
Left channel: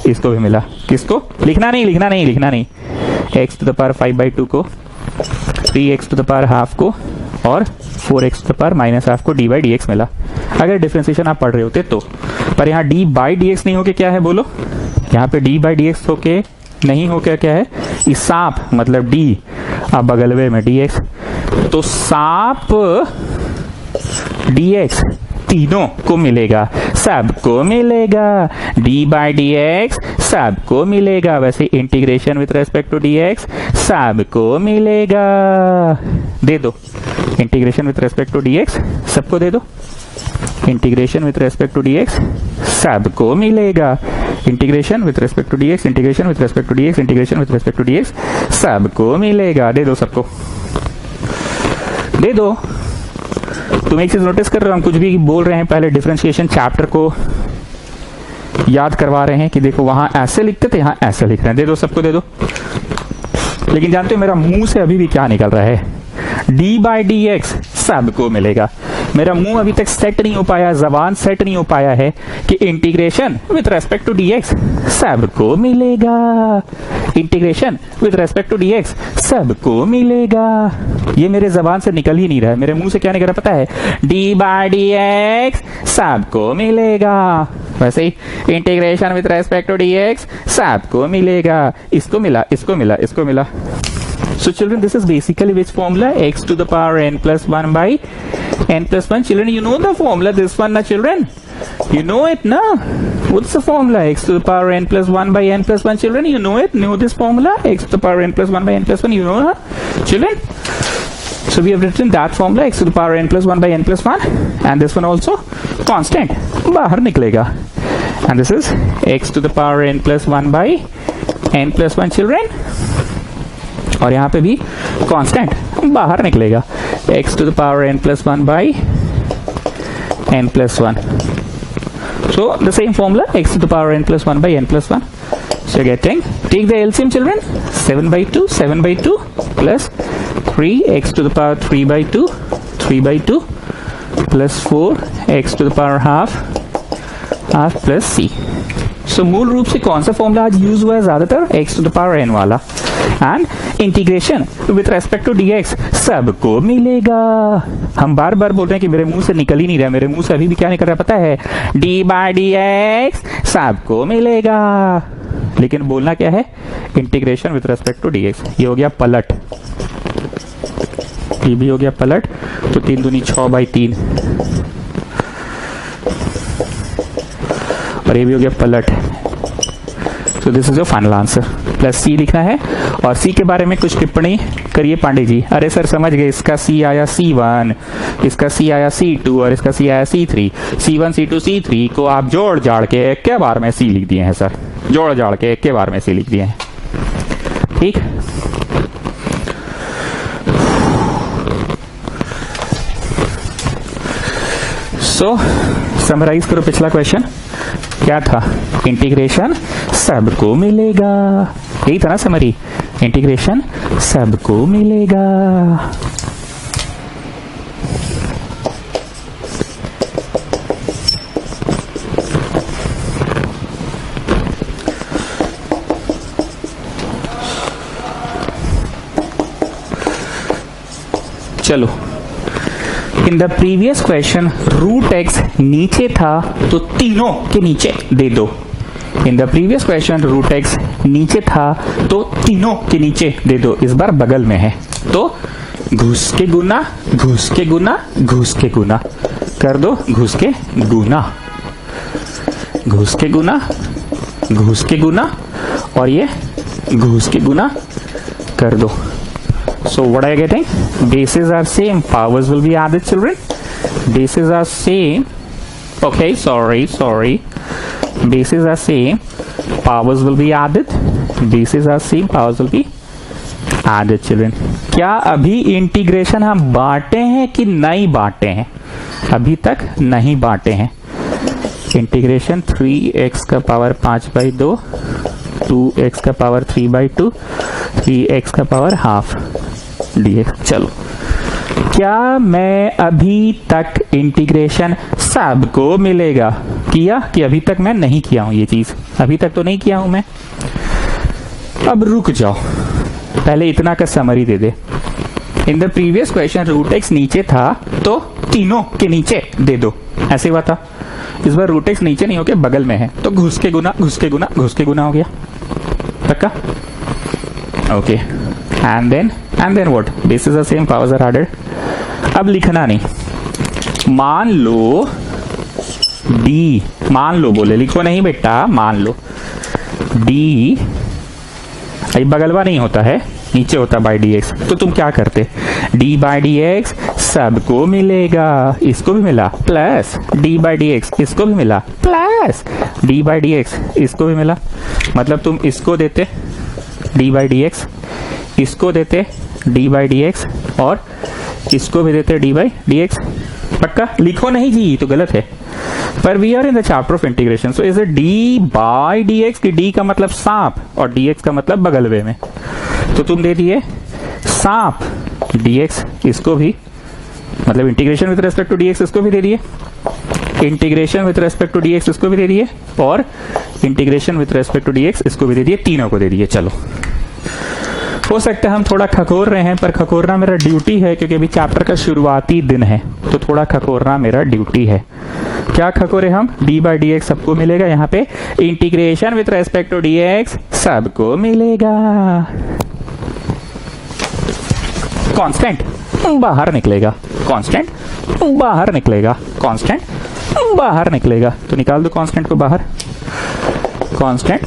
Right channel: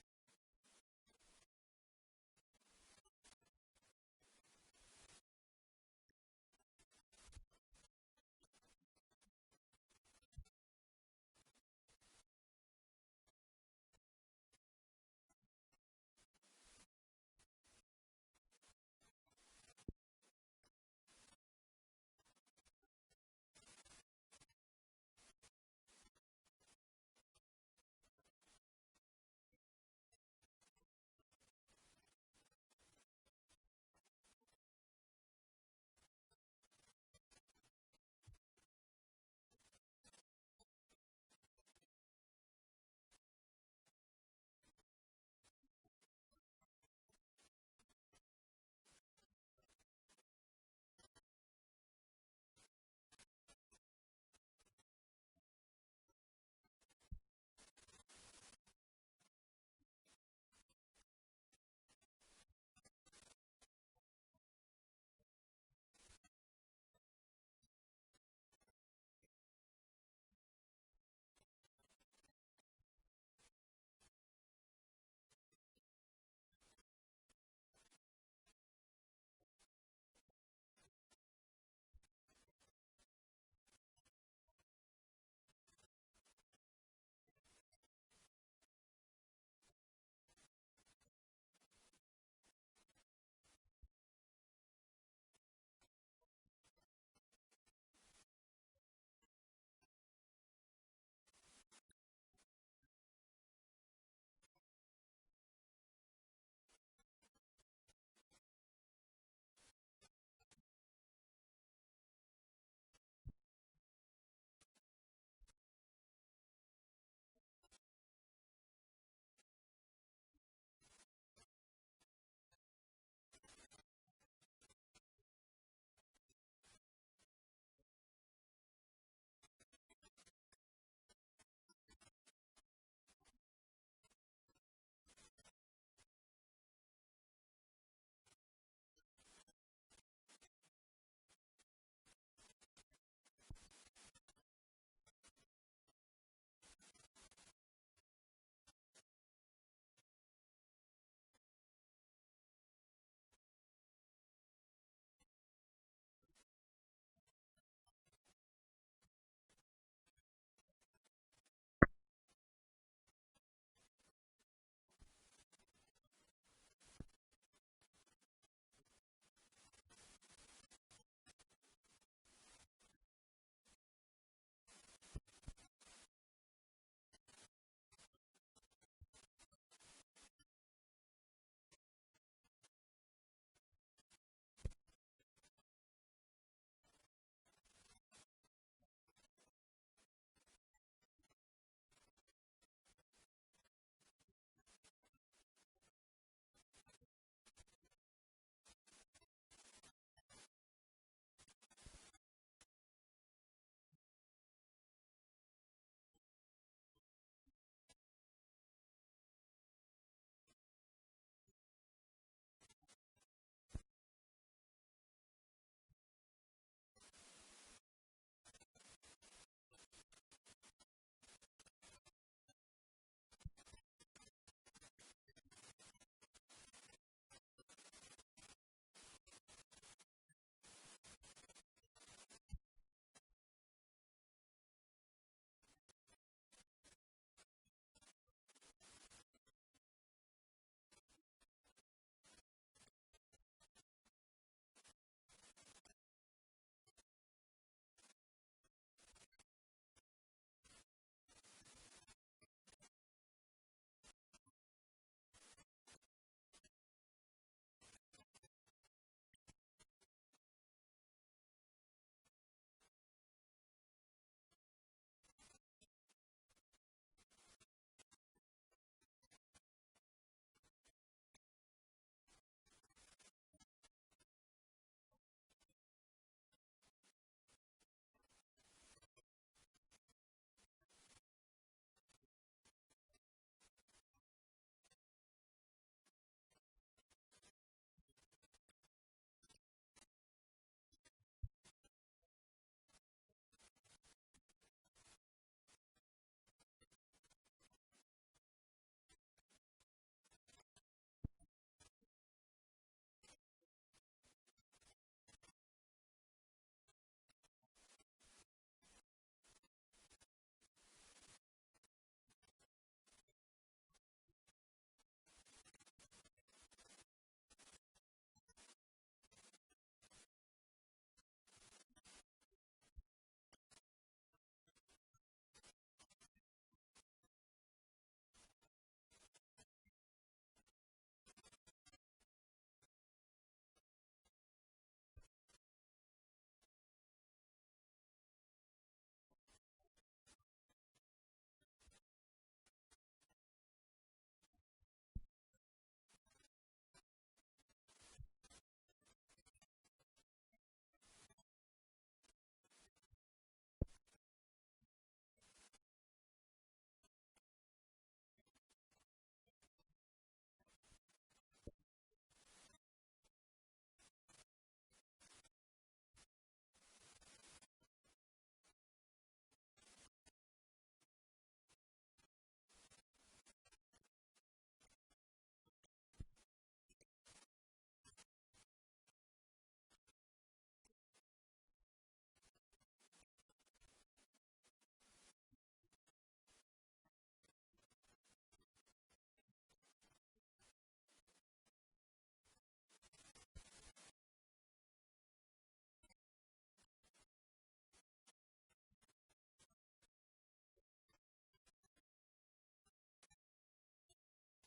इसको भी मिला। किसको? लिखना नहीं, लिखना नहीं, लिखना नहीं। एक्स टू द पावर 5/2 को, 3x to the power half को, और 4x to the power minus half को डी बाई डी एक्स मिला, अगर डिफरेंशिएशन आप पढ़ रहे होते तो। पर यहाँ डी बाई डी एक्स नहीं होके क्या है बोलो? यहाँ पे डी बाई डी एक्स होके नहीं होके क्या है? इस सांप मतलब डी, अब बगलवे में डी एक्स, तो सांप डी एक्स तीनों को मिलेगा, सबको मिलेगा, डी बाई डी एक्स सबको मिलेगा। वैसे integration with respect to D x सबको मिलेगा, दे दो। Integration with respect to D x सबको दे दो, integration with respect to D x सबको मिलेगा, integration with respect to D x, integration with respect to D x, integration with respect to D x सबको मिलेगा। दे दो सबको, दे दो। तुम एक चीज नोटिस कर रहे हो, हम कुछ भी बोल रहे हैं पहले डिफरेंशिएशन चैप्टर को याद करवा रहे हैं कि देखो वहां ऐसे लिखते थे, यहां ऐसे लिख रहे हैं। दे दो, सबको दे दो। लेकिन जानते हो मेरा मुंह से अभी भी क्या निकल रहा है? डी बाई डी एक्स सबको मिलेगा। मेरा मुंह अभी तक सेट नहीं हो पाया, जबान सेट नहीं हो पाया है कि integration with respect to D x सबको मिलेगा। Integration with respect to D x सबको मिलेगा। ये मेरे जबान से निकल ही नहीं रहा है। मेरे मुंह से क्या निकल रहा पता है? डी बाई डी एक्स सबको मिलेगा। वैसे ही integration with respect to D x सबको मिलेगा। इसको मिला, इसको मिला, इसको मिला। So children, this is basically which formula? X to the power n plus 1 by n plus 1. Children, you know the formula, this one na children? You know it na? What's the formula? X to the power n plus 1 by n plus 1. Children, you know it? Know this formula? X to the power n plus 1 by n plus 1. You know na? Children? So we have written that formula, x to the power n plus 1 by n plus 1. And this one also constant. बाहर निकलेगा. And this is x to the power n plus 1 by n plus 1 children. और यहाँ पे भी constant बाहर निकलेगा। x to the power n plus 1 by n plus 1. So the same formula, x to the power n plus 1 by n plus 1. So you're getting, take the LCM children, 7 by 2, 7 by 2 plus 3 x to the power 3 by 2, 3 by 2 plus 4 x to the power half plus c. So मूल रूप से कौन सा formula आज use हुआ है ज्यादातर? x to the power n वाला। And integration with respect to dx सबको मिलेगा। हम बार बार बोल रहे हैं कि मेरे मुंह से निकल ही नहीं रहा। मेरे मुंह से अभी भी क्या निकल रहा है पता है? डी बाई डी एक्स सबको मिलेगा। लेकिन बोलना क्या है? Integration with respect to dx। ये हो गया पलट, ये भी हो गया पलट। तो 3 दूनी 6 बाई 3 और ये भी हो गया पलट। So this is your final answer. Plus C लिखना है। और सी के बारे में कुछ टिप्पणी करिए पांडे जी। अरे सर समझ गए, इसका सी आया C1, इसका सी आया C2 और इसका सी आया C3। C1 C2 C3 को आप जोड़ जाड़ के एक के बार में सी लिख दिए हैं सर। जोड़ जाड़ के एक के बार में सी लिख दिए हैं। ठीक, सो समराइज करो पिछला क्वेश्चन क्या था? इंटीग्रेशन सबको मिलेगा। यही था ना समरी? इंटीग्रेशन सबको मिलेगा। चलो, in the previous question root x नीचे था तो तीनों के नीचे दे दो। In the previous question root x नीचे था तो तीनों के नीचे दे दो। इस बार बगल में है तो घुस के गुना, घुस के गुना, घुस के गुना कर दो। घुस के गुना, घुस के गुना, घुस के गुना और ये घुस के गुना कर दो। So what are you getting? Bases are same, powers will be added children. Bases are same. Okay, sorry. Bases are same, powers will be added. Bases are same, powers will be added children. क्या अभी integration हम बांटे हैं कि नहीं बांटे हैं? अभी तक नहीं बांटे हैं। इंटीग्रेशन 3x का पावर 5 बाई 2, 2x का पावर 3 बाई 2, 3x का पावर हाफ dx। चलो, क्या मैं अभी तक इंटीग्रेशन सबको मिलेगा किया कि अभी तक मैं नहीं किया हूं? ये चीज अभी तक तो नहीं किया हूं मैं। अब रुक जाओ, पहले इतना का समरी दे दे। In the previous question root x नीचे था तो तीनों के नीचे दे दो, ऐसे हुआ था। इस बार रूट एक्स नीचे नहीं होके बगल में है तो घुस के गुना, घुस के गुना, घुस के गुना हो गया। पक्का? Okay, and then what? Basis are same, powers are added. अब लिखना नहीं। मान लो डी, मान लो बोले, लिखो नहीं बेटा, मान लो डी, अभी बगलवा नहीं होता है, नीचे होता बाई डी एक्स। तो तुम क्या करते? डी बाई डी एक्स सबको मिलेगा, इसको भी मिला, plus D by D x इसको भी मिला, plus D by D x इसको भी मिला। मतलब तुम इसको देते डी बाई डी एक्स, इसको देते डी बाई डी एक्स और इसको भी देते डी बाई डी एक्स। पक्का? लिखो नहीं जी, तो गलत है। पर we are in the chapter of integration, so is it d by d x, की डी का मतलब सांप और डी एक्स का मतलब बगलवे में, तो तुम दे दिए सांप डी एक्स, इसको भी मतलब integration with respect to D x इसको भी दे दिए, integration with respect to D x इसको भी दे दिए, और integration with respect to D x इसको भी दे दिए, तीनों को दे दिए। चलो, हो सकता है हम थोड़ा खकोर रहे हैं, पर खकोरना मेरा ड्यूटी है, क्योंकि अभी चैप्टर का शुरुआती दिन है, तो थोड़ा खकोरना मेरा ड्यूटी है। क्या खकोरे हम? डी बाई डी एक्स सबको मिलेगा, यहाँ पे integration with respect to D x सबको मिलेगा। कांस्टेंट बाहर निकलेगा, कांस्टेंट बाहर निकलेगा, कांस्टेंट बाहर निकलेगा, तो निकाल दो कांस्टेंट को बाहर, कांस्टेंट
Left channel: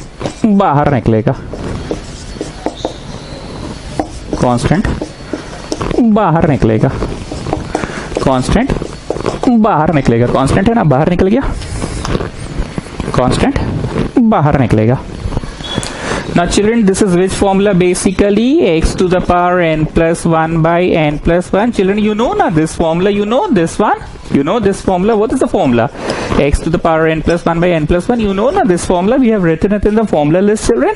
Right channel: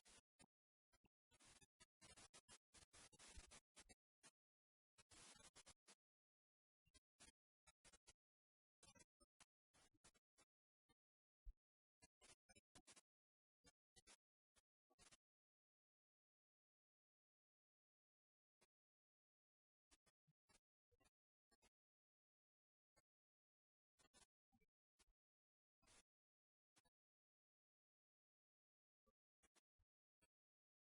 बाहर निकलेगा, कांस्टेंट बाहर निकलेगा, कांस्टेंट बाहर निकलेगा, कांस्टेंट है ना, बाहर निकल गया, कांस्टेंट बाहर निकलेगा। Now children, this is which formula? Basically x to the power n plus 1 by n plus 1. Children, you know na this formula, you know this one, you know this formula. What is the formula? X to the power n plus 1 by n plus 1. You know na this formula, we have written it in the formula list, children.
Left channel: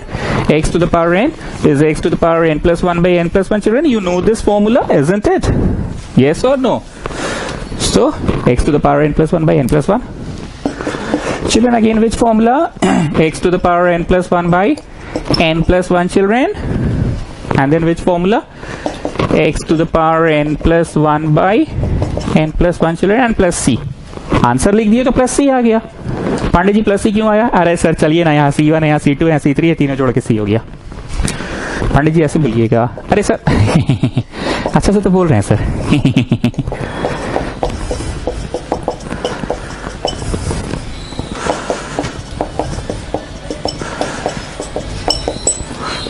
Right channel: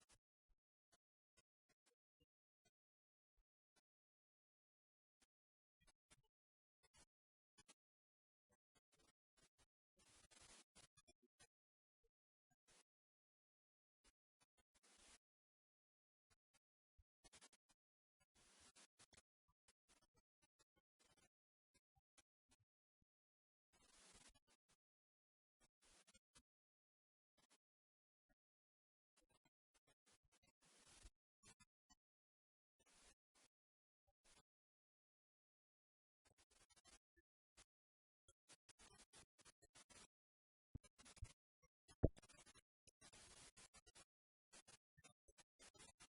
X to the power n is x to the power n plus 1 by n plus 1. Children, you know this formula, isn't it? Yes or no? So x to the power n plus 1 by n plus 1. Children, again which formula? X to the power n plus 1 by n plus 1, children, and then which formula? X to the power n plus 1 by n plus 1, children, and plus c. Answer लिख दिए तो plus सी आ गया। Pandey ji plus सी क्यों आया? अरे sir चलिए ना, यहाँ C1 है, यहाँ C2 है, यहाँ C3 है, तीनों जोड़ के C हो गया। पांडे जी ऐसे बोलिएगा। अरे सर अच्छा से तो बोल रहे हैं सर।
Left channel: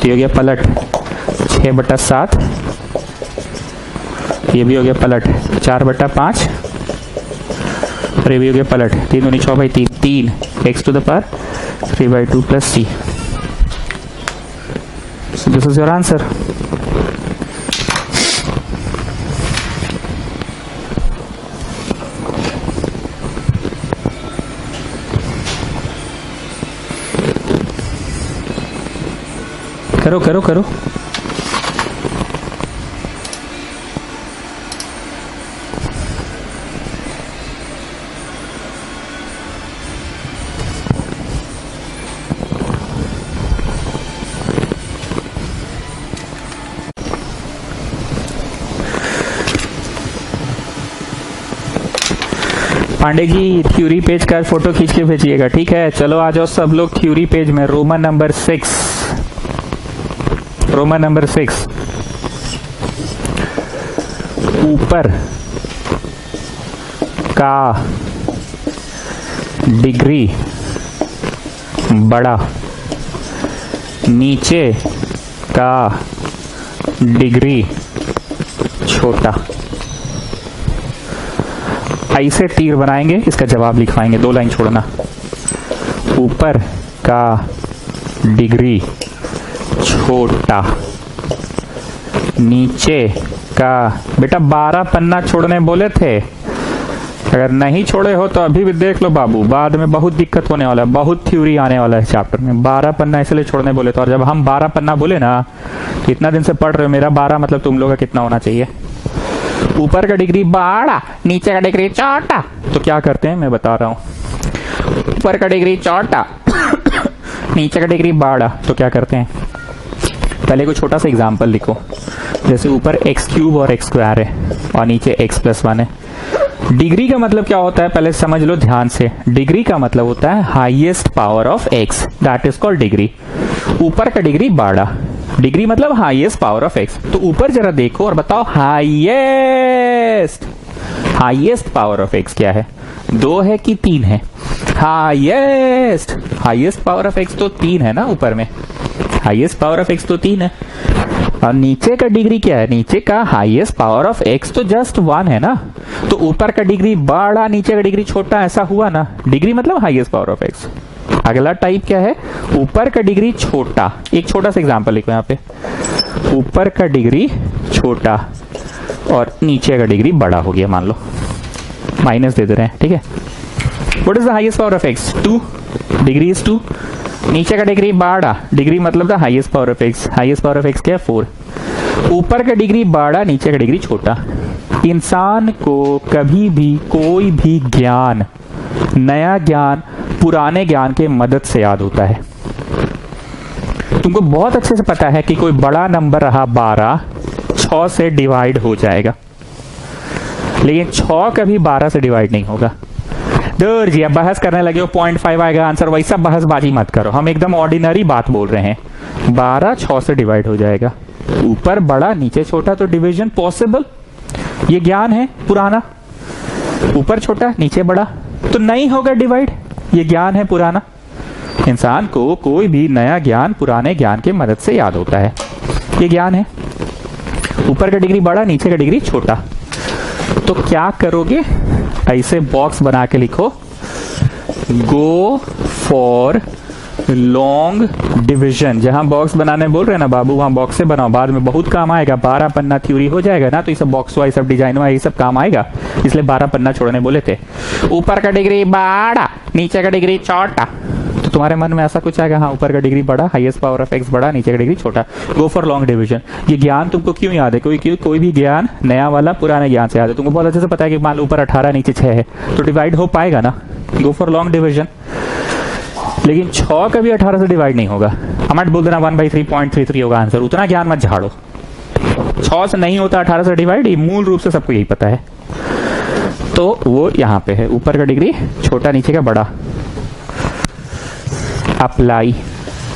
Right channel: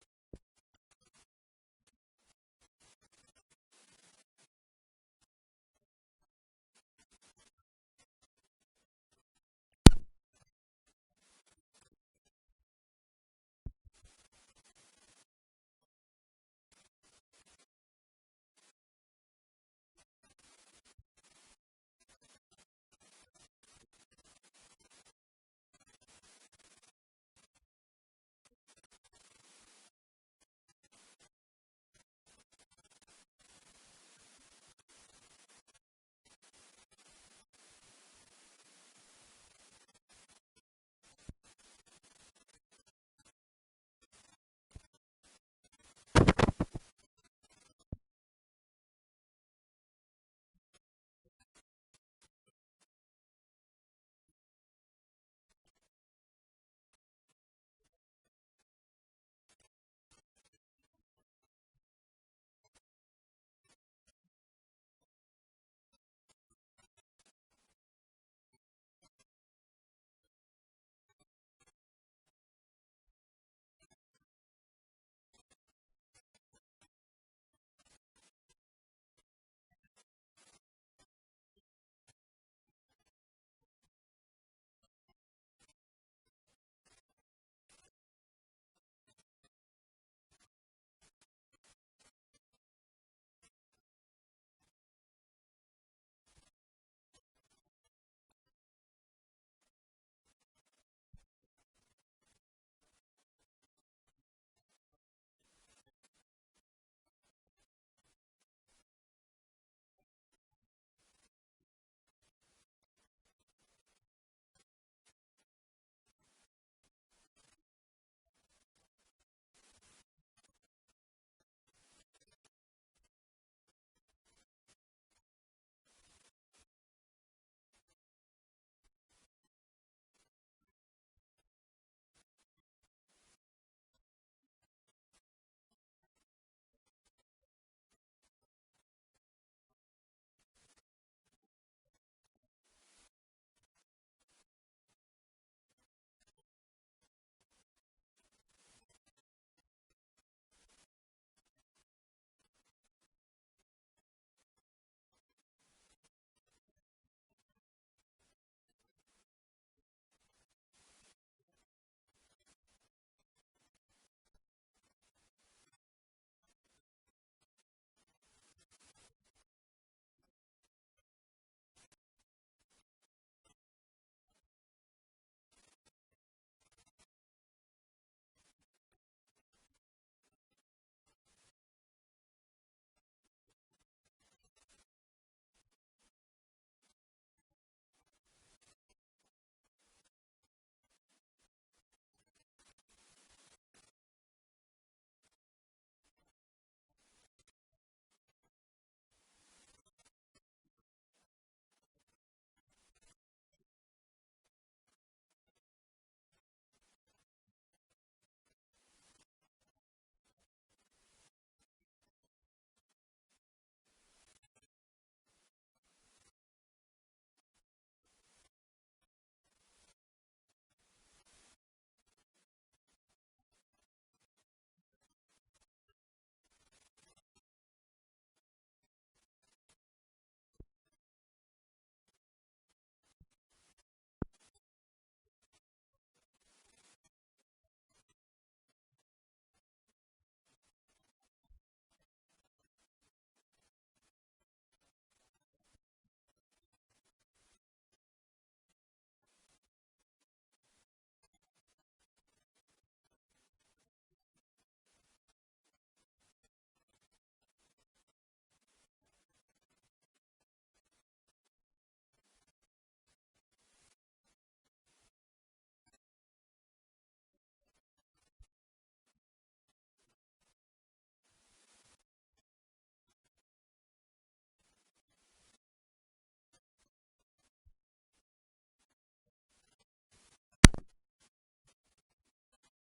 ये हो गया पलट 6/7, ये भी हो गया पलट 4/5, और ये भी हो गया पलट 3 दूनी 6/3, 3 x to the power 3/2 plus c. So this is your answer. करो करो करो। पांडे जी थ्योरी पेज का फोटो खींच के भेजिएगा, ठीक है? चलो आ जाओ सब लोग थ्योरी पेज में, रोमन नंबर 6, रोमन नंबर 6। ऊपर का डिग्री बड़ा, नीचे का डिग्री छोटा। ऐसे तीर बनाएंगे, इसका जवाब लिखवाएंगे, 2 लाइन छोड़ना। ऊपर का डिग्री छोटा, नीचे का, बेटा 12 पन्ना छोड़ने बोले थे, अगर नहीं छोड़े हो तो अभी भी देख लो बाबू, बाद में बहुत दिक्कत होने वाला है, बहुत थ्योरी आने वाला है चैप्टर में। 12 पन्ना इसलिए छोड़ने बोले तो, और जब हम 12 पन्ना बोले ना, तो इतना दिन से पढ़ रहे हो, मेरा 12 मतलब तुम लोग का कितना होना चाहिए? ऊपर का डिग्री बड़ा, नीचे का डिग्री छोटा, तो क्या करते हैं मैं बता रहा हूं। ऊपर का डिग्री छोटा नीचे का डिग्री बड़ा, तो क्या करते हैं? पहले कोई छोटा सा एग्जांपल लिखो, जैसे ऊपर x³ और x² है और नीचे x+1 है। डिग्री का मतलब क्या होता है पहले समझ लो ध्यान से। डिग्री का मतलब होता है highest power of x, that is called degree. ऊपर का डिग्री बड़ा, डिग्री मतलब हाईएस्ट पावर ऑफ x। तो ऊपर जरा देखो और बताओ हाईएस्ट पावर ऑफ x क्या है? 2 है कि 3 है? हाईएस्ट पावर ऑफ x तो 3 है ना, ऊपर में हाईएस्ट पावर ऑफ x तो 3 है। और नीचे का डिग्री क्या है? नीचे का हाईएस्ट पावर ऑफ x तो जस्ट 1 है ना। तो ऊपर का डिग्री बड़ा, नीचे का डिग्री छोटा, ऐसा हुआ ना। डिग्री मतलब हाईएस्ट पावर ऑफ x। अगला टाइप क्या है? ऊपर का डिग्री छोटा। एक छोटा सा एग्जांपल लिखो यहाँ पे, ऊपर का डिग्री छोटा और नीचे का डिग्री बड़ा हो गया, मान लो माइनस दे दे रहे हैं, ठीक है? What is the highest power of x? 2 degree is 2। नीचे का डिग्री बड़ा, डिग्री मतलब the highest power of x. Highest power of x क्या है? 4। ऊपर का डिग्री बड़ा, नीचे का डिग्री छोटा। इंसान को कभी भी कोई भी ज्ञान, नया ज्ञान पुराने ज्ञान के मदद से याद होता है। तुमको बहुत अच्छे से पता है कि कोई बड़ा नंबर रहा 12, 6 से डिवाइड हो जाएगा, लेकिन 6 कभी 12 से डिवाइड नहीं होगा। दूर जी, अब बहस करने लगे हो 0.5 आएगा आंसर, वैसा बहसबाजी मत करो। हम एकदम ऑर्डिनरी बात बोल रहे हैं। 12 6 से डिवाइड हो जाएगा। ऊपर बड़ा नीचे छोटा, तो डिवीजन पॉसिबल। ये ज्ञान है पुराना। ऊपर छोटा नीचे बड़ा, तो नहीं होगा डिवाइड। ये ज्ञान है पुराना। इंसान को कोई भी नया ज्ञान पुराने ज्ञान के मदद से याद होता है। ये ज्ञान है। ऊपर का डिग्री बड़ा, नीचे का डिग्री छोटा। तो क्या करोगे? ऐसे बॉक्स बना के लिखो, गो फॉर लॉन्ग डिवीजन। जहां बॉक्स बनाने बोल रहे हैं ना बाबू, वहां बॉक्स से बनाओ, बाद में बहुत काम आएगा। 12 पन्ना थ्योरी हो जाएगा ना, तो ये सब बॉक्स वाइज सब डिजाइन वाइज सब काम आएगा, इसलिए 12 पन्ना छोड़ने बोले थे। ऊपर का डिग्री बड़ा, नीचे का डिग्री छोटा, तो तुम्हारे मन में ऐसा कुछ आएगा, हाँ ऊपर का डिग्री बड़ा, हाईएस्ट पावर ऑफ एक्स बड़ा, नीचे का डिग्री छोटा। गो फॉर लॉन्ग डिवीजन। ये ज्ञान तुमको क्यों याद है? कोई भी ज्ञान नया वाला पुराने ज्ञान से याद है। तुमको बहुत अच्छे से पता है कि मान लो ऊपर 18 नीचे 6 है, तो डिवाइड हो पाएगा ना। गो फॉर लॉन्ग डिवीजन। लेकिन 6 कभी 18 से डिवाइड नहीं होगा। हमारे बोल देना 1/3.33 होगा आंसर। उतना ज्ञान मत झाड़ो। 6 से नहीं होता 18 से डिवाइड, ये मूल रूप से सबको यही पता है। तो वो यहां पे है, ऊपर का डिग्री छोटा, नीचे का बड़ा। अप्लाई।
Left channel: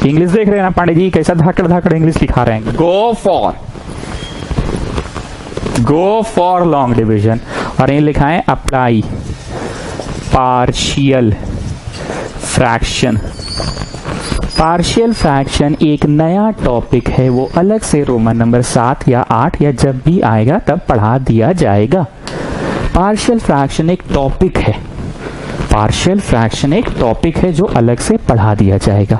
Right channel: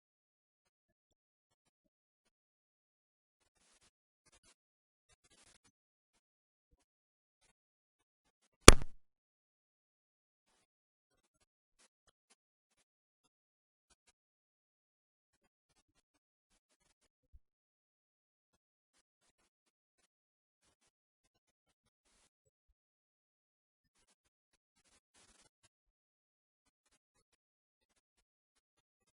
इंग्लिश देख रहे हैं ना पांडे जी, कैसा धाकड़ धाकड़ इंग्लिश लिखा रहे हैं। गो फॉर लॉन्ग डिवीजन। और ये लिखा है apply partial fraction. Partial fraction एक नया टॉपिक है, वो अलग से रोमन नंबर 7 या 8 या जब भी आएगा तब पढ़ा दिया जाएगा। पार्शियल फ्रैक्शन एक टॉपिक है। पार्शियल फ्रैक्शन एक टॉपिक है जो अलग से पढ़ा दिया जाएगा।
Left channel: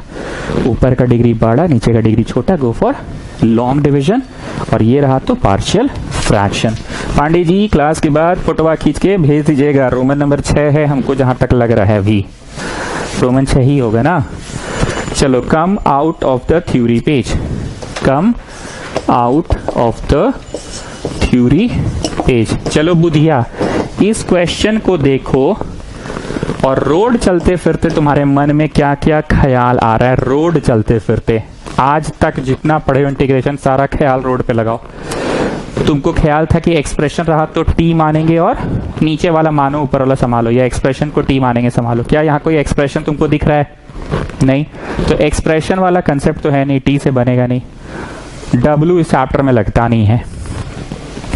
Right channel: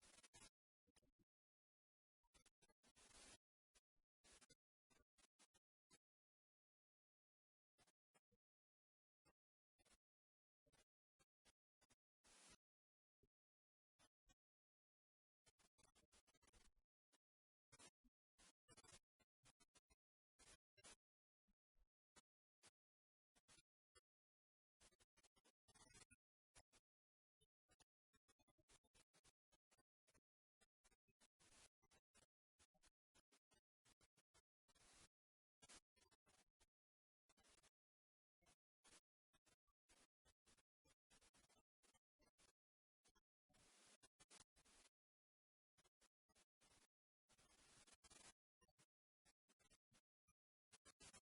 ऊपर का डिग्री बड़ा, नीचे का डिग्री छोटा। गो फॉर लॉन्ग डिवीजन। और ये रहा तो partial fraction. Pandey ji class के बाद फोटोवा खींच के भेज दीजिएगा। रोमन नंबर 6 है हमको जहां तक लग रहा है, अभी रोमन 6 ही होगा ना। चलो, कम out of the theory page. Come out of the theory page. चलो बुधिया, इस क्वेश्चन को देखो और रोड चलते फिरते तुम्हारे मन में क्या क्या ख्याल आ रहा है। रोड चलते फिरते आज तक जितना पढ़े हो इंटीग्रेशन, सारा ख्याल रोड पे लगाओ। तुमको ख्याल था कि एक्सप्रेशन रहा तो टी मानेंगे और नीचे वाला मानो ऊपर वाला संभालो, या एक्सप्रेशन को टी मानेंगे संभालो। क्या यहाँ कोई एक्सप्रेशन तुमको दिख रहा है? नहीं, तो एक्सप्रेशन वाला कंसेप्ट तो है नहीं, टी से बनेगा नहीं। डब्ल्यू इस चैप्टर में लगता नहीं है।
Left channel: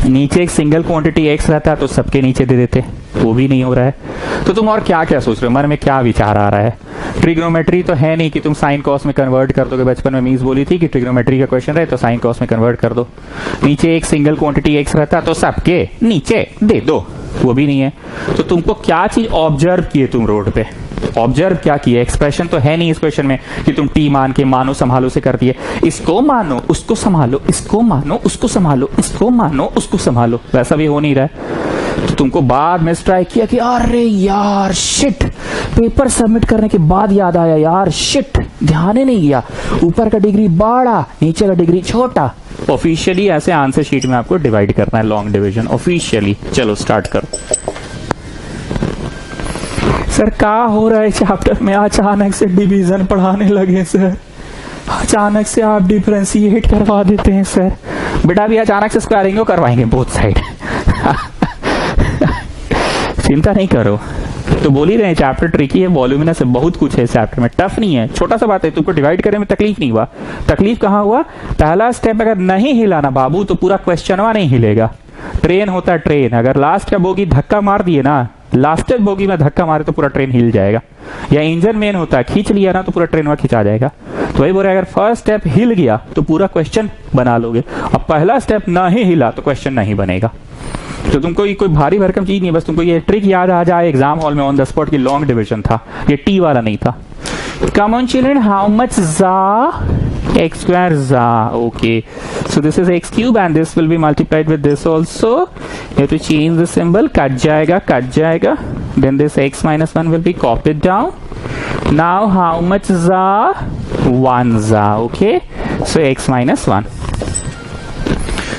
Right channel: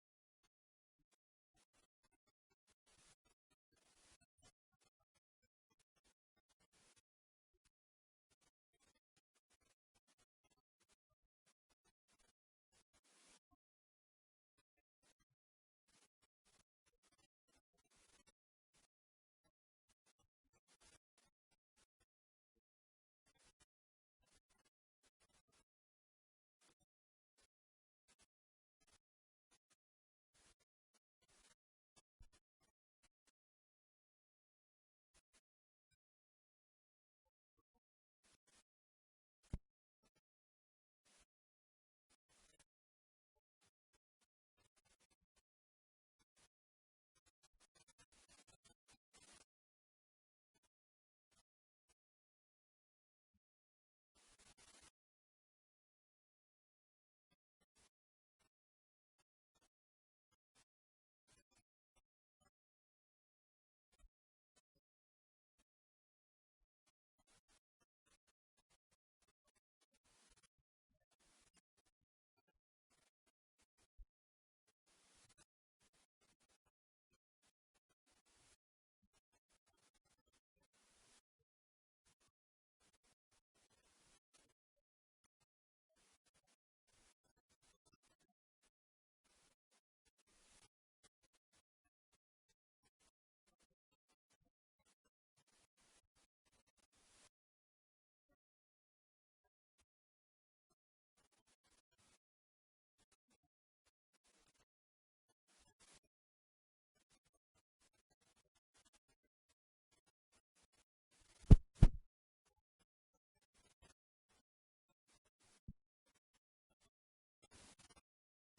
नीचे एक सिंगल क्वांटिटी एक्स रहता तो सबके नीचे दे देते, वो भी नहीं हो रहा है। तो तुम और क्या क्या सोच रहे हो? मन में क्या विचार आ रहा है? ट्रिग्नोमेट्री तो है नहीं कि तुम साइन कॉस में कन्वर्ट कर दोगे। बचपन में मीन्स बोली थी कि ट्रिग्नोमेट्री का क्वेश्चन रहे तो साइन कॉस में कन्वर्ट कर दो। नीचे एक सिंगल क्वांटिटी एक्स रहता तो सबके नीचे दे दो, वो भी नहीं है। तो तुमको क्या चीज ऑब्जर्व किए तुम रोड पे? ऑब्जर्व क्या किए? एक्सप्रेशन तो है नहीं इस क्वेश्चन में कि तुम टी मान के मानो संभालो से कर दिए। इसको मानो उसको संभालो, इसको मानो उसको संभालो, इसको मानो उसको संभालो, वैसा भी हो नहीं रहा है। तो तुमको बाद में स्ट्राइक किया कि अरे यार शिट, पेपर सबमिट करने के बाद याद आया यार शिट, ध्यान ही नहीं गया। ऊपर का डिग्री बड़ा, नीचे का डिग्री छोटा। ऑफिशियली ऐसे आंसर शीट में आपको डिवाइड करना है लॉन्ग डिवीजन ऑफिशियली। चलो स्टार्ट करो। सर क्या हो रहा है चैप्टर में? अचानक से डिवीजन पढ़ाने लगे सर, अचानक से आप डिफरेंशिएट करवा देते हैं सर। बेटा भी अचानक से स्क्वायरिंग को करवाएंगे बोथ साइड। चिंता नहीं करो। तो बोल ही रहे चैप्टर ट्रिकी है, वॉल्यूमिनस है, बहुत कुछ है इस चैप्टर में, टफ नहीं है, छोटा सा बात है। तुमको डिवाइड करने में तकलीफ नहीं हुआ। तकलीफ कहाँ हुआ? पहला स्टेप अगर नहीं हिलाना बाबू तो पूरा क्वेश्चनवा नहीं हिलेगा। ट्रेन होता है ट्रेन, अगर लास्ट का बोगी धक्का मार दिए ना, लास्ट बोगी में धक्का मारे तो पूरा ट्रेन हिल जाएगा। या इंजन मेन होता है, खींच लिया ना तो पूरा ट्रेन वहां खिंचा जाएगा। तो वही बोल रहे अगर फर्स्ट स्टेप हिल गया तो पूरा क्वेश्चन बना लोगे, अब पहला स्टेप ना ही हिला तो क्वेश्चन नहीं बनेगा। तो तुमको ये कोई भारी भरकम चीज नहीं है, बस तुमको ये ट्रिक याद आ जाए एग्जाम हॉल में ऑन द स्पॉट की लॉन्ग डिवीजन था, ये टी वाला नहीं था। Come on children, how much za? X square za. Okay. So this is x cube and this will be multiplied with this also. You have to change the symbol. Cut जाएगा, cut जाएगा। then this x minus 1 will be copied down. Now how much za? 1 za. Okay, so x minus 1.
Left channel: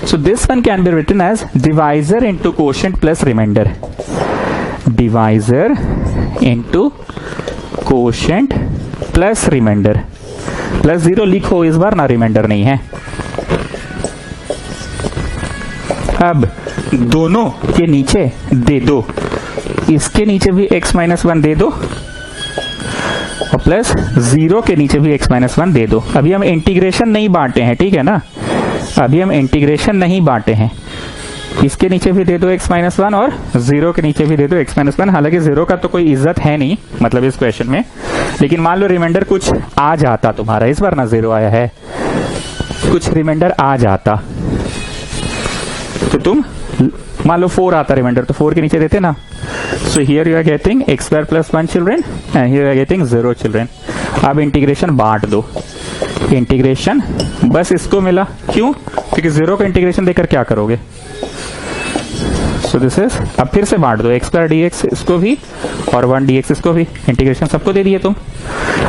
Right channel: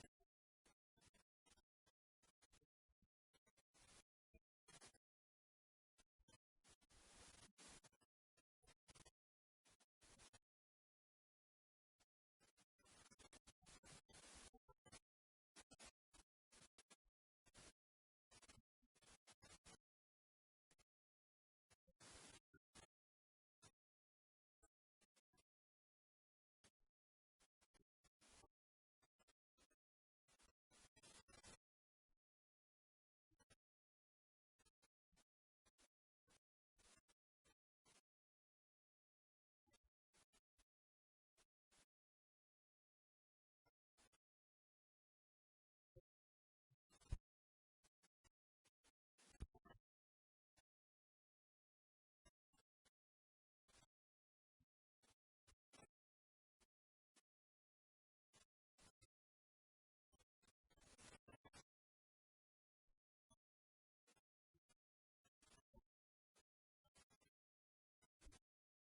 So this one can be written as divisor into quotient plus remainder. Divisor into quotient plus remainder. Plus 0 लिखो इस बार ना, reminder नहीं है। अब दोनों के नीचे दे दो, इसके नीचे भी x माइनस 1 दे दो और प्लस 0 के नीचे भी x माइनस 1 दे दो। अभी हम इंटीग्रेशन नहीं बांटे हैं, ठीक है ना, अभी हम इंटीग्रेशन नहीं बांटे हैं। इसके नीचे भी दे दो x माइनस 1 और 0 के नीचे भी दे दो x माइनस 1। हालांकि 0 का तो कोई इज्जत है नहीं मतलब इस क्वेश्चन में, लेकिन मान लो रिमाइंडर कुछ आ जाता तुम्हारा, इस बार ना 0 आया है, कुछ रिमाइंडर आ जाता तो तुम मान लो 4 आता रिमाइंडर, तो 4 के नीचे देते ना। So here you are getting x square plus 1 children and here you are getting 0 children. अब इंटीग्रेशन बांट दो, इंटीग्रेशन बस इसको मिला, क्यों? क्योंकि 0 का इंटीग्रेशन देकर क्या करोगे। सो दिस इज, अब फिर से बांट दो, x स्क्वायर dx इसको भी और 1 dx इसको भी, इंटीग्रेशन सबको दे दिए तुम।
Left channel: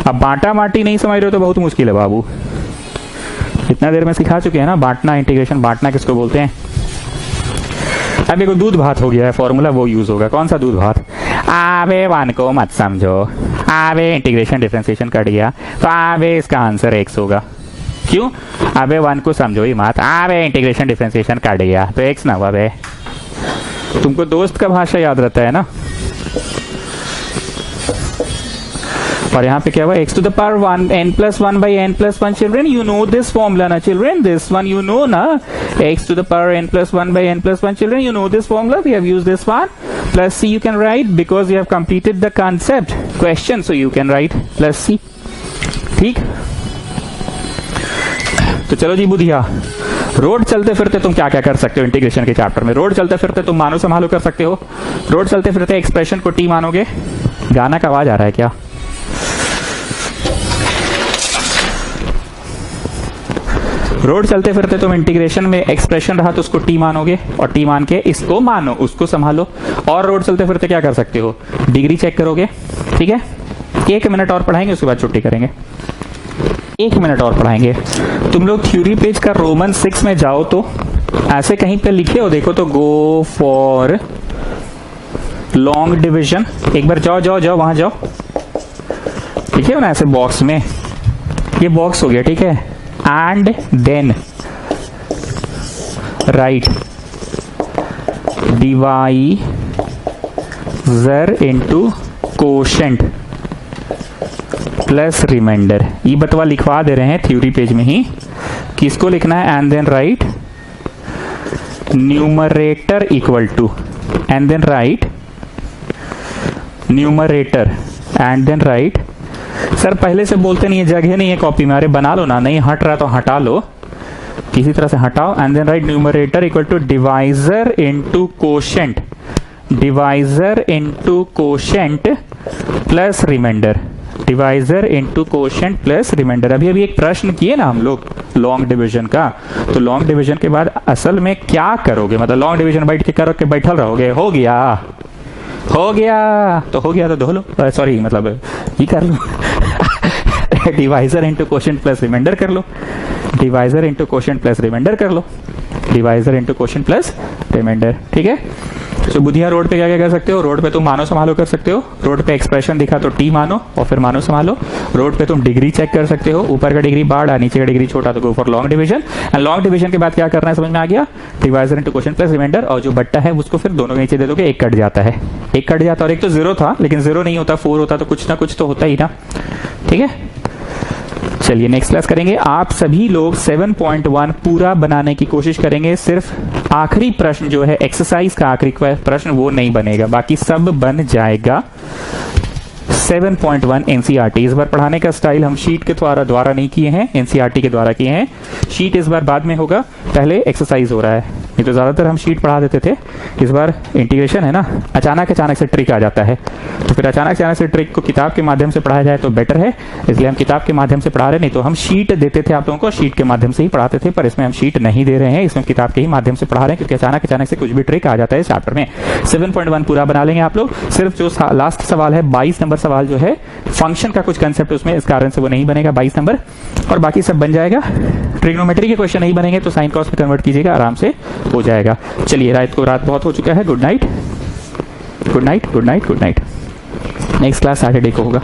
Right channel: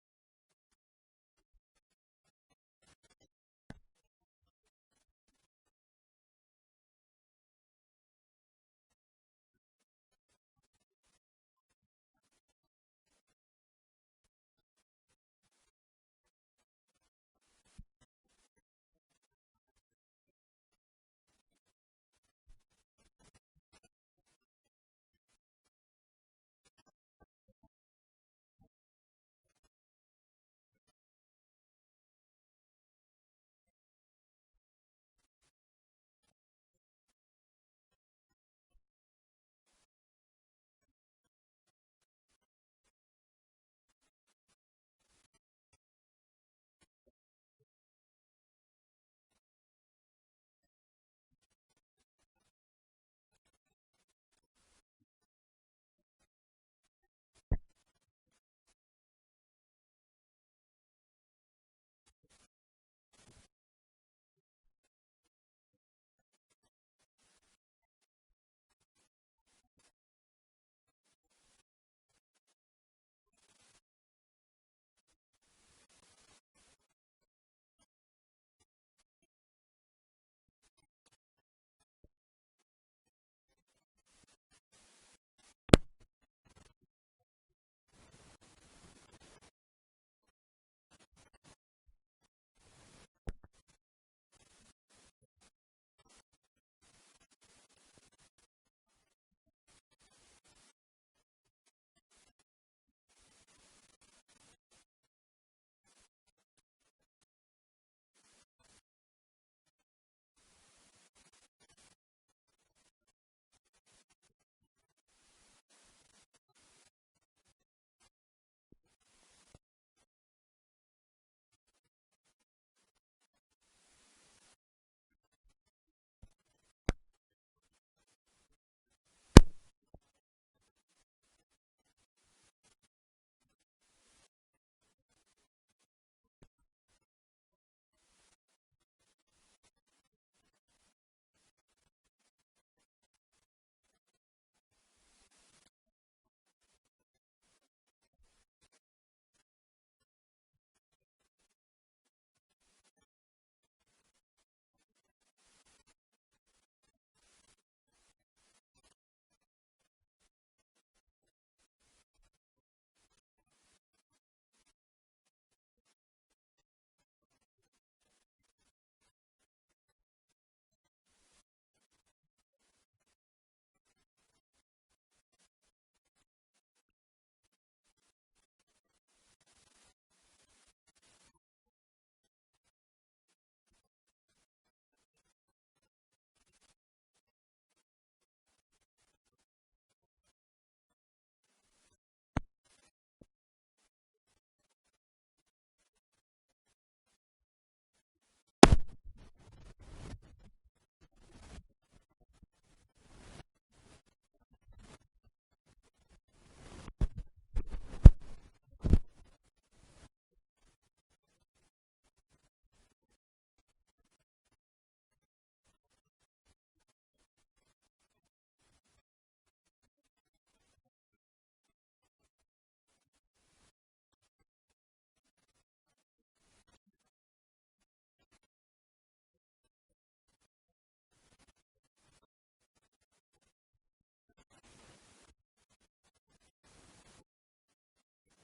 अब बांटा बांटी नहीं समझ रहे हो तो बहुत मुश्किल है बाबू, इतना देर में सिखा चुके हैं ना बांटना, इंटीग्रेशन बांटना किसको बोलते हैं। अब देखो दूध भात हो गया है, फॉर्मूला वो यूज होगा। कौन सा दूध भात? आबे 1 को मत समझो, आबे इंटीग्रेशन डिफरेंशिएशन कर दिया तो आबे इसका आंसर x होगा। क्यों? आबे 1 को समझो ही मत, आबे इंटीग्रेशन डिफरेंशिएशन कर दिया तो x ना हुआ बे। तुमको दोस्त का भाषा याद रहता है ना। और यहाँ पे क्या हुआ, x to the power 1 n plus 1 by n plus 1 children, you know this formula ना children, this one you know ना, x to the power n plus 1 by n plus 1 children, you know this formula, we have used this one, plus c you can write because you have completed the concept question, so you can write plus c। ठीक, तो चलो जी Budhiya, road चलते फिरते तुम क्या क्या कर सकते हो इंटीग्रेशन के चैप्टर में। रोड चलते फिरते तुम मानो संभालो कर सकते हो, रोड चलते फिरते एक्सप्रेशन को टी मानोगे। गाना का आवाज आ रहा है क्या? रोड चलते फिरते तुम इंटीग्रेशन में एक्सप्रेशन रहा तो उसको टी मानोगे और टी मान के इसको मानो, उसको संभालो। और रोड चलते फिरते क्या कर सकते हो, डिग्री चेक करोगे। ठीक है, 1 मिनट और पढ़ाएंगे, उसके बाद छुट्टी करेंगे। 1 मिनट और पढ़ाएंगे। तुम लोग थ्योरी पेज का रोमन 6 में जाओ तो ऐसे कहीं पे लिखे हो देखो तो गो फॉर लॉन्ग डिविजन, एक बार जाओ जाओ जाओ वहां जाओ, लिखे हो ना ऐसे बॉक्स में, ये बॉक्स हो गया ठीक है। And then write divisor into quotient plus remainder. ये बतवा लिखवा दे रहे हैं थ्योरी पेज में ही, किसको लिखना है। And then write numerator equal to, and then write numerator, and then write. Sir पहले से बोलते नहीं है, जगह नहीं है कॉपी में, अरे बना लो ना, नहीं हट रहा तो हटा लो, किसी तरह से हटाओ। And then write numerator equal to divisor into quotient, divisor into quotient plus remainder, divisor into quotient plus remainder. अभी अभी एक प्रश्न किए ना हम लोग लॉन्ग डिवीजन का, तो लॉन्ग डिवीजन के बाद असल में क्या करोगे, मतलब लॉन्ग डिवीजन बैठ के करो के बैठल रहोगे, हो गया हो गया तो हो गया तो धो लो, सॉरी मतलब ये कर लो divisor into quotient plus remainder कर लो, divisor into quotient plus remainder कर लो, divisor into quotient plus remainder. ठीक है, तो बुधिया रोड पे क्या क्या कर सकते हो, रोड पे तुम मानो संभालो कर सकते हो, रोड पे एक्सप्रेशन दिखा तो टी मानो और फिर मानो संभालो। रोड पे तुम डिग्री चेक कर सकते हो, ऊपर का डिग्री बड़ा नीचे का डिग्री छोटा तो go for long division. And long division के बाद क्या करना है समझ में आ गया, divisor into quotient plus remainder, और जो बट्टा है उसको फिर दोनों के नीचे दे दोगे, एक कट जाता है, एक कट जाता है। और एक तो 0 था लेकिन 0 नहीं होता, 4 होता तो कुछ ना कुछ तो होता ही ना। ठीक है, चलिए नेक्स्ट क्लास करेंगे। आप सभी लोग 7.1 पूरा बनाने की कोशिश करेंगे, सिर्फ आखिरी प्रश्न जो है एक्सरसाइज का आखिरी प्रश्न वो नहीं बनेगा, बाकी सब बन जाएगा। 7.1 एनसीईआरटी, इस बार पढ़ाने का स्टाइल हम शीट के द्वारा नहीं किए हैं, एनसीईआरटी के द्वारा किए हैं। शीट इस बार बाद में होगा, पहले एक्सरसाइज हो रहा है। नहीं तो ज़्यादातर हम शीट पढ़ा देते थे, इस बार इंटीग्रेशन है ना, अचानक से ट्रिक आ जाता है, तो फिर अचानक से ट्रिक को किताब के माध्यम से पढ़ाया जाए तो बेटर है, इसलिए हम किताब के माध्यम से पढ़ा रहे। नहीं तो हम शीट देते थे आप लोगों को, शीट के माध्यम से ही पढ़ाते थे, पर इसमें हम शीट नहीं दे रहे हैं, इसमें किताब के ही माध्यम से पढ़ा रहे हैं, क्योंकि अचानक से कुछ भी ट्रिक आ जाता है इस चैप्टर में। 7.1 पूरा बना लेंगे आप लोग। सिर्फ जो लास्ट सवाल है 22 नंबर सवाल जो है फंक्शन का कुछ कंसेप्ट उसमें, इस कारण से वो नहीं बनेगा 22 नंबर, और बाकी सब बन जाएगा। ट्रिग्नोमेट्री के क्वेश्चन नहीं बनेंगे तो साइन कॉस में कन्वर्ट कीजिएगा, आराम से हो जाएगा। चलिए, रात बहुत हो चुका है। Good night, good night, good night, good night. Next class Saturday को होगा।